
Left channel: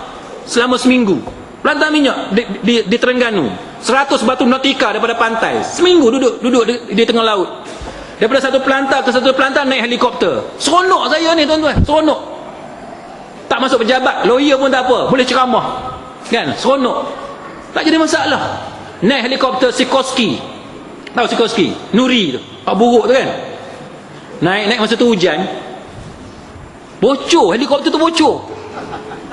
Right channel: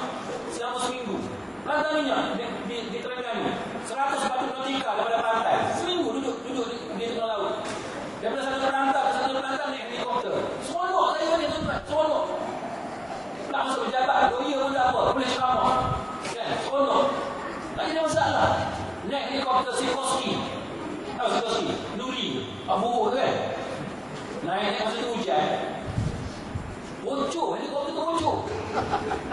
selama seminggu. Pelantar minyak di Terengganu, 100 batu nautika daripada pantai. Seminggu duduk di tengah laut. Daripada satu pelantar ke satu pelantar naik helikopter. Seronok saya ni tuan-tuan, seronok. Tak masuk pejabat, lawyer pun tak apa, boleh ceramah. Kan, seronok. Tak jadi masalah. Naik helikopter Sikorsky. Tahu Sikorsky? Nuri tu, Pak Buruk tu kan. Naik masa tu hujan. Bocor, helikopter tu bocor.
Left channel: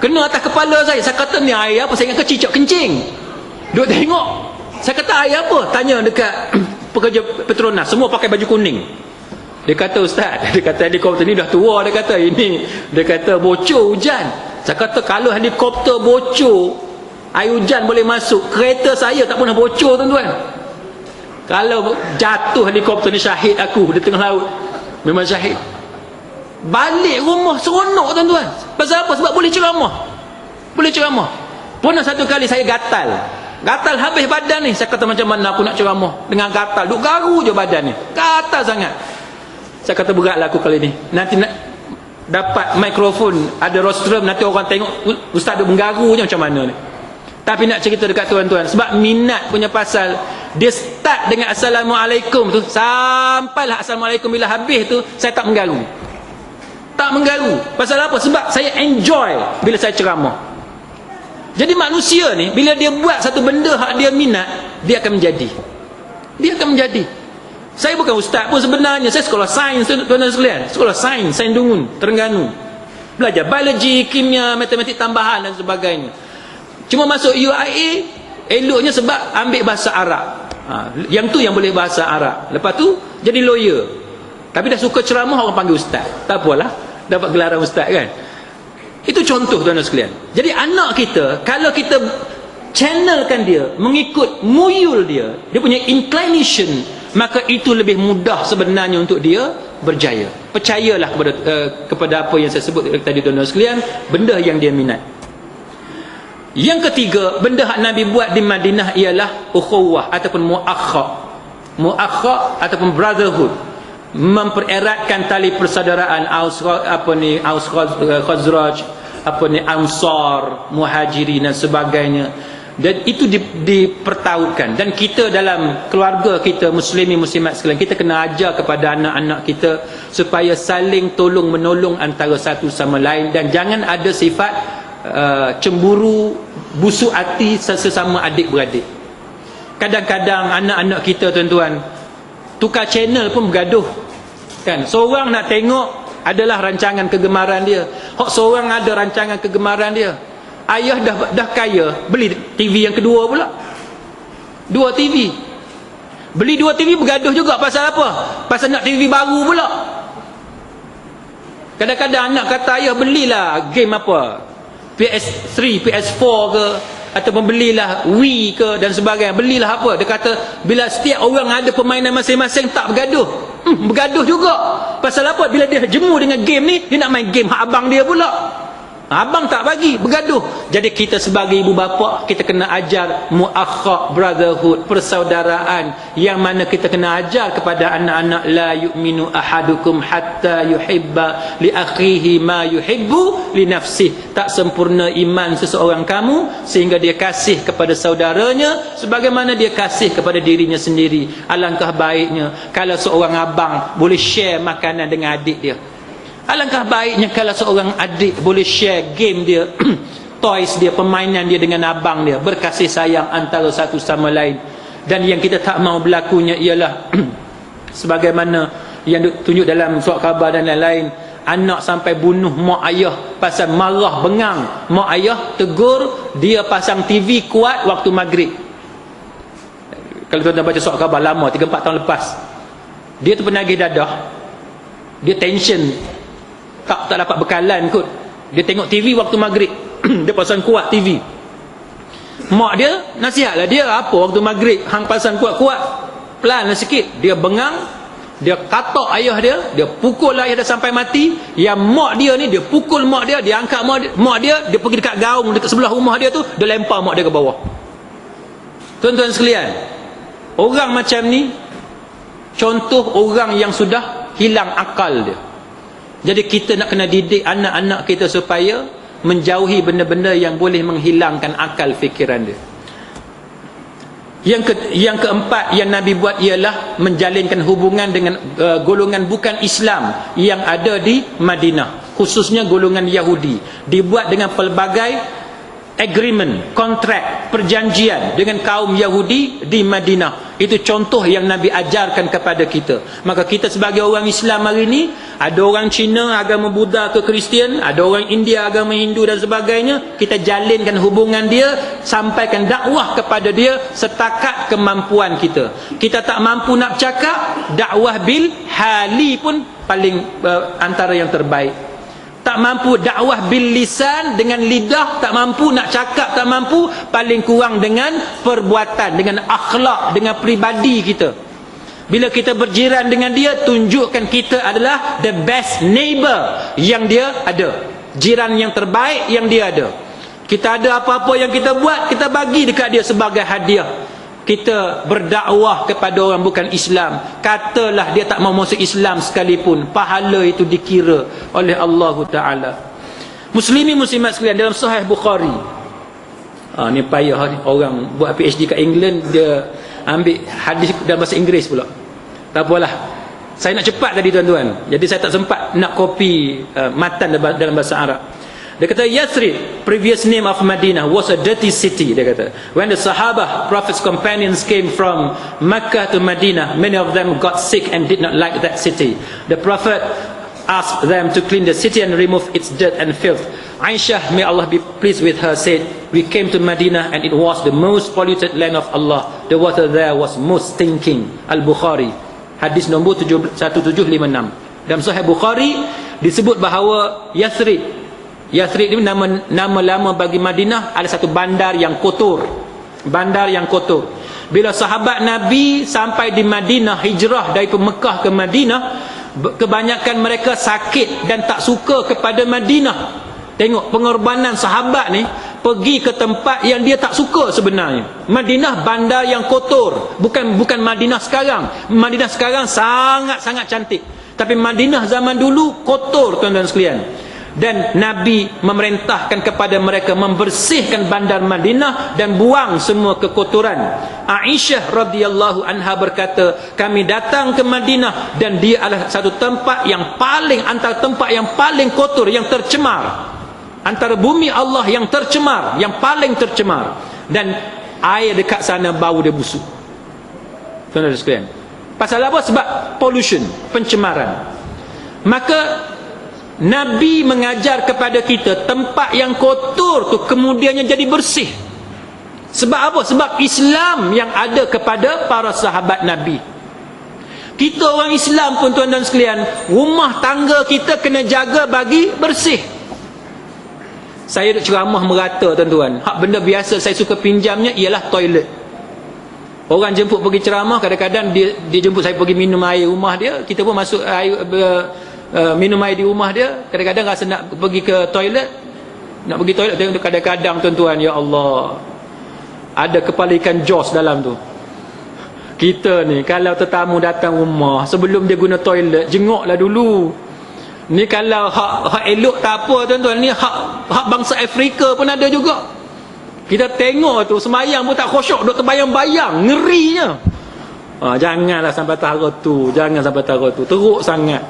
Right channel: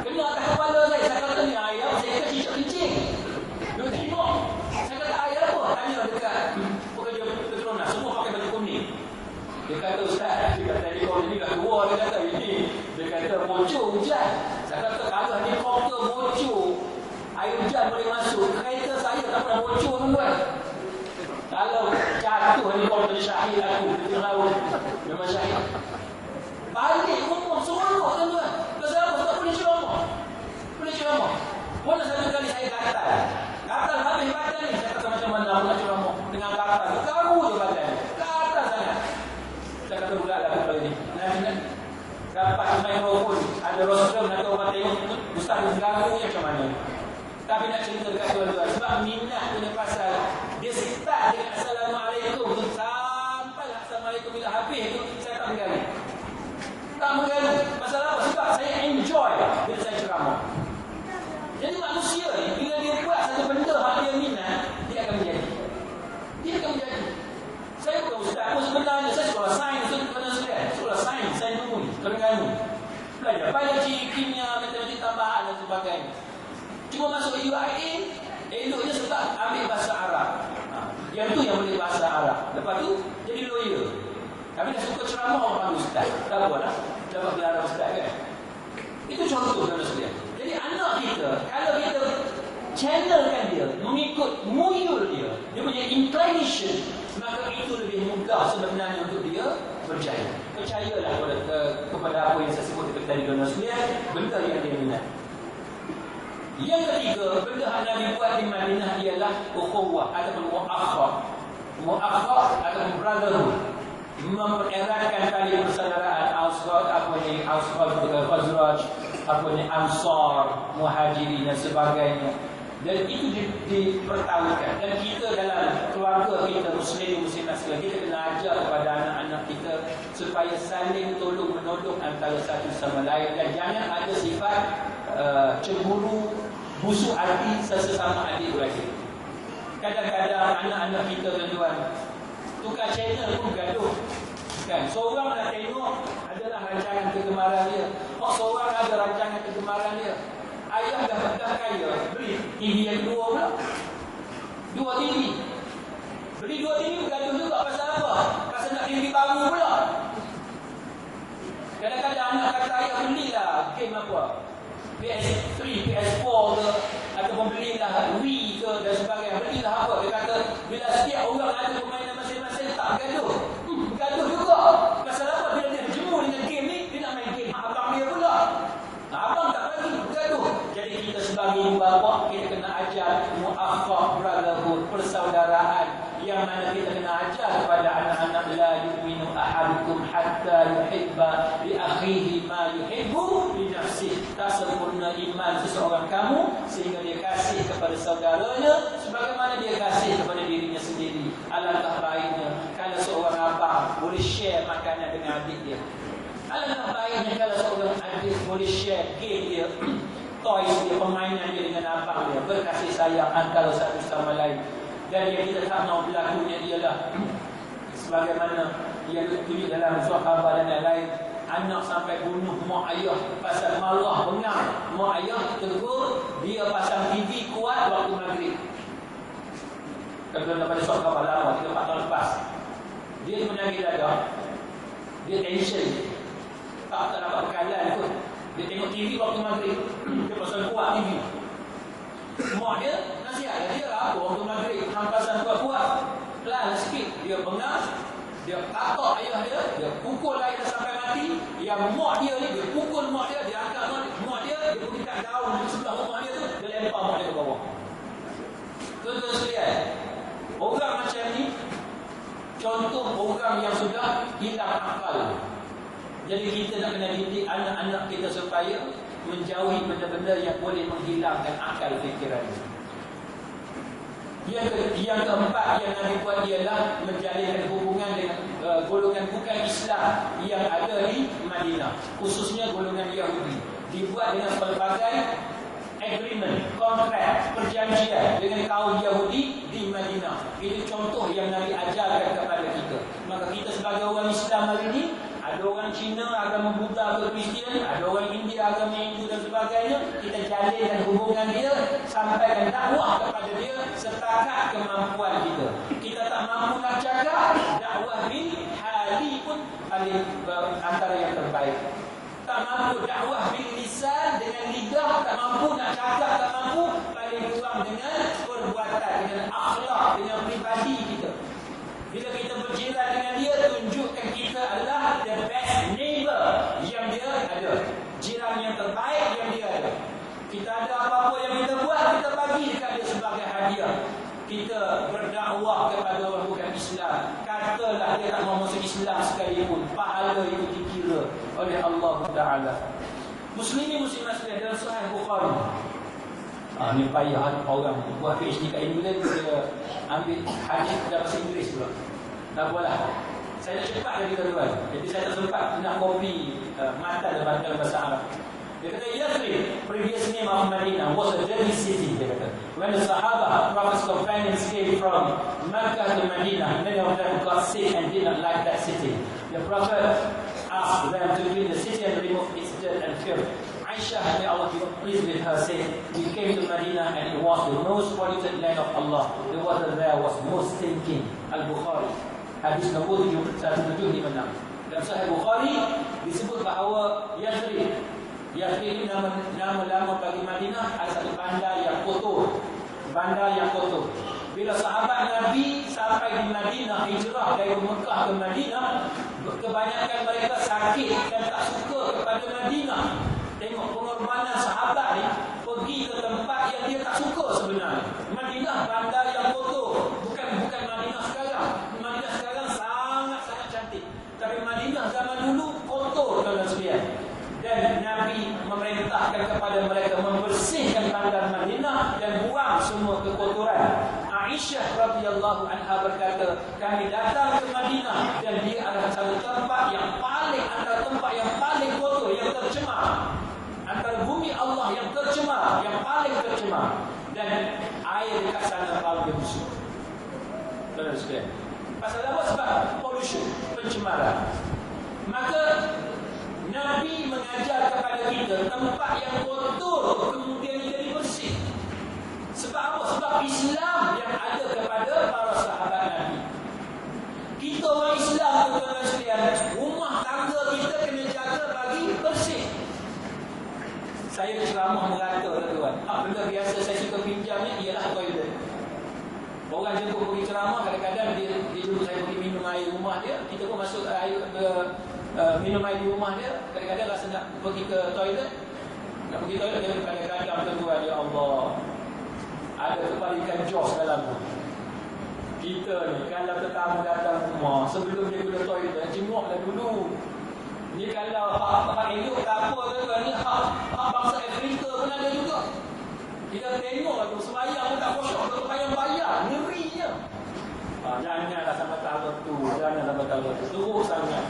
Kena atas kepala saya. Saya kata ni air apa? Saya ingat cicak kencing. Duk tengok. Saya kata air apa? Tanya dekat pekerja Petronas. Semua pakai baju kuning. Dia kata ustaz, dia kata helikopter ni dah tua. Dia kata ini, dia kata bocor hujan. Saya kata kalau helikopter bocor, air hujan boleh masuk. Kereta saya tak pernah bocor tuan-tuan. Kalau jatuh helikopter ni syahid aku di tengah laut. Memang syahid. Balik rumah seronok tuan-tuan. Pasal apa? Sebab boleh ceramah. Boleh ceramah. Pernah satu kali saya gatal. Gatal habis badan ni. Saya kata macam mana aku nak ceramah dengan gatal. Duk garu je badan ni. Gatal sangat. Saya kata beratlah aku kali ni. Nanti dapat mikrofon, ada rostrum, nanti orang tengok ustaz ada menggarunya macam mana ni. Tapi nak cerita dekat tuan-tuan, sebab minat punya pasal, dia start dengan Assalamualaikum tu, sampailah Assalamualaikum, bila habis tu saya tak menggaru. Tak menggaru. Pasal apa? Sebab saya enjoy bila saya ceramah. Jadi manusia ni, bila dia buat satu benda hak dia minat, dia akan menjadi. Dia akan menjadi. Saya bukan ustaz pun sebenarnya, saya sekolah sains, tuan-tuan sekalian. Sekolah sains, Sains Dungun, Terengganu. Belajar biologi, kimia, matematik tambahan dan sebagainya. Cuma masuk UIA, eloknya sebab ambil bahasa Arab. Yang tu yang boleh bahasa Arab. Lepas tu jadi lawyer. Tapi dah suka ceramah, orang panggil ustaz. Tak apalah, dapat gelaran ustaz kan. Itu contoh tuan-tuan sekalian. Jadi anak kita, kalau kita channelkan dia, mengikut muyul dia, dia punya inclination, maka itu lebih mudah sebenarnya untuk dia berjaya. Percayalah kepada apa yang saya sebut tadi tuan-tuan sekalian, benda yang dia minat. Yang ketiga, benda yang Nabi buat di Madinah ialah ukhuwah ataupun mu'akhah. Mu'akhah ataupun brotherhood, mempereratkan tali persaudaraan Aus Khazraj, Ansar, Muhajirin dan sebagainya. Dan itu dipertautkan. Dan kita dalam keluarga kita, muslimin muslimat sekalian, kita kena ajar kepada anak-anak kita supaya saling tolong menolong antara satu sama lain, dan jangan ada sifat cemburu, busuk hati sesama adik-beradik. Kadang-kadang anak-anak kita tuan-tuan tukar channel pun bergaduh kan. Seorang nak tengok adalah rancangan kegemaran dia, seorang ada rancangan kegemaran dia. Ayah dah kaya, beli TV yang kedua pula, 2 TV. Beli 2 TV bergaduh juga pasal apa? Pasal nak TV baru pula. Kadang-kadang anak kata, ayah belilah game apa, PS3, PS4 ke, ataupun belilah Wii ke dan sebagainya. Belilah apa. Dia kata bila setiap orang ada permainan masing-masing, tak bergaduh. Bergaduh juga. Pasal apa? Bila dia jemu dengan game ni, dia nak main game hak abang dia pula. Abang tak bagi, bergaduh. Jadi kita sebagai ibu bapa, kita kena ajar mu'akhah, brotherhood, persaudaraan, yang mana kita kena ajar kepada anak-anak, la yu'minu ahadukum hatta yuhibba li akhihi ma yuhibbu li nafsih. Tak sempurna iman seseorang kamu sehingga dia kasih kepada saudaranya sebagaimana dia kasih kepada dirinya sendiri. Alangkah baiknya kalau seorang abang boleh share makanan dengan adik dia. Alangkah baiknya kalau seorang adik boleh share game dia, toys dia, permainan dia dengan abang dia, berkasih sayang antara satu sama lain. Dan yang kita tak mau berlakunya ialah sebagaimana yang ditunjuk dalam surat khabar dan lain-lain, anak sampai bunuh mak ayah pasal marah bengang. Mak ayah tegur, dia pasang TV kuat waktu maghrib. Kalau tuan-tuan baca surat khabar lama, 3-4 tahun lepas, dia tu penagih dadah, dia tension, tak dapat bekalan kot. Dia tengok TV waktu maghrib. Dia pasang kuat TV. Mak dia nasihatlah dia, apa waktu maghrib hang pasang kuat-kuat, pelan sikit. Dia bengang, dia katak ayah dia, dia pukul ayah dia sampai mati. Yang mak dia ni, dia pukul mak dia, dia angkat mak dia, dia pergi dekat gaung dekat sebelah rumah dia tu, dia lempar mak dia ke bawah. Tuan-tuan sekalian, orang macam ni contoh orang yang sudah hilang akal dia. Jadi kita nak kena didik anak-anak kita supaya menjauhi benda-benda yang boleh menghilangkan akal fikiran dia. Yang keempat yang Nabi buat ialah menjalinkan hubungan dengan golongan bukan Islam yang ada di Madinah, khususnya golongan Yahudi. Dibuat dengan pelbagai agreement, kontrak, perjanjian dengan kaum Yahudi di Madinah. Itu contoh yang Nabi ajarkan kepada kita. Maka kita sebagai orang Islam hari ini, ada orang Cina agama Buddha ke Kristian, ada orang India agama Hindu dan sebagainya, kita jalinkan hubungan dia, sampaikan dakwah kepada dia setakat kemampuan kita. Kita tak mampu nak cakap, dakwah bil hali pun paling antara yang terbaik. Tak mampu dakwah bil lisan, dengan lidah tak mampu nak cakap, tak mampu, paling kurang dengan perbuatan, dengan akhlak, dengan peribadi kita. Bila kita berjiran dengan dia, tunjukkan kita adalah the best neighbor yang dia ada, jiran yang terbaik yang dia ada. Kita ada apa-apa yang kita buat, kita bagi dekat dia sebagai hadiah. kita berdakwah kepada orang bukan Islam, katalah dia tak mau masuk Islam sekalipun, pahala itu dikira oleh Allah Ta'ala. Muslimin muslimat sekalian, dalam Sahih Bukhari, ni payah orang buat PhD kat England, dia ambil hadis dalam bahasa Inggeris pula. Tak apalah, saya nak cepat tadi tuan-tuan, jadi saya tak sempat nak copy matan dalam bahasa Arab. Dia kata Yathrib, previous name of Madinah, was a dirty city. Dia kata when the Sahaba, Prophet's companions, came from Makkah to Madinah, many of them got sick and did not like that city. The Prophet asked them to clean the city and remove its dirt and filth. Aisyah, may Allah be pleased with her, said, we came to Madinah and it was the most polluted land of Allah. The water there was most stinking. Al-Bukhari, hadis nombor 1756. Dalam Sahih Bukhari disebut bahawa Yathrib ini nama lama bagi Madinah, ada satu bandar yang kotor. Bandar yang kotor. Bila sahabat Nabi sampai di Madinah, hijrah dari Mekah ke Madinah, kebanyakan mereka sakit dan tak suka kepada Madinah. Tengok pengorbanan sahabat ni, pergi ke tempat yang dia tak suka sebenarnya. Madinah bandar yang kotor. Bukan Madinah sekarang. Madinah sekarang sangat-sangat cantik. Tapi Madinah zaman dulu kotor, tuan-tuan sekalian. Dan Nabi memerintahkan kepada mereka membersihkan bandar Madinah dan buang semua kekotoran. Aisyah radhiyallahu anha berkata, kami datang ke Madinah dan dia adalah satu tempat yang paling, antara tempat yang paling kotor, yang tercemar, antara bumi Allah yang tercemar, yang paling tercemar. Dan air dekat sana bau dia busuk. Tuan-tuan sekalian, pasal apa? Sebab pollution, pencemaran. Maka Nabi mengajar kepada kita tempat yang kotor tu kemudiannya jadi bersih. Sebab apa? Sebab Islam yang ada kepada para sahabat Nabi. Kita orang Islam pun, tuan-tuan sekalian, rumah tangga kita kena jaga bagi bersih. Saya duk ceramah merata, tuan-tuan. Hak benda biasa saya suka pinjamnya ialah toilet. Orang jemput pergi ceramah, kadang-kadang dia jemput saya pergi minum air rumah dia. Kita pun masuk air, minum air di rumah dia. Kadang-kadang rasa nak pergi ke toilet, nak pergi toilet, kadang-kadang tuan-tuan, ya Allah, ada kepala ikan Jaws dalam tu. Kita ni kalau tetamu datang rumah, sebelum dia guna toilet, jenguklah dulu. Ni kalau hak elok tak apa, tuan-tuan, ni hak bangsa Afrika pun ada juga. Kita tengok tu sembahyang pun tak khusyuk, duk terbayang-bayang, ngerinya. Janganlah sampai taruh tu, jangan sampai taruh tu, teruk sangat.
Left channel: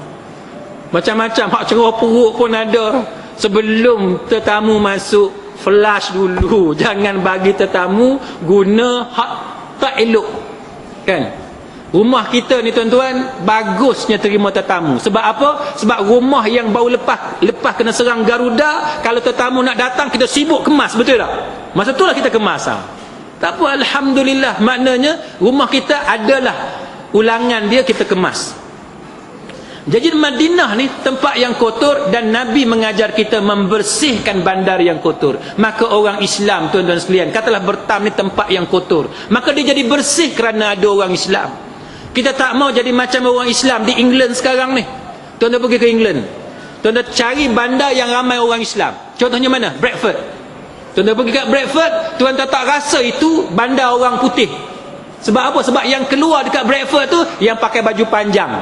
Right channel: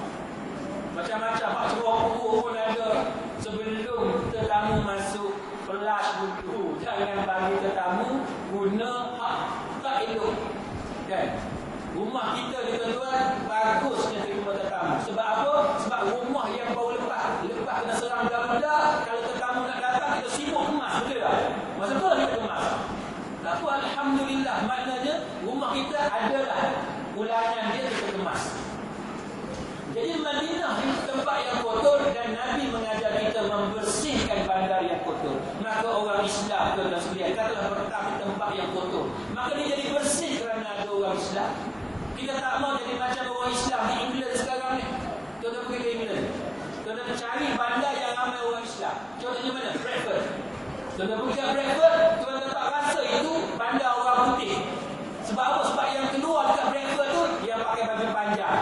Macam-macam hak cerah perut pun ada. Sebelum tetamu masuk, flush dulu. Jangan bagi tetamu guna hak tak elok, kan? Rumah kita ni, tuan-tuan, bagusnya terima tetamu. Sebab apa? Sebab rumah yang baru lepas kena serang Garuda, kalau tetamu nak datang, kita sibuk kemas, betul tak? Masa itulah kita kemas. Tak apa, alhamdulillah, maknanya rumah kita adalah ulangan dia, kita kemas. Jadi Madinah ni tempat yang kotor, dan Nabi mengajar kita membersihkan bandar yang kotor. Maka orang Islam, tuan-tuan sekalian, katalah Bertam ni tempat yang kotor, maka dia jadi bersih kerana ada orang Islam. Kita tak mau jadi macam orang Islam di England sekarang ni. Tuan-tuan pergi ke England, tuan-tuan cari bandar yang ramai orang Islam. Contohnya mana? Bradford. Tuan-tuan pergi kat Bradford, tuan-tuan tak rasa itu bandar orang putih. Sebab apa? Sebab yang keluar dekat Bradford tu yang pakai baju panjang,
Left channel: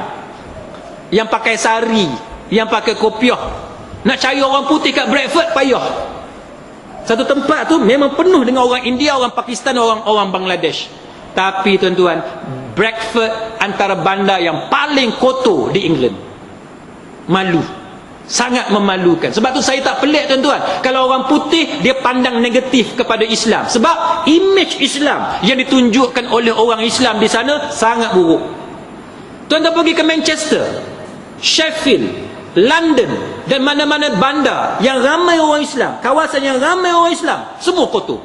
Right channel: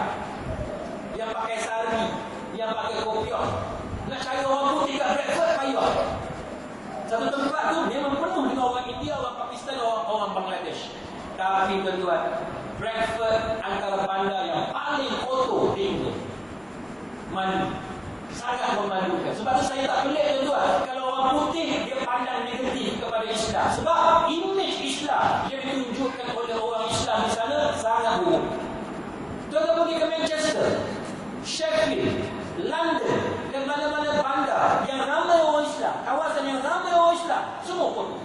yang pakai sari, yang pakai kopiah. Nak cari orang putih kat Bradford payah. Satu tempat tu memang penuh dengan orang India, orang Pakistan, orang Bangladesh. Tapi tuan-tuan, Bradford antara bandar yang paling kotor di England. Malu, sangat memalukan. Sebab tu saya tak pelik, tuan-tuan, kalau orang putih dia pandang negatif kepada Islam. Sebab image Islam yang ditunjukkan oleh orang Islam di sana sangat buruk. Tuan-tuan pergi ke Manchester, Sheffield, London, dan mana-mana bandar yang ramai orang Islam, kawasan yang ramai orang Islam, semua kotor.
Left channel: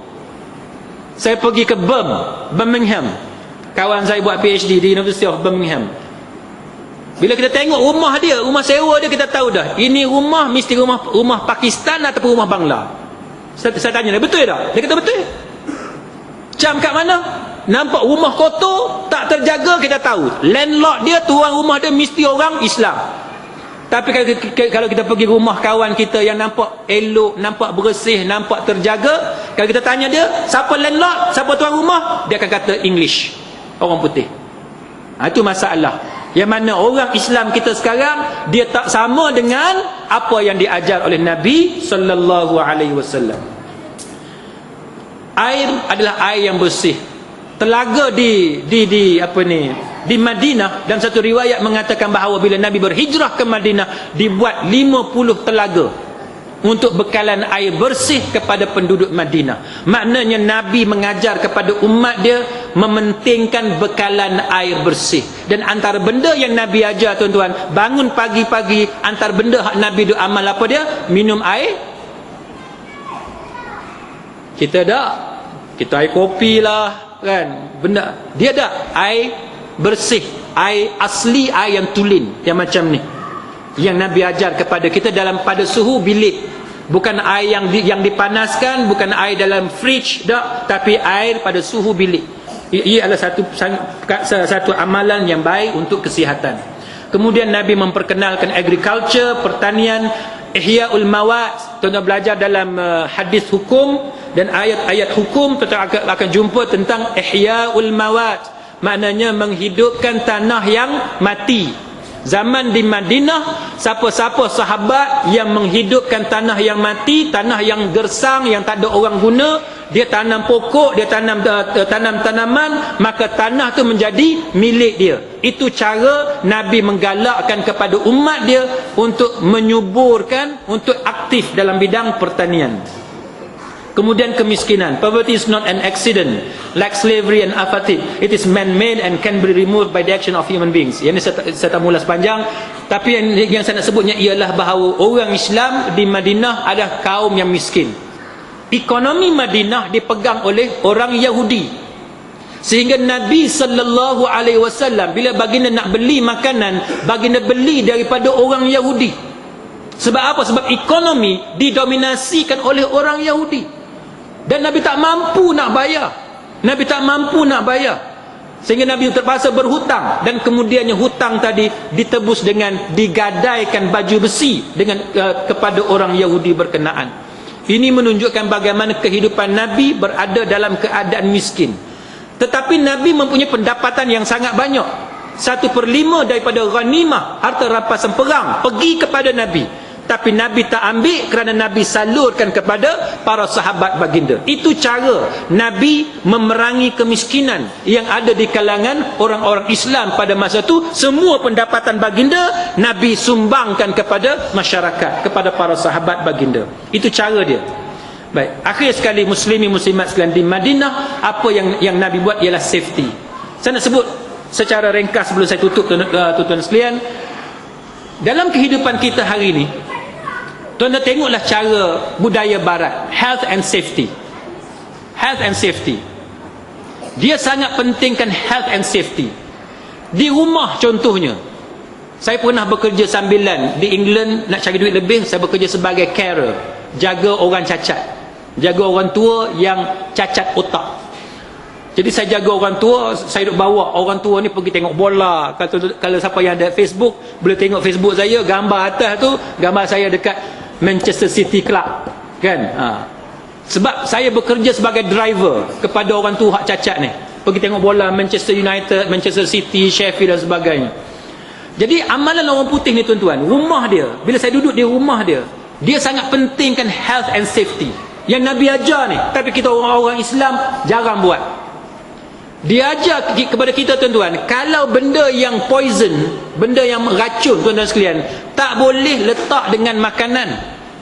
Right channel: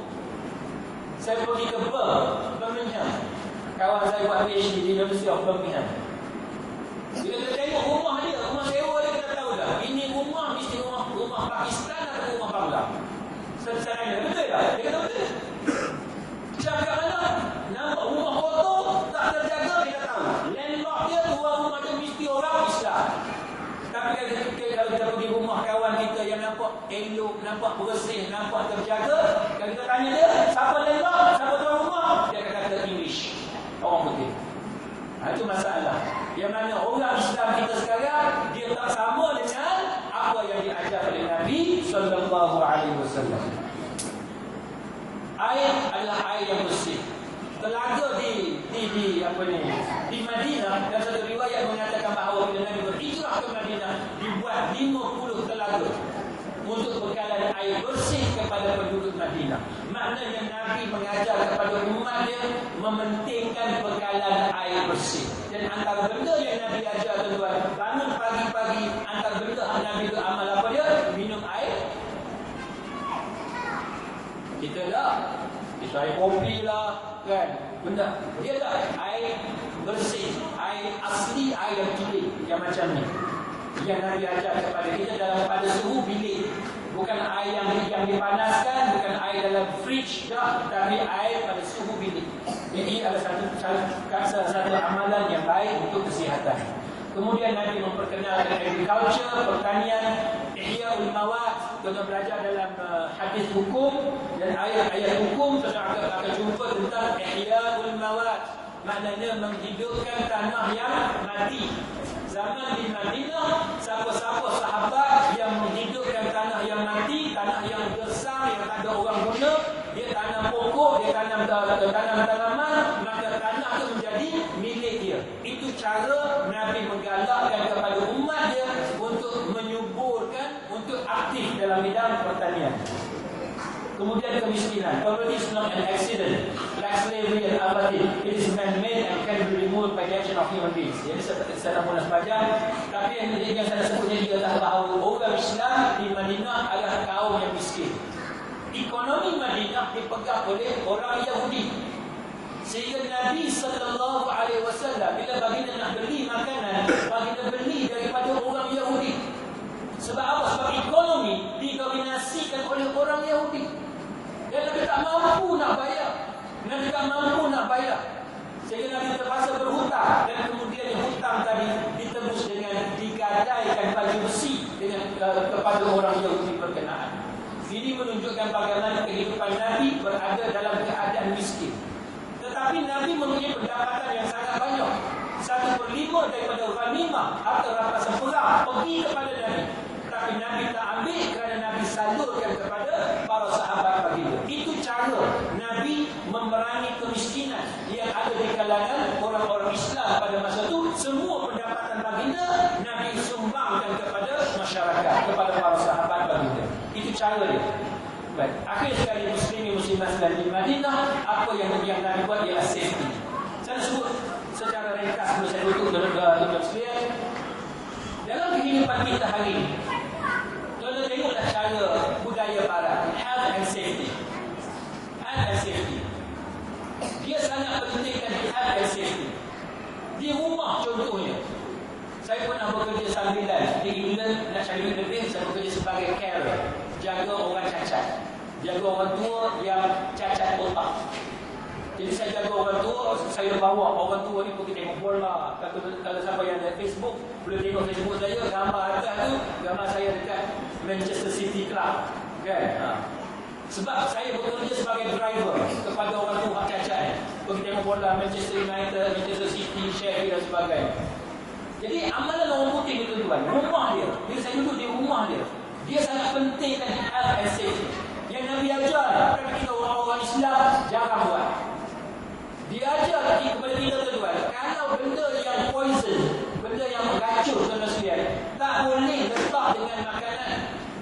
Saya pergi ke Birmingham, kawan saya buat PhD di University of Birmingham. Bila kita tengok rumah dia, rumah sewa dia, kita tahu dah, ini rumah mesti rumah Pakistan ataupun rumah Bangla. Saya tanya dia, betul tak? Dia kata betul. Macam kat mana? Nampak rumah kotor, tak terjaga, kita tahu landlord dia, tuan rumah dia mesti orang Islam. Tapi kalau kita pergi rumah kawan kita yang nampak elok, nampak bersih, nampak terjaga, kalau kita tanya dia, siapa landlord, siapa tuan rumah, dia akan kata English, orang putih. Itu masalah. Yang mana orang Islam kita sekarang, dia tak sama dengan apa yang diajar oleh Nabi sallallahu alaihi wasallam. Air adalah air yang bersih. Telaga di Madinah, dan satu riwayat mengatakan bahawa bila Nabi berhijrah ke Madinah, dibuat 50 telaga untuk bekalan air bersih kepada penduduk Madinah. Maknanya Nabi mengajar kepada umat dia mementingkan bekalan air bersih. Dan antara benda yang Nabi ajar, tuan-tuan, bangun pagi-pagi, antara benda hak Nabi duk amal apa dia? Minum air. Kita dah, kita air kopi lah kan, benda dia dah air bersih, air asli, air yang tulen, yang macam ni, yang Nabi ajar kepada kita dalam pada suhu bilik. Bukan air yang dipanaskan, bukan air dalam fridge dah, tapi air pada suhu bilik. Ia adalah satu amalan yang baik untuk kesihatan. Kemudian Nabi memperkenalkan agriculture, pertanian, Ihya'ul Mawad. Tuan-tuan belajar dalam hadis hukum dan ayat-ayat hukum, tuan-tuan akan jumpa tentang Ihya'ul Mawad. Maknanya menghidupkan tanah yang mati. Zaman di Madinah, siapa-siapa sahabat yang menghidupkan tanah yang mati, tanah yang gersang, yang tak ada orang guna, dia tanam pokok, dia tanam tanaman, maka tanah tu menjadi milik dia. Itu cara Nabi menggalakkan kepada umat dia untuk menyuburkan, untuk aktif dalam bidang pertanian. Kemudian kemiskinan. Poverty is not an accident, like slavery and apathy. It is man-made and can be removed by the action of human beings. Yang ini saya tak mula sepanjang, tapi yang saya nak sebutnya ialah bahawa orang Islam di Madinah adalah kaum yang miskin. Ekonomi Madinah dipegang oleh orang Yahudi. Sehingga Nabi sallallahu alaihi wasallam bila baginda nak beli makanan, baginda beli daripada orang Yahudi. Sebab apa? Sebab ekonomi didominasikan oleh orang Yahudi. Dan Nabi tak mampu nak bayar. Nabi tak mampu nak bayar. Sehingga Nabi terpaksa berhutang. Dan kemudiannya hutang tadi ditebus dengan digadaikan baju besi dengan kepada orang Yahudi berkenaan. Ini menunjukkan bagaimana kehidupan Nabi berada dalam keadaan miskin. Tetapi Nabi mempunyai pendapatan yang sangat banyak. 1/5 daripada ghanimah, harta rampasan perang, pergi kepada Nabi. Tapi Nabi tak ambil kerana Nabi salurkan kepada para sahabat baginda. Itu cara Nabi memerangi kemiskinan yang ada di kalangan orang-orang Islam pada masa itu. Semua pendapatan baginda Nabi sumbangkan kepada masyarakat, kepada para sahabat baginda. Itu cara dia. Baik, akhir sekali muslimin muslimat sekalian, di Madinah apa yang Nabi buat ialah safety. Saya nak sebut secara ringkas sebelum saya tutup, tuan-tuan sekalian. Dalam kehidupan kita hari ini, tuan-tuan tengoklah cara budaya barat, health and safety. Health and safety. Dia sangat pentingkan health and safety. Di rumah contohnya, saya pernah bekerja sambilan di England, nak cari duit lebih, saya bekerja sebagai carer, jaga orang cacat, jaga orang tua yang cacat otak. Jadi saya jaga orang tua, saya duk bawa orang tua ni pergi tengok bola. Kalau siapa yang ada Facebook, boleh tengok Facebook saya, gambar atas tu, gambar saya dekat Manchester City Club, kan? Sebab saya bekerja sebagai driver kepada orang tua hak cacat ni, pergi tengok bola Manchester United, Manchester City, Sheffield dan sebagainya. Jadi amalan orang putih ni, tuan-tuan, rumah dia, bila saya duduk di rumah dia, dia sangat pentingkan health and safety yang Nabi ajar ni. Tapi kita orang-orang Islam jarang buat. Dia ajar kepada kita, tuan-tuan, kalau benda yang poison, benda yang racun, tuan-tuan sekalian, tak boleh letak dengan makanan.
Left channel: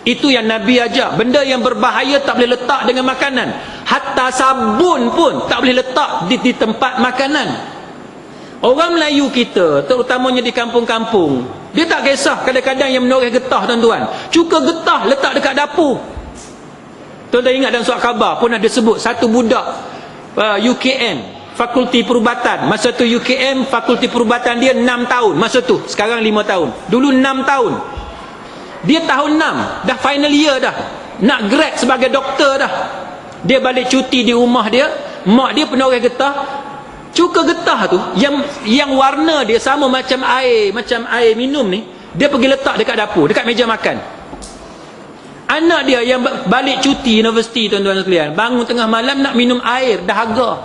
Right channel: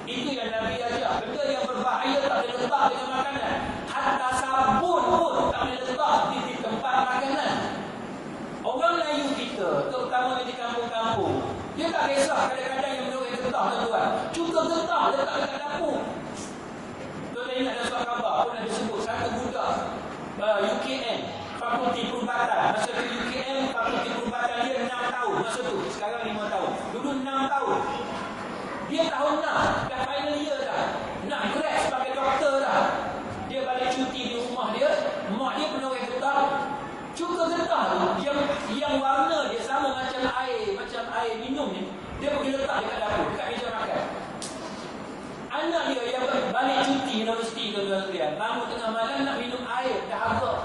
Itu yang Nabi ajar. Benda yang berbahaya tak boleh letak dengan makanan. Hatta sabun pun tak boleh letak di tempat makanan. Orang Melayu kita, terutamanya di kampung-kampung, dia tak kisah kadang-kadang yang menoreh getah, tuan-tuan. Cuka getah letak dekat dapur. Tuan-tuan ingat dalam surat khabar pun ada sebut satu budak UKM, Fakulti Perubatan. Masa tu UKM, Fakulti Perubatan dia 6 tahun. Masa tu, sekarang 5 tahun. Dulu 6 tahun. Dia tahun 6, dah final year dah. Nak grad sebagai doktor dah. Dia balik cuti di rumah dia, mak dia penoreh getah. Cuka getah tu, yang warna dia sama macam air minum ni, Dia pergi letak dekat dapur, dekat meja makan. Anak dia yang balik cuti universiti, tuan-tuan sekalian, bangun tengah malam nak minum air dahaga,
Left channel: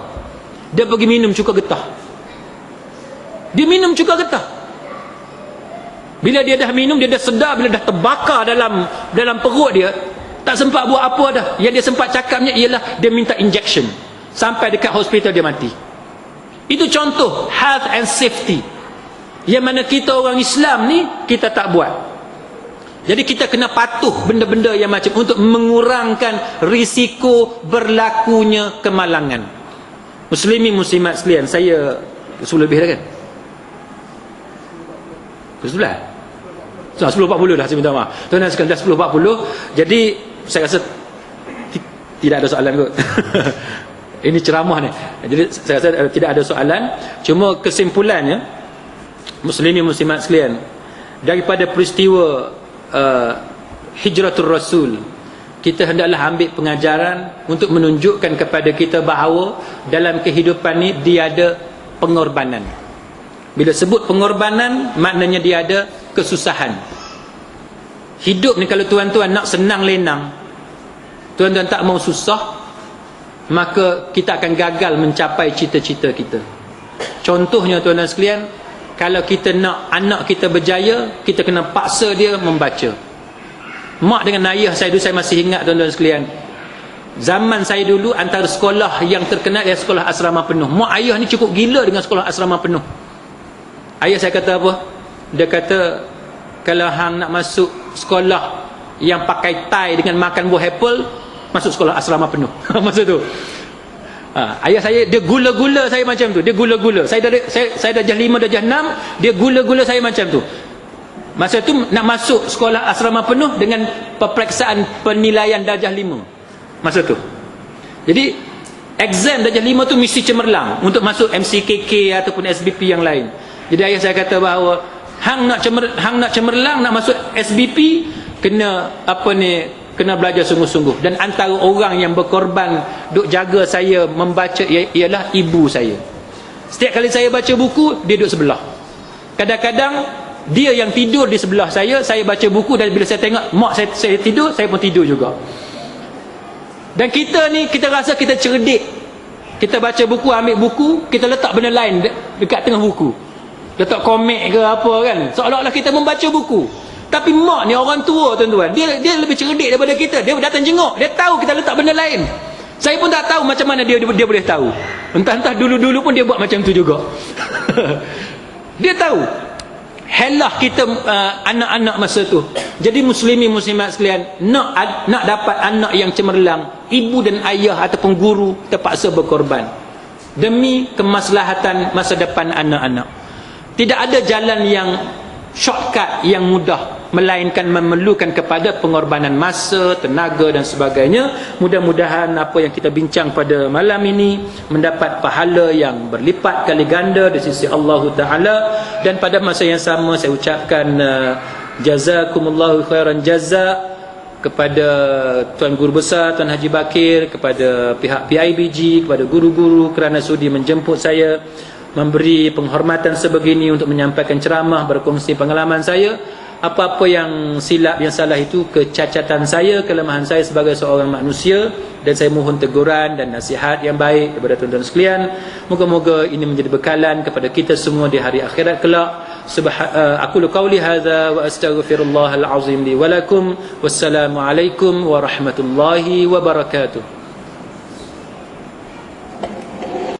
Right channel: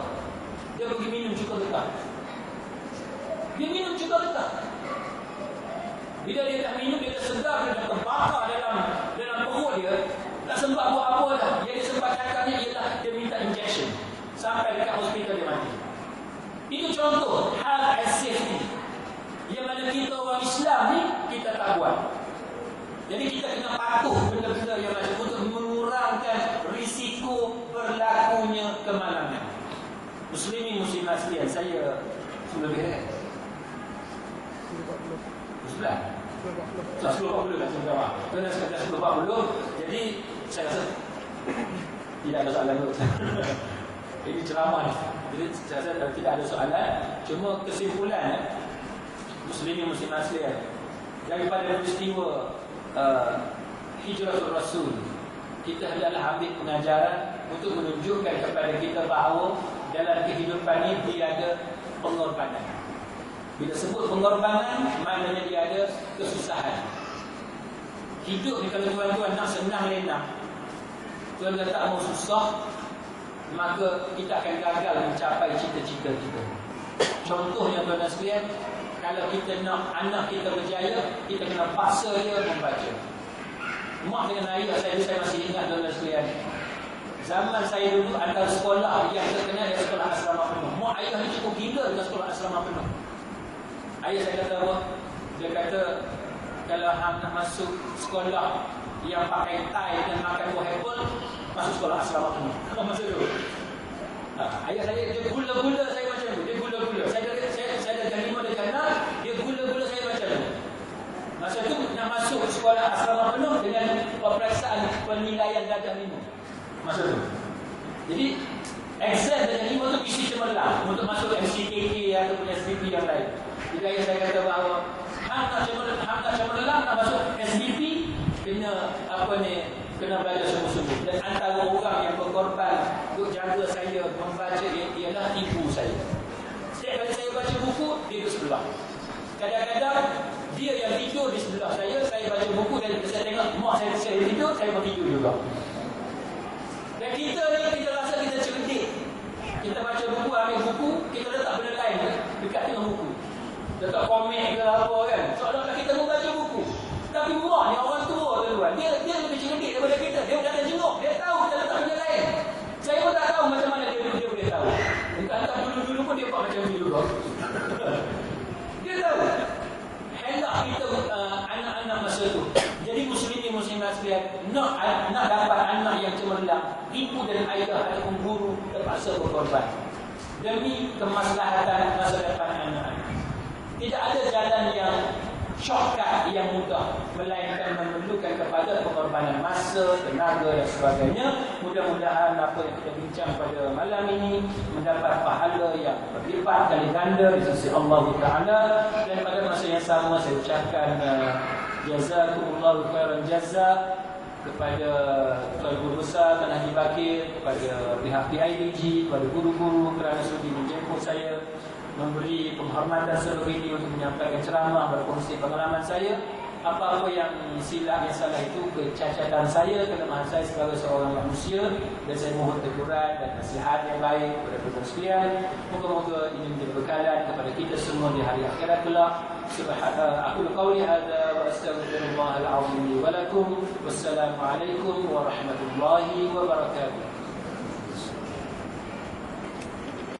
dia pergi minum cuka getah. Dia minum cuka getah. Bila dia dah minum, dia dah sedar, bila dah terbakar dalam perut dia, tak sempat buat apa dah. Yang dia sempat cakapnya ialah dia minta injection. Sampai dekat hospital dia mati. Itu contoh health and safety yang mana kita orang Islam ni kita tak buat. Jadi kita kena patuh benda-benda yang macam untuk mengurangkan risiko berlakunya kemalangan. Muslimin muslimat sekalian, saya 10 lebih dah kan? 11? 10.40 dah, saya minta maaf. Tuan-tuan sekalian, dah 10.40. Jadi saya rasa tidak ada soalan kot. Ini ceramah ni. Jadi saya rasa tidak ada soalan. Cuma kesimpulannya, muslimin muslimat sekalian, daripada peristiwa Hijratul Rasul, kita hendaklah ambil pengajaran untuk menunjukkan kepada kita bahawa dalam kehidupan ni dia ada pengorbanan. Bila sebut pengorbanan, maknanya dia ada kesusahan. Hidup ni kalau tuan-tuan nak senang lenang, tuan-tuan tak mau susah, maka kita akan gagal mencapai cita-cita kita. Contohnya tuan-tuan sekalian, kalau kita nak anak kita berjaya, kita kena paksa dia membaca. Mak dengan ayah saya dulu, saya masih ingat tuan-tuan sekalian, zaman saya dulu antara sekolah yang terkenal ialah sekolah asrama penuh. Mak ayah ni cukup gila dengan sekolah asrama penuh. Ayah saya kata apa? Dia kata, kalau hang nak masuk sekolah yang pakai tie dengan makan buah apple, masuk sekolah asrama penuh. Masa tu ayah saya, dia gula-gula saya macam tu. Dia gula-gula. Saya darjah 5, darjah 6, dia gula-gula saya macam tu. Masa tu nak masuk sekolah asrama penuh dengan peperiksaan penilaian darjah 5. Masa tu. Jadi exam darjah 5 tu mesti cemerlang untuk masuk MCKK ataupun SBP yang lain. Jadi ayah saya kata bahawa hang nak cemerlang, nak masuk SBP, kena kena belajar sungguh-sungguh. Dan antara orang yang berkorban duk jaga saya membaca ialah ibu saya. Setiap kali saya baca buku, dia duduk sebelah. Kadang-kadang dia yang tidur di sebelah saya baca buku, dan bila saya tengok mak saya tidur, saya pun tidur juga. Dan kita ni, kita rasa kita cerdik. Kita baca buku, ambil buku, kita letak benda lain dekat tengah buku. Letak komik ke apa kan, seolah-olah kita membaca buku. Tapi mak ni orang tua tuan-tuan, dia lebih cerdik daripada kita. Dia datang jenguk, dia tahu kita letak benda lain. Saya pun tak tahu macam mana dia boleh tahu. Entah-entah dulu-dulu pun dia buat macam tu juga. Dia tahu. Helah kita anak-anak masa tu. Jadi muslimin muslimat sekalian, nak dapat anak yang cemerlang, ibu dan ayah ataupun guru terpaksa berkorban demi kemaslahatan masa depan anak-anak. Tidak ada jalan yang shortcut yang mudah, melainkan memerlukan kepada pengorbanan masa, tenaga dan sebagainya. Mudah-mudahan apa yang kita bincang pada malam ini mendapat pahala yang berlipat kali ganda di sisi Allah Ta'ala. Dan pada masa yang sama saya ucapkan jazakumullahu khairan jaza kepada Tuan Guru Besar, Tuan Haji Bakir, kepada pihak PIBG, kepada guru-guru kerana sudi menjemput saya, memberi penghormatan sebegini untuk menyampaikan ceramah, berkongsi pengalaman saya. Apa-apa yang silap, yang salah itu kecacatan saya, kelemahan saya sebagai seorang manusia, dan saya mohon teguran dan nasihat yang baik kepada tuan-tuan sekalian. Moga-moga ini menjadi bekalan kepada kita semua di hari akhirat kelak. Aqulu qawli hadza wa astaghfirullahal azim li wa lakum. Wassalamualaikum warahmatullahi wabarakatuh.